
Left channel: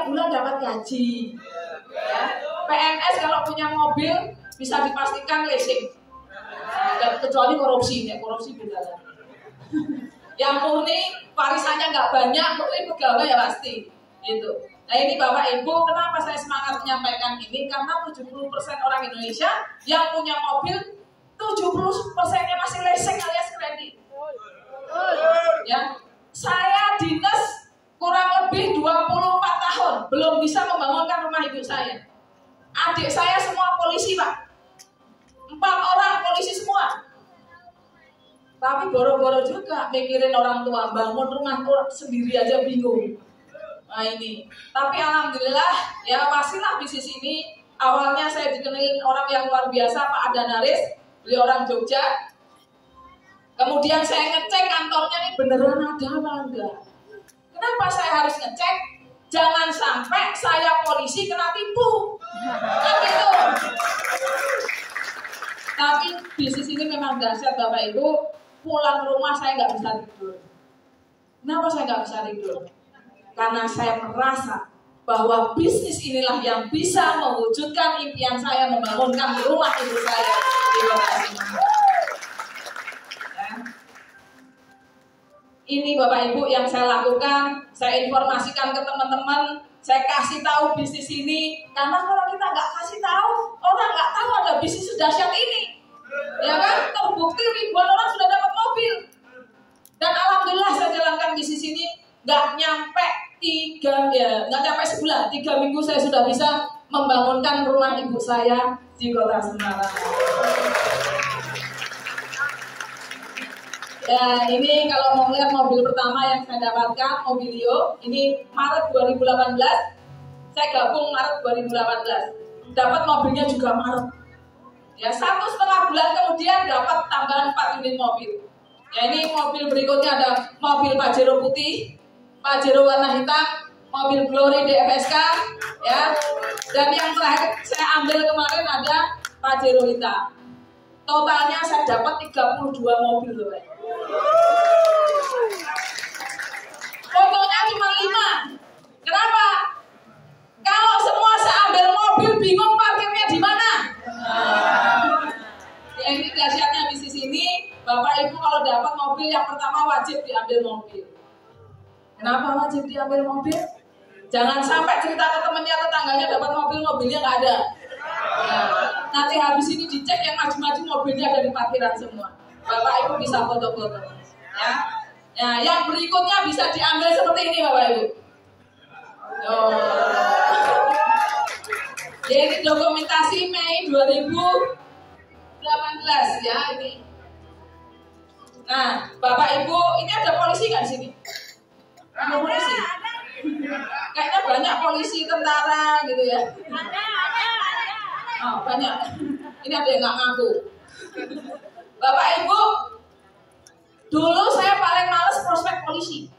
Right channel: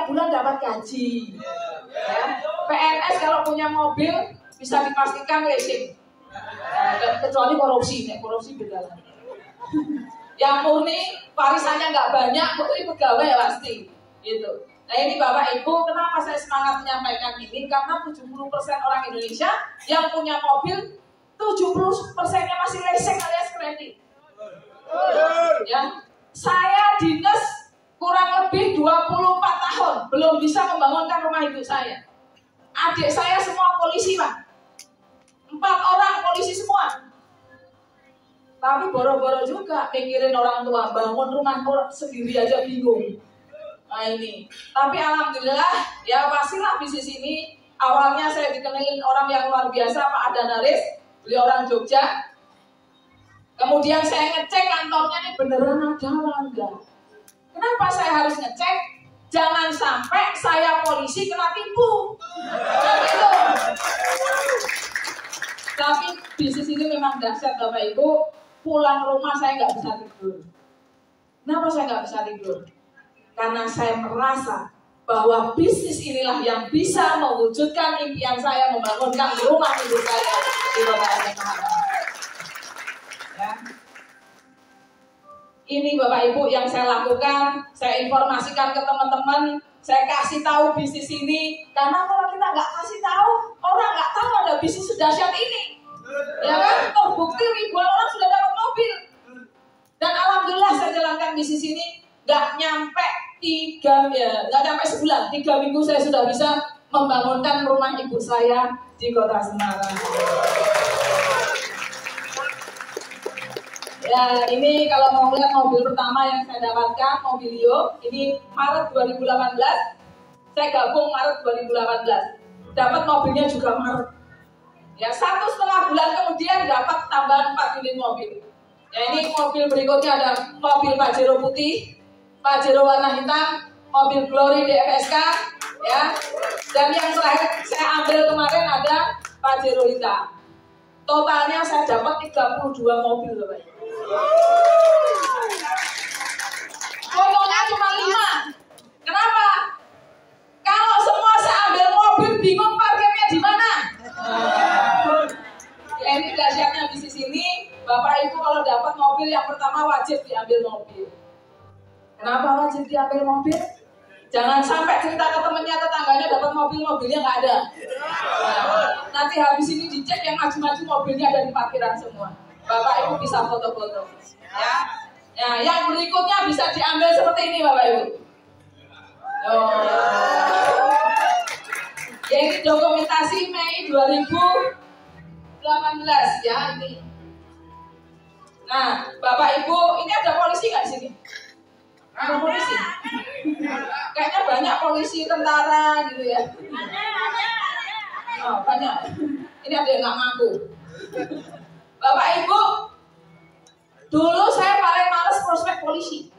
bulan dapat gaji. Ya. PNS kalau punya mobil bisa dipastikan leasing. Kecuali korupsi, ya korupsi beda lah. Yang murni warisannya nggak banyak, murni pegawai ya pasti. Gitu. Nah ini Bapak Ibu, kenapa saya semangat menyampaikan ini? Karena 70% orang Indonesia yang punya mobil, 70%-nya masih leasing alias kredit. Ya, saya dinas kurang lebih 24 tahun, belum bisa membangunkan rumah ibu saya. Adik saya semua polisi Pak, 4 orang polisi semua. Tapi boro-boro juga mikirin orang tua, bangun rumah sendiri aja bingung. Nah ini, tapi alhamdulillah ya pastilah bisnis ini awalnya saya dikenalin orang yang luar biasa Pak Adanaris, beliau orang Jogja. Kemudian saya ngecek kantornya nih beneran ada apa enggak. Kenapa saya harus ngecek? Jangan sampai saya polisi kena tipu. Kan gitu. Tapi bisnis ini memang dahsyat Bapak Ibu. Pulang rumah saya nggak bisa tidur. Kenapa saya nggak bisa tidur? Karena saya merasa bahwa bisnis inilah yang bisa mewujudkan impian saya membangunkan rumah ibu saya di Kota Semarang. Ya. Ini Bapak Ibu yang saya lakukan, saya informasikan ke teman-teman, saya kasih tahu bisnis ini. Karena kalau kita nggak kasih tahu, orang nggak tahu ada bisnis sedahsyat ini. Ya kan, terbukti ribuan orang sudah dapat mobil. Dan alhamdulillah saya jalankan bisnis ini nggak nyampe 3 sebulan, 3 minggu saya sudah bisa membangunkan rumah ibu saya di Kota Semarang. Ya ini kalau mau lihat mobil pertama yang saya dapatkan, Mobilio, ini Maret 2018, saya gabung Maret 2018, dapat mobilnya juga Maret. Ya 1,5 bulan kemudian dapat tambahan 4 unit mobil. Ya ini mobil berikutnya ada mobil Pajero putih, Pajero warna hitam, mobil Glory DFSK, ya. Dan yang terakhir saya ambil kemarin ada Pajero hitam. Totalnya saya dapat 32 mobil loh, Pak. Fotonya cuma 5. Kenapa? Kalau semua saya ambil mobil bingung parkirnya di mana. Ya ini dahsyatnya bisnis ini, Bapak Ibu kalau dapat mobil yang pertama wajib diambil mobil. Kenapa wajib diambil mobil? Jangan sampai cerita ke temennya, tetangganya dapat mobil, mobilnya nggak ada. Nah, nanti habis ini dicek yang maju-maju mobilnya ada di parkiran semua. Bapak Ibu bisa foto-foto. Ya. Nah, yang berikutnya bisa diambil seperti ini Bapak Ibu. Oh. Ya ini dokumentasi Mei 2018 ya ini. Nah, Bapak Ibu, ini ada polisi nggak di sini? Ada polisi? Kayaknya banyak polisi, tentara gitu ya. Oh, banyak. Ini ada yang nggak ngaku. Bapak Ibu, dulu saya paling males prospek polisi.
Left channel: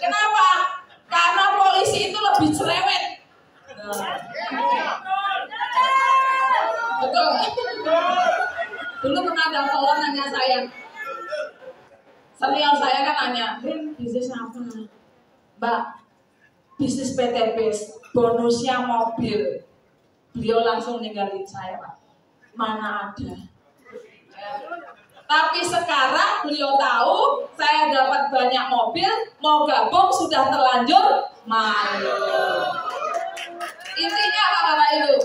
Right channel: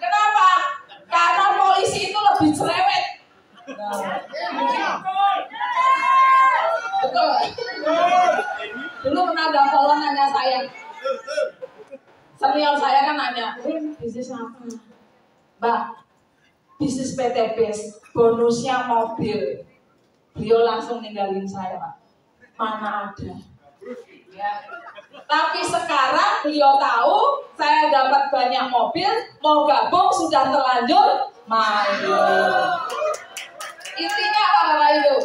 Kenapa? Karena polisi itu lebih cerewet. Betul. Dulu pernah ada kolon nanya saya. Senior saya kan nanya, bisnis apa? Mbak, bisnis PTB, bonusnya mobil. Beliau langsung ninggalin saya, Pak. Mana ada. Ya. Tapi sekarang beliau tahu saya dapat banyak mobil, mau gabung sudah terlanjur malu. Intinya apa Bapak Ibu?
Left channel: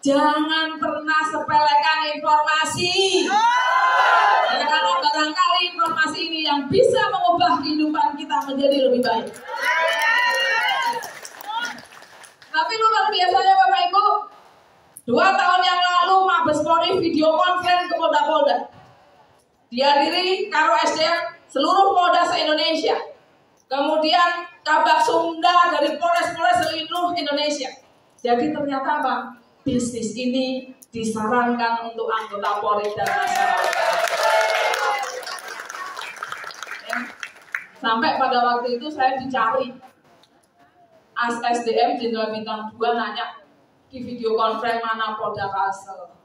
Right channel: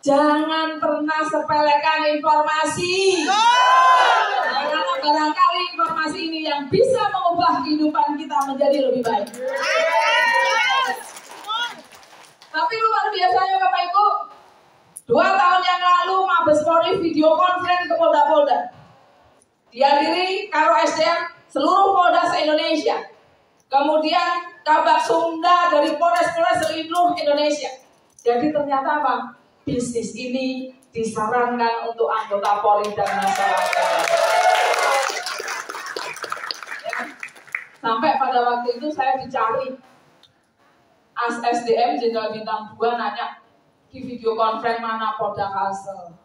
Jangan pernah sepelekan informasi. Ya, karena barangkali informasi ini yang bisa mengubah kehidupan kita menjadi lebih baik. Tapi luar biasanya Bapak Ibu, 2 tahun yang lalu Mabes Polri video konferensi ke Polda-Polda. Dihadiri Karo SDM seluruh Polda se-Indonesia. Kemudian Kabak Sumda dari Polres-Polres seluruh Indonesia. Jadi ternyata apa? Bisnis ini disarankan untuk anggota Polri dan masyarakat. Ya. Sampai pada waktu itu saya dicari. As SDM Jenderal Bintang 2 nanya di video konferensi mana Polda Kalsel.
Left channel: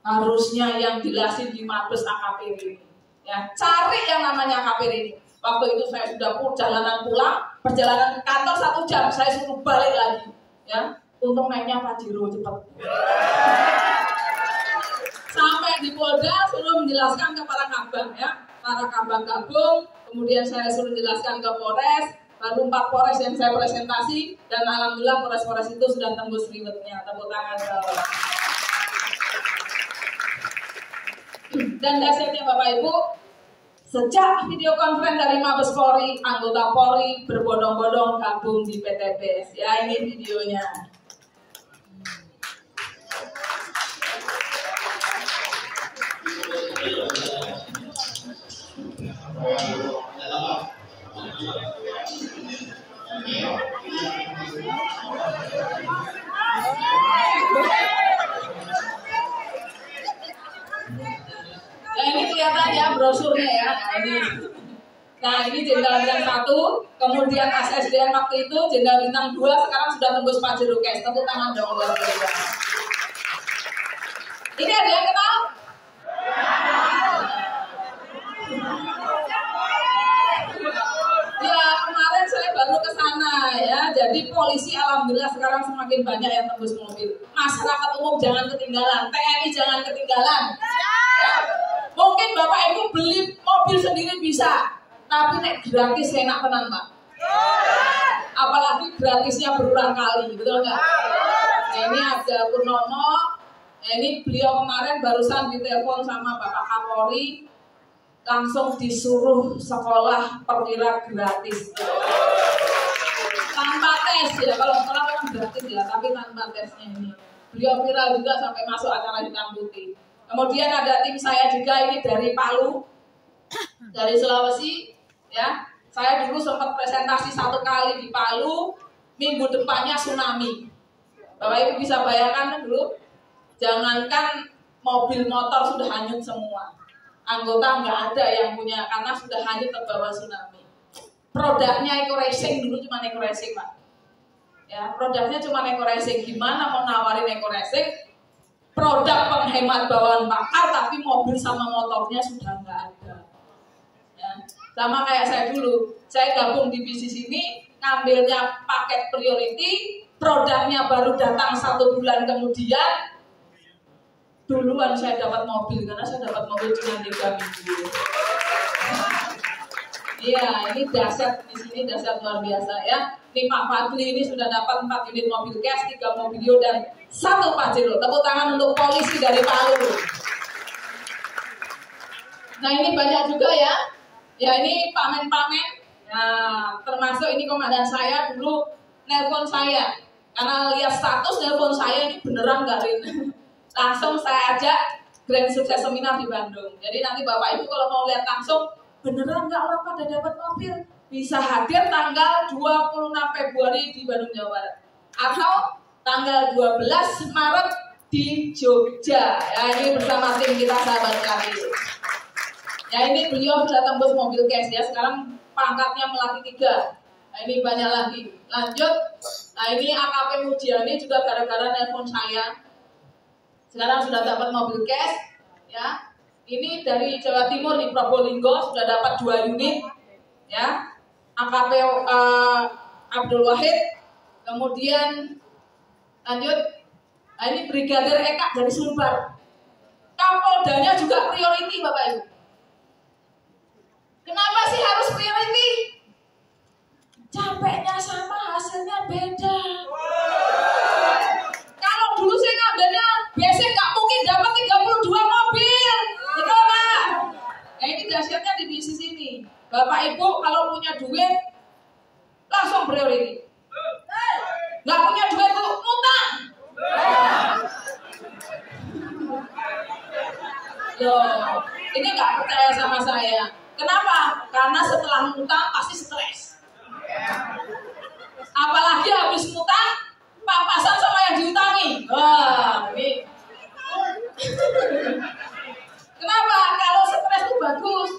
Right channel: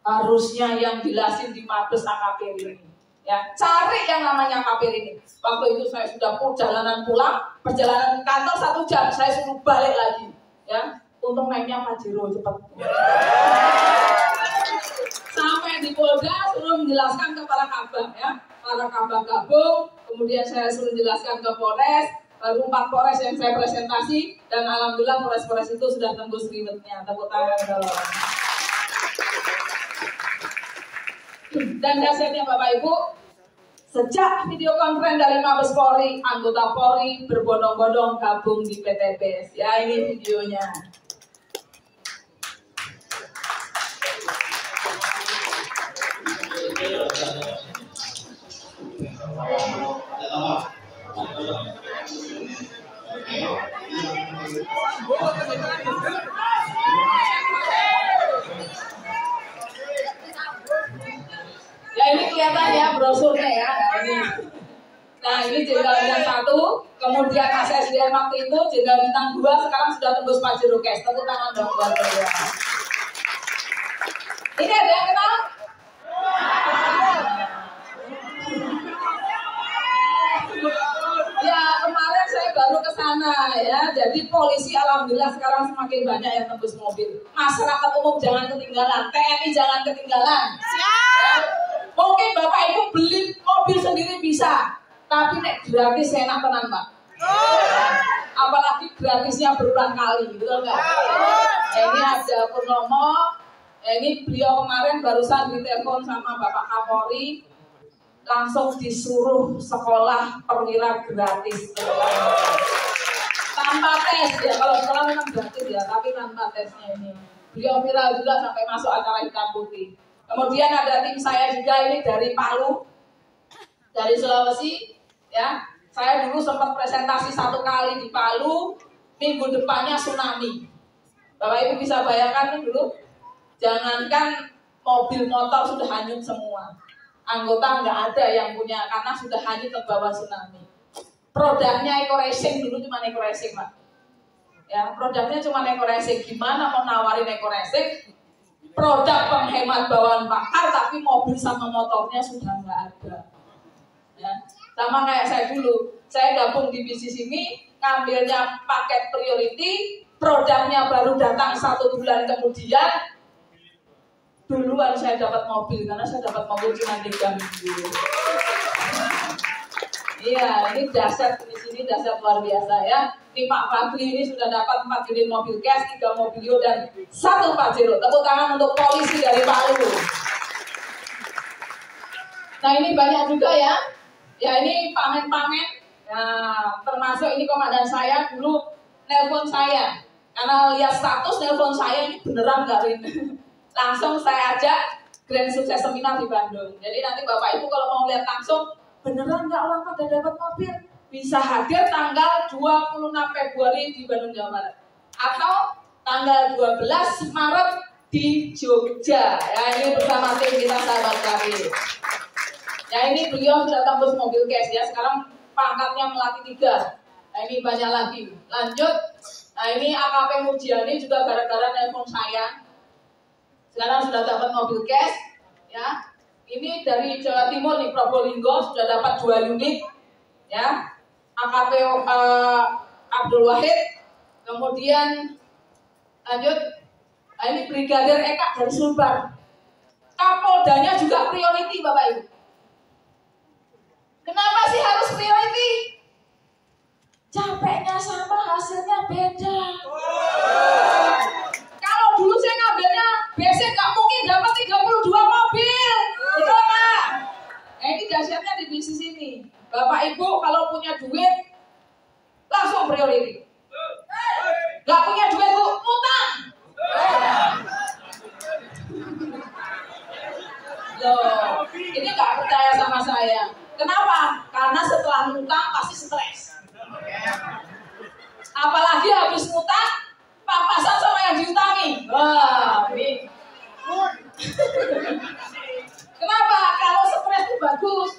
Harusnya yang jelasin di Mabes AKP ini. Ya, cari yang namanya KPR ini. Waktu itu saya sudah perjalanan pulang, perjalanan kantor 1 jam, saya suruh balik lagi. Ya, untung naiknya Pajero cepat. Sampai di Polda suruh menjelaskan ke para kabak ya, para kabak gabung, kemudian saya suruh jelaskan ke Polres, baru 4 Polres yang saya presentasi, dan alhamdulillah Polres-Polres itu sudah tembus ribetnya. Tepuk tangan dong. Dan dasarnya Bapak Ibu, sejak video konferensi dari Mabes Polri, anggota Polri berbondong-bondong gabung di PTBS. Ya, ini videonya. Ya, ini kelihatan ya brosurnya ya. Nah ini Jenderal Bintang 1, kemudian SSDN waktu itu Jenderal Bintang 2, sekarang sudah tembus Pajero Cash. Tepuk tangan dong buat beliau. Ini ada yang kenal? Ya kemarin saya baru ke sana ya. Jadi polisi alhamdulillah sekarang semakin banyak yang tembus mobil. Masyarakat umum jangan ketinggalan, TNI jangan ketinggalan. Ya. Mungkin Bapak Ibu beli mobil sendiri bisa, tapi nek gratis enak tenan Pak. Apalagi gratisnya berulang kali, betul nggak? Ya, ini ada Purnomo, ya, ini beliau kemarin barusan ditelepon sama Bapak Kapolri, langsung disuruh sekolah perwira gratis. Tanpa tes ya, kalau sekolah memang gratis ya, tapi tanpa tesnya ini. Beliau viral juga sampai masuk acara hitam putih. Kemudian ada tim saya juga ini dari Palu, dari Sulawesi, ya. Saya dulu sempat presentasi 1 kali di Palu, minggu depannya tsunami. Bapak Ibu bisa bayangkan dulu, jangankan mobil motor sudah hanyut semua, anggota nggak ada yang punya karena sudah hanyut terbawa tsunami. Produknya Eco Racing dulu cuma Eco Racing Pak, ya produknya cuma Eco Racing. Gimana mau nawarin Eco Racing? Produk penghemat bawaan bakar, tapi mobil sama motornya sudah nggak ada. Ya. Sama kayak saya dulu, saya gabung di bisnis ini, ngambilnya paket priority, produknya baru datang 1 bulan kemudian, duluan saya dapat mobil, karena saya dapat mobil cuma 3 minggu. Iya, ini dahsyat di sini, dahsyat luar biasa ya. Ini Pak Fadli ini sudah dapat 4 unit mobil cash, 3 mobilio dan 1 Pajero. Tepuk tangan untuk polisi dari Palu. Nah ini banyak juga ya. Ya ini pamen-pamen. Nah termasuk ini komandan saya dulu nelpon saya. Karena lihat status nelpon saya ini beneran nggak Rin. Langsung saya ajak Grand Sukses Seminar di Bandung. Jadi nanti Bapak Ibu kalau mau lihat langsung, beneran nggak orang pada dapat mobil, bisa hadir tanggal 26 Februari di Bandung, Jawa Barat, atau tanggal 12 Maret di Jogja. Ya ini bersama tim kita sahabat karir. Ya ini beliau sudah tembus mobil cash ya, sekarang pangkatnya melati 3. Nah ini banyak lagi. Lanjut. Nah ini AKP Mujiani juga gara-gara nelpon saya, sekarang sudah dapat mobil cash. Ya. Ini dari Jawa Timur nih, Probolinggo sudah dapat 2 unit, ya. AKP Abdul Wahid, kemudian lanjut, nah ini Brigadir Eka dari Sulbar. Kapoldanya juga priority Bapak Ibu. Kenapa sih harus priority? Capeknya sama, hasilnya beda. Kalau dulu saya ngambilnya basic, nggak mungkin dapat 32 mobil. Betul nggak? Nah ini dahsyatnya di bisnis ini. Bapak Ibu kalau punya duit langsung priority. Nggak punya duit tuh utang. Loh, ini nggak percaya sama saya. Kenapa? Karena setelah ngutang pasti stres. Apalagi habis ngutang, papasan sama yang diutangi. Wah, ini. Kenapa? Kalau stres itu bagus.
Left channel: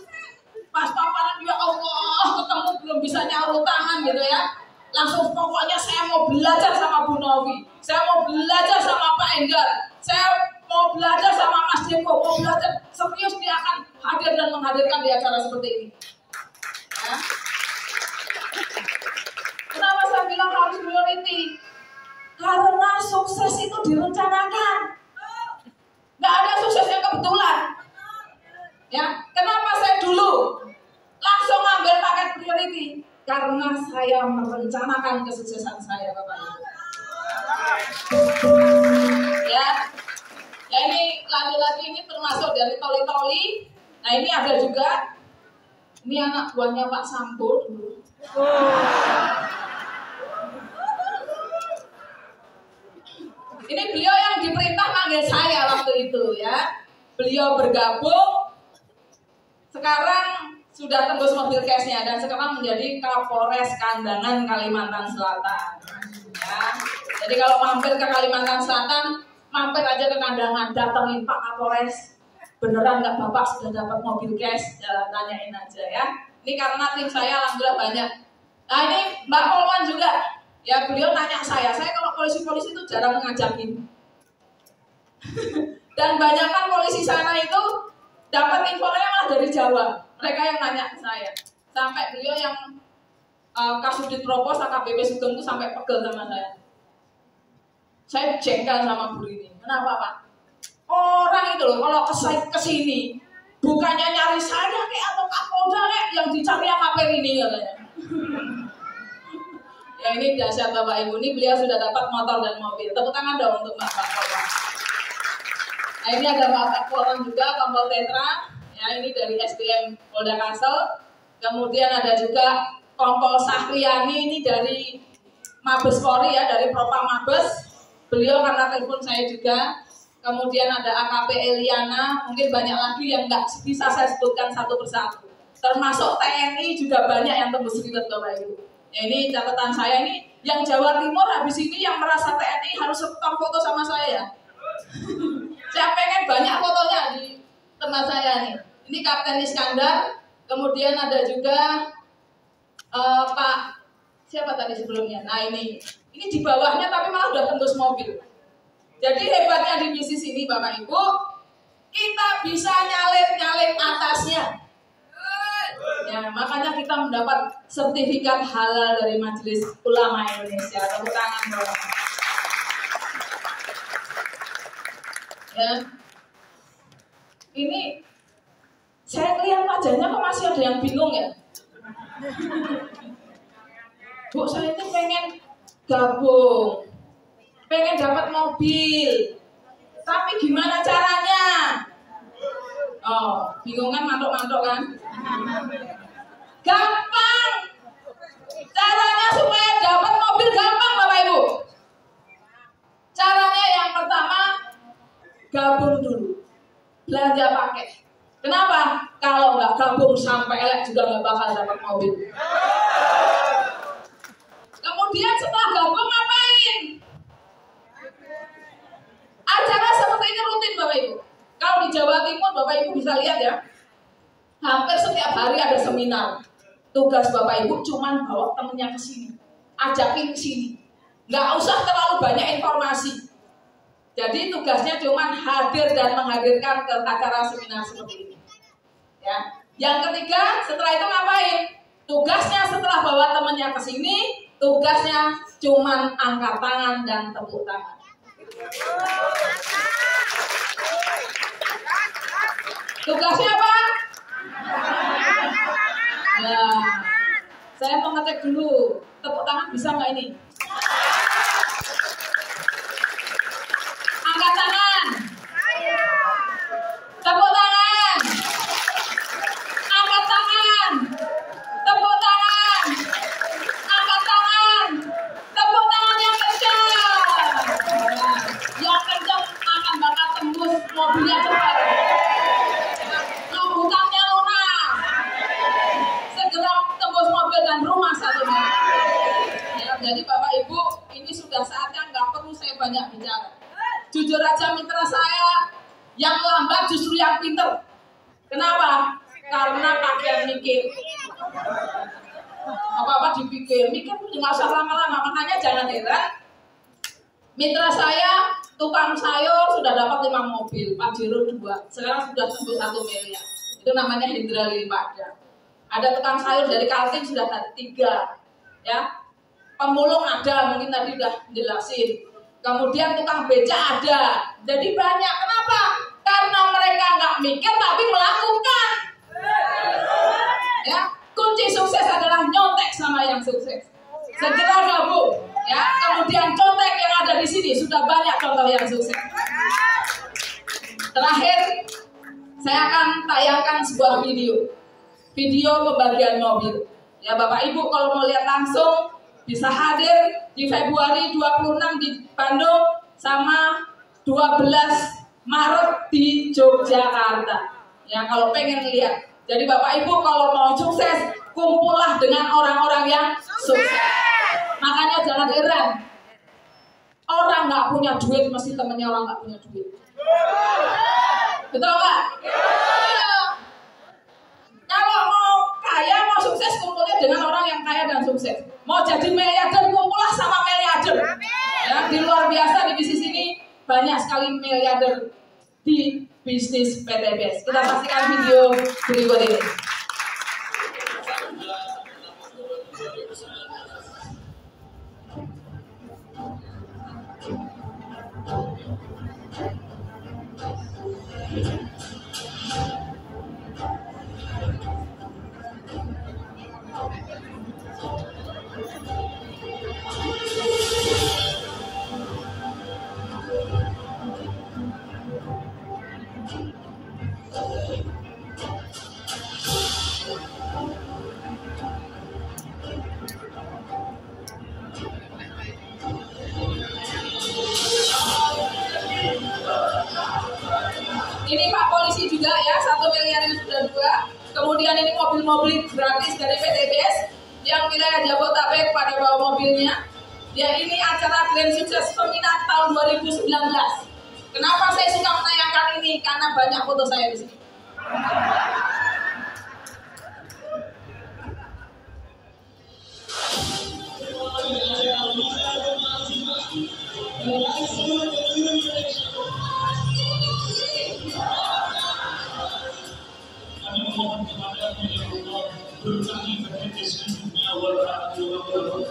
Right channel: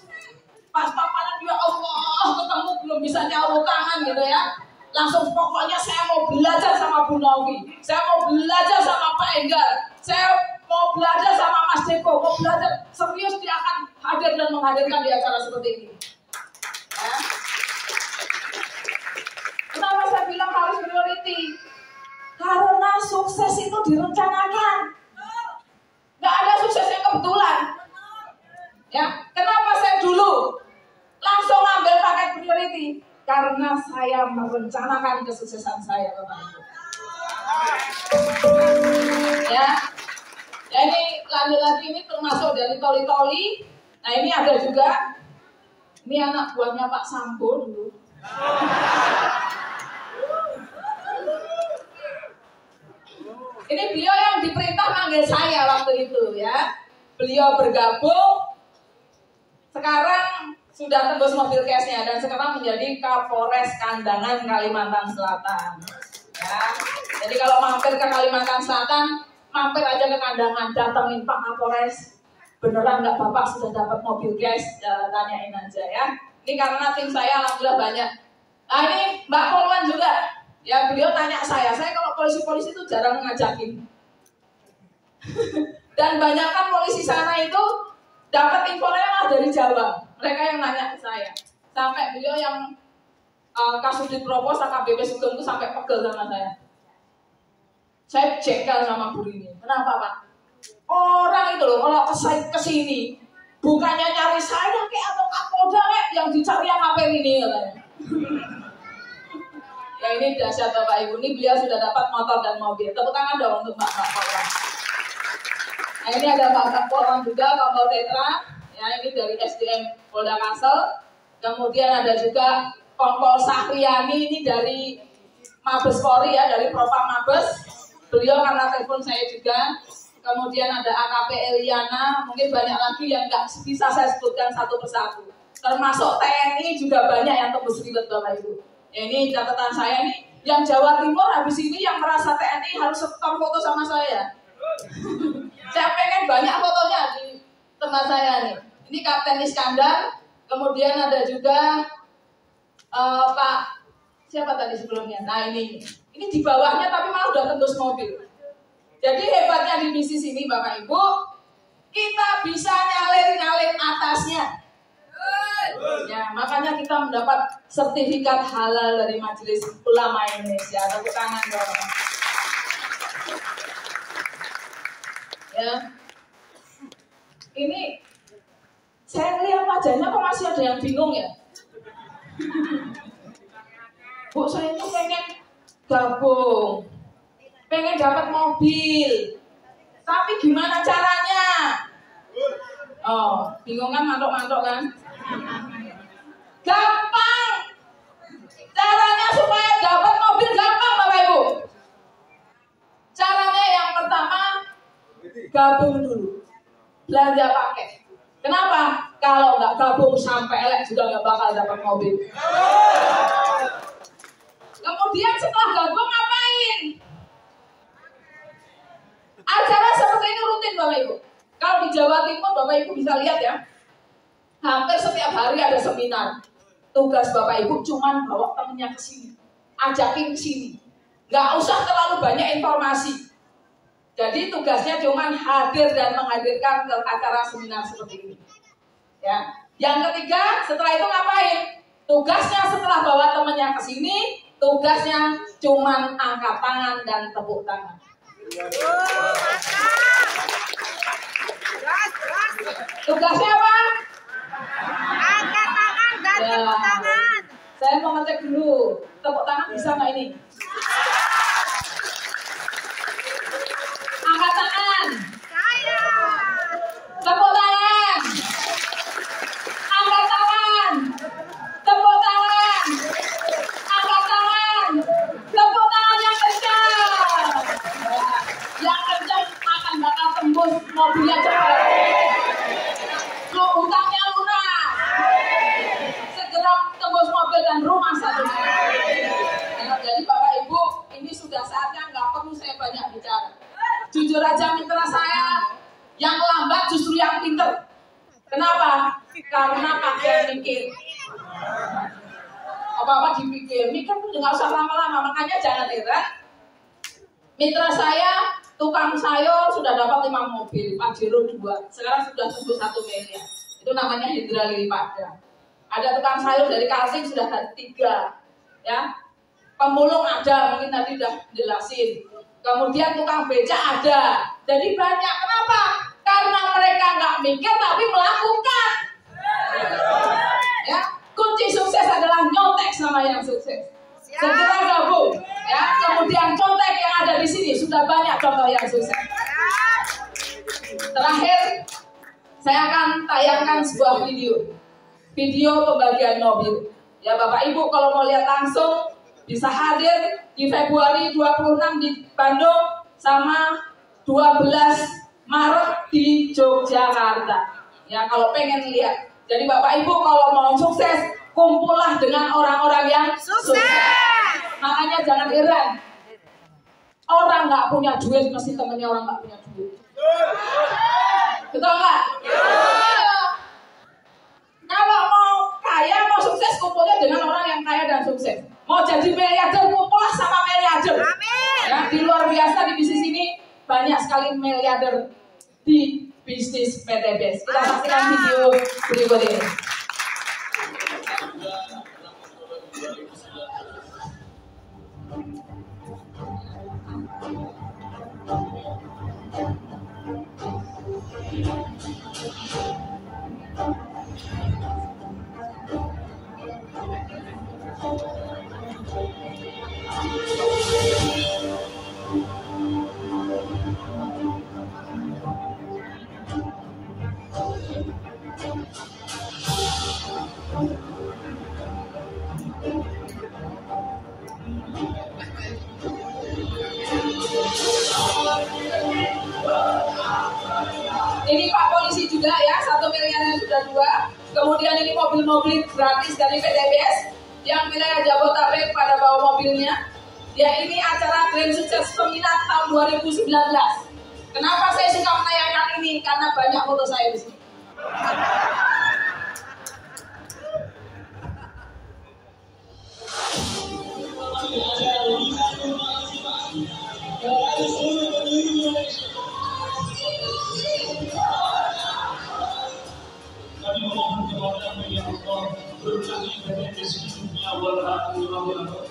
Pas paparan ya Allah, ketemu belum bisa nyaur tangan gitu ya. Langsung pokoknya saya mau belajar sama Bu Novi. Saya mau belajar sama Pak Enggar. Saya mau belajar sama Mas Deko. Mau belajar serius, dia akan hadir dan menghadirkan di acara seperti ini. Ya. Kenapa saya bilang harus priority? Karena sukses itu direncanakan. Nggak ada sukses yang kebetulan. Ya, kenapa saya dulu langsung ambil paket priority? Karena saya merencanakan kesuksesan saya, Bapak Ibu. Ya, ini lagi-lagi ini termasuk dari toli-toli. Nah ini ada juga, ini anak buahnya Pak Sambo dulu. Ini beliau yang diperintah manggil saya waktu itu ya. Beliau bergabung, sekarang sudah tembus mobil cashnya dan sekarang menjadi Kapolres Kandangan Kalimantan Selatan. Ya. Jadi kalau mampir ke Kalimantan Selatan, mampir aja ke Kandangan, datengin Pak Kapolres. Beneran nggak Bapak sudah dapat mobil cash? Ya, tanyain aja ya. Ini karena tim saya alhamdulillah banyak. Nah ini Mbak Polwan juga, ya beliau tanya saya kalau polisi-polisi itu jarang ngajakin. Dan banyak kan polisi sana itu dapat infonya malah dari Jawa. Mereka yang nanya ke saya. Sampai beliau yang Kasudit Propos AKBP Sugeng itu sampai pegel sama saya. Saya jengkel sama Bu Rini. Kenapa Pak? Orang itu loh kalau kesini bukannya nyari saya kayak atau Kapolda kayak yang dicari AKP ini katanya. Ya ini dahsyat Bapak Ibu. Ini beliau sudah dapat motor dan mobil. Tepuk tangan dong untuk Mbak Polwan. Nah ini ada Pak Polwan juga, Kompol Tetra. Ya ini dari SDM Polda Kalsel. Kemudian ada juga Kompol Sahriani ini dari Mabes Polri ya, dari Propam Mabes. Beliau karena telepon saya juga. Kemudian ada AKP Eliana, mungkin banyak lagi yang nggak bisa saya sebutkan satu persatu. Termasuk TNI juga banyak yang tembus ribet Bapak Ibu. Ya, ini catatan saya nih, yang Jawa Timur habis ini yang merasa TNI harus setor foto sama saya. Saya pengen banyak fotonya di tempat saya nih. Ini Kapten Iskandar, kemudian ada juga Pak siapa tadi sebelumnya. Nah ini di bawahnya tapi malah udah tembus mobil. Jadi hebatnya di bisnis ini Bapak Ibu, kita bisa nyalin atasnya. Ya, makanya kita mendapat sertifikat halal dari Majelis Ulama Indonesia. Tepuk tangan dong. Ya. Ini saya lihat wajahnya kok masih ada yang bingung ya. Bu, saya itu pengen gabung, pengen dapat mobil, tapi gimana caranya? Oh, bingung kan, mantok-mantok kan? Gampang. Caranya supaya dapat mobil gampang Bapak Ibu. Caranya yang pertama, gabung dulu, belanja paket. Kenapa? Kalau nggak gabung sampai elek juga nggak bakal dapat mobil. Kemudian setelah gabung ngapain? Acara seperti ini rutin Bapak Ibu. Kalau di Jawa Timur Bapak Ibu bisa lihat ya, hampir setiap hari ada seminar. Tugas Bapak Ibu cuma bawa temennya ke sini, ajakin ke sini. Nggak usah terlalu banyak informasi. Jadi tugasnya cuma hadir dan menghadirkan ke acara seminar seperti ini. Ya. Yang ketiga, setelah itu ngapain? Tugasnya setelah bawa temennya ke sini, tugasnya cuma angkat tangan dan tepuk tangan. Tugasnya apa? Ya, saya mau ngecek dulu. Tepuk tangan bisa nggak ini? Angkat tangan. Tepuk tangan. Angkat tangan. Tepuk tangan. Angkat tangan. Tepuk tangan yang kencang. Yang kencang akan bakal tembus mobilnya cepat. Hutangnya lunas. Segera tembus mobil dan rumah satunya. Ya, jadi Bapak Ibu, ini sudah saatnya nggak perlu saya banyak bicara. Jujur aja mitra saya, yang lambat justru yang pinter. Kenapa? Karena kalian mikir. Apa-apa dipikir, mikir pun nggak usah lama-lama. Makanya jangan heran. Mitra saya, tukang sayur sudah dapat 5 mobil, Pajero 2. Sekarang sudah tembus 1 miliar. Itu namanya Hendra Lilipada. Ada tukang sayur dari Kaltim sudah 3, ya. Pemulung ada, mungkin tadi udah jelasin. Kemudian tukang beca ada. Jadi banyak. Kenapa? Karena mereka nggak mikir tapi melakukan. Ya, kunci sukses adalah nyontek sama yang sukses. Segera gabung. Ya, kemudian contek yang ada di sini sudah banyak contoh yang sukses. Terakhir, saya akan tayangkan sebuah video pembagian mobil. Ya Bapak Ibu kalau mau lihat langsung bisa hadir di Februari 26 di Bandung sama 12 Maret di Yogyakarta. Ya kalau pengen lihat. Jadi Bapak Ibu kalau mau sukses kumpullah dengan orang-orang yang sukses. Makanya jangan heran. Orang nggak punya duit mesti temennya orang nggak punya duit. Betul nggak? Kalau mau kaya, mau sukses, kumpulnya dengan orang yang kaya dan sukses. Mau jadi miliarder, kumpullah sama miliarder. Ya, di luar biasa di bisnis ini banyak sekali miliarder di bisnis PTBS. Kita saksikan video berikut ini. Ini Pak Polisi juga ya, 1 miliarnya sudah 2. Kemudian ini mobil-mobil gratis dari PTBS yang wilayah Jabodetabek pada bawa mobilnya. Ya ini acara Grand Sukses Peminat tahun 2019. Kenapa saya suka menayangkan ini? Karena banyak foto saya di sini. Kami memohon kepada-Mu ya Allah, berkahi PTBS hidupnya wabarakatuh.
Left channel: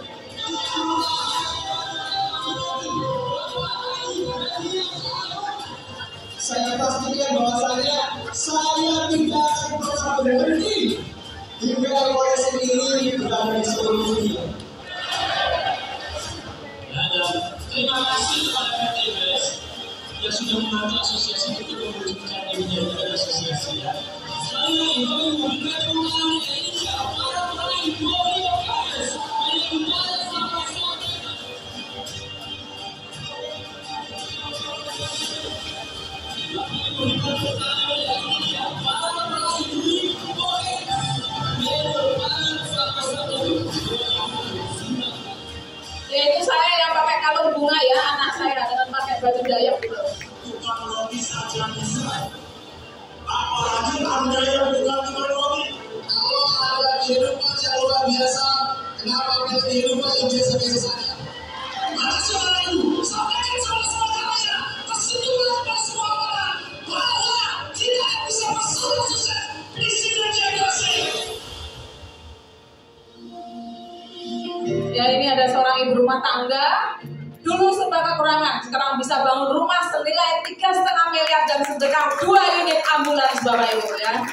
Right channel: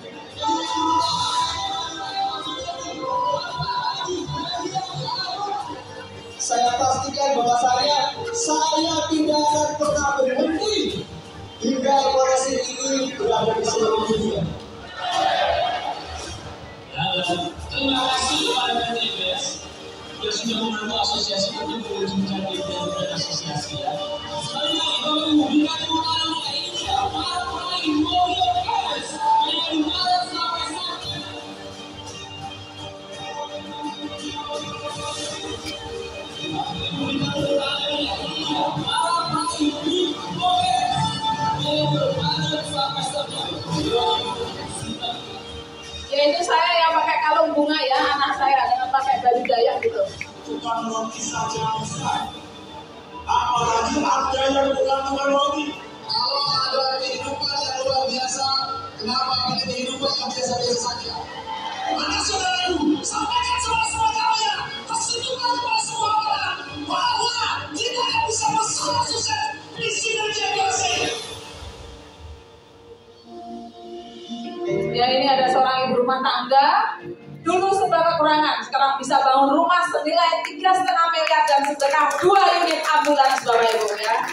Saya pastikan bahwasanya saya tidak akan pernah berhenti hingga koleksi ini berada di seluruh dunia. Ya, dan terima kasih kepada PTBS yang sudah membantu asosiasi untuk mewujudkan event asosiasi ya. Sekali lagi kami memberikan dukungan ini para pemain mobil PTBS yang dimana sampai saat ini. Yaitu saya yang pakai kalung bunga ya, anak saya dengan pakai baju Dayak gitu. Tukang roti saja bisa. Apalagi Anda yang tukang roti. Kalau ada kehidupan yang luar biasa, kenapa ada kehidupan yang biasa-biasa saja? Maka saudaraku, sampaikan sama saudaranya, tersitulah kepada semua orang bahwa tidak bisa bersalah sukses di sini generasi. Ya ini ada seorang ibu rumah tangga, dulu serba kekurangan, sekarang bisa bangun rumah senilai 3,5 miliar dan sedekah 2 unit ambulans Bapak Ibu ya.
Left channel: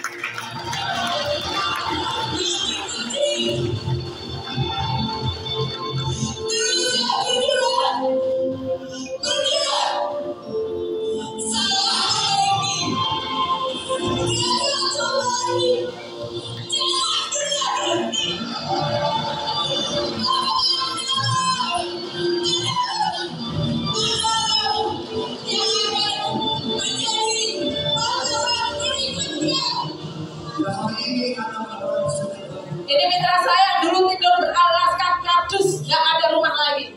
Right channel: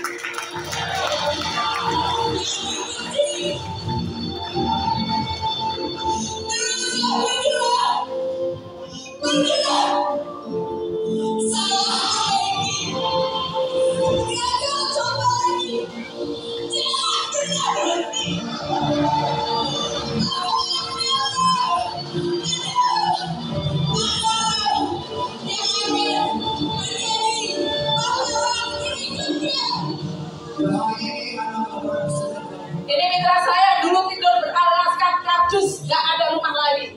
Ini mitra saya yang dulu tidur beralaskan kardus, gak ada rumah lagi.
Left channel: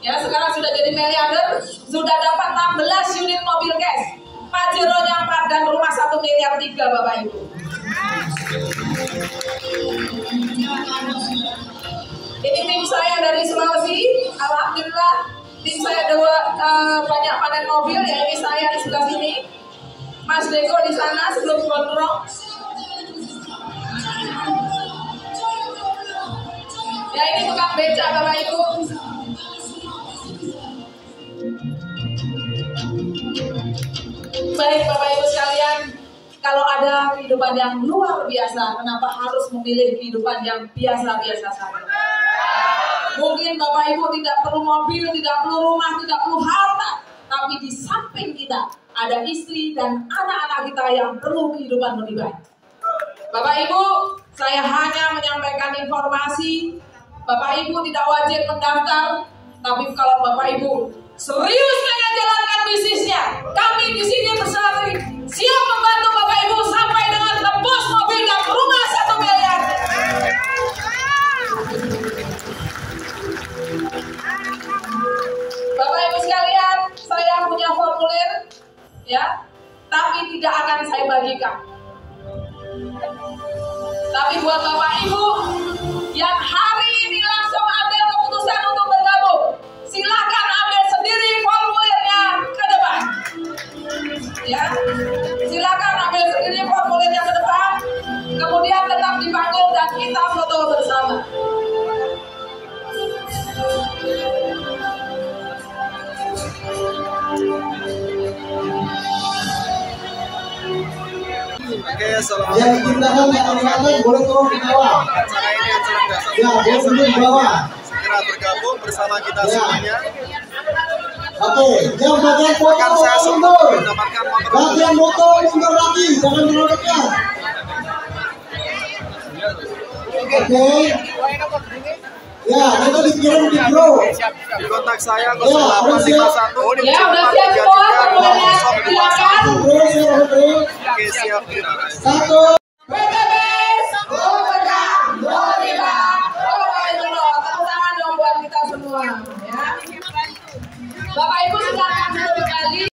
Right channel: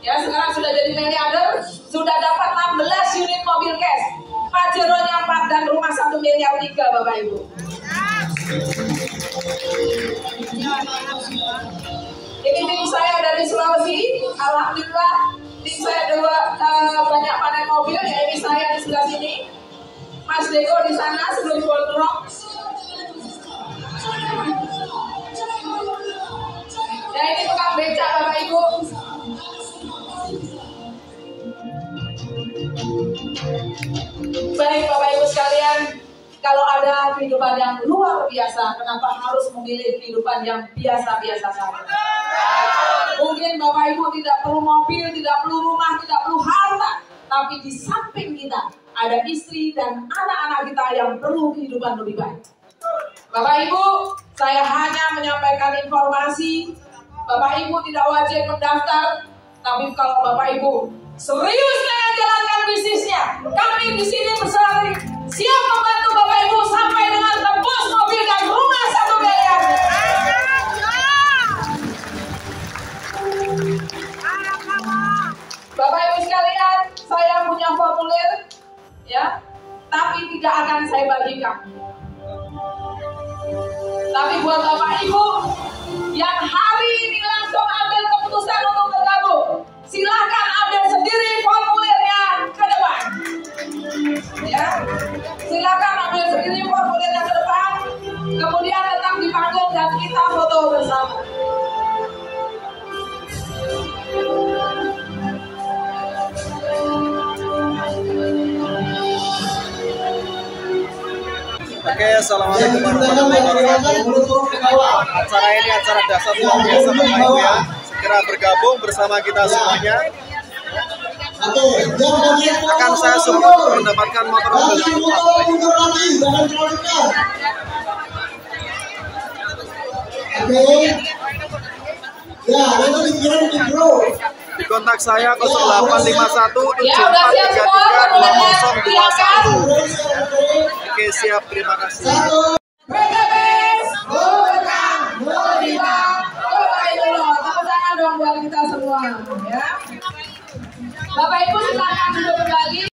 Ya sekarang sudah jadi miliarder, sudah dapat 16 unit mobil cash, Pajeronya 4 dan rumah 1,3 miliar Bapak Ibu. Ini tim saya dari Sulawesi, alhamdulillah tim saya banyak panen mobil, ya ini saya di sebelah sini, Mas Deko di sana sebelum gondrong. Baik Bapak Ibu sekalian, kalau ada kehidupan yang luar biasa, kenapa harus memilih kehidupan yang biasa-biasa saja? Mungkin Bapak Ibu tidak perlu mobil, tidak perlu rumah, tidak perlu harta, tapi di samping kita ada istri dan anak-anak kita yang perlu kehidupan lebih baik. Bapak Ibu, saya hanya menyampaikan informasi. Bapak Ibu tidak wajib mendaftar, tapi kalau Bapak Ibu serius dengan jalankan bisnisnya, kami di sini bersama siap membantu Bapak Ibu sampai dengan tembus mobil dan rumah 1 miliar. Bapak Ibu sekalian, saya punya formulir, ya, tapi tidak akan saya bagikan. Tapi buat Bapak Ibu yang hari ini langsung ambil keputusan untuk bergabung, silakan ambil sendiri formulirnya ke depan. Ya, silakan ambil sendiri formulirnya ke depan. Kemudian tetap dipanggil dan kita foto bersama. Oke, assalamualaikum warahmatullahi wabarakatuh. Acara ini acara dasar luar biasa Bapak Ibu ya. Segera bergabung bersama kita semuanya. Akan saya support mendapatkan motor di kontak saya 0851 7433 2021. Oke, siap, terima kasih.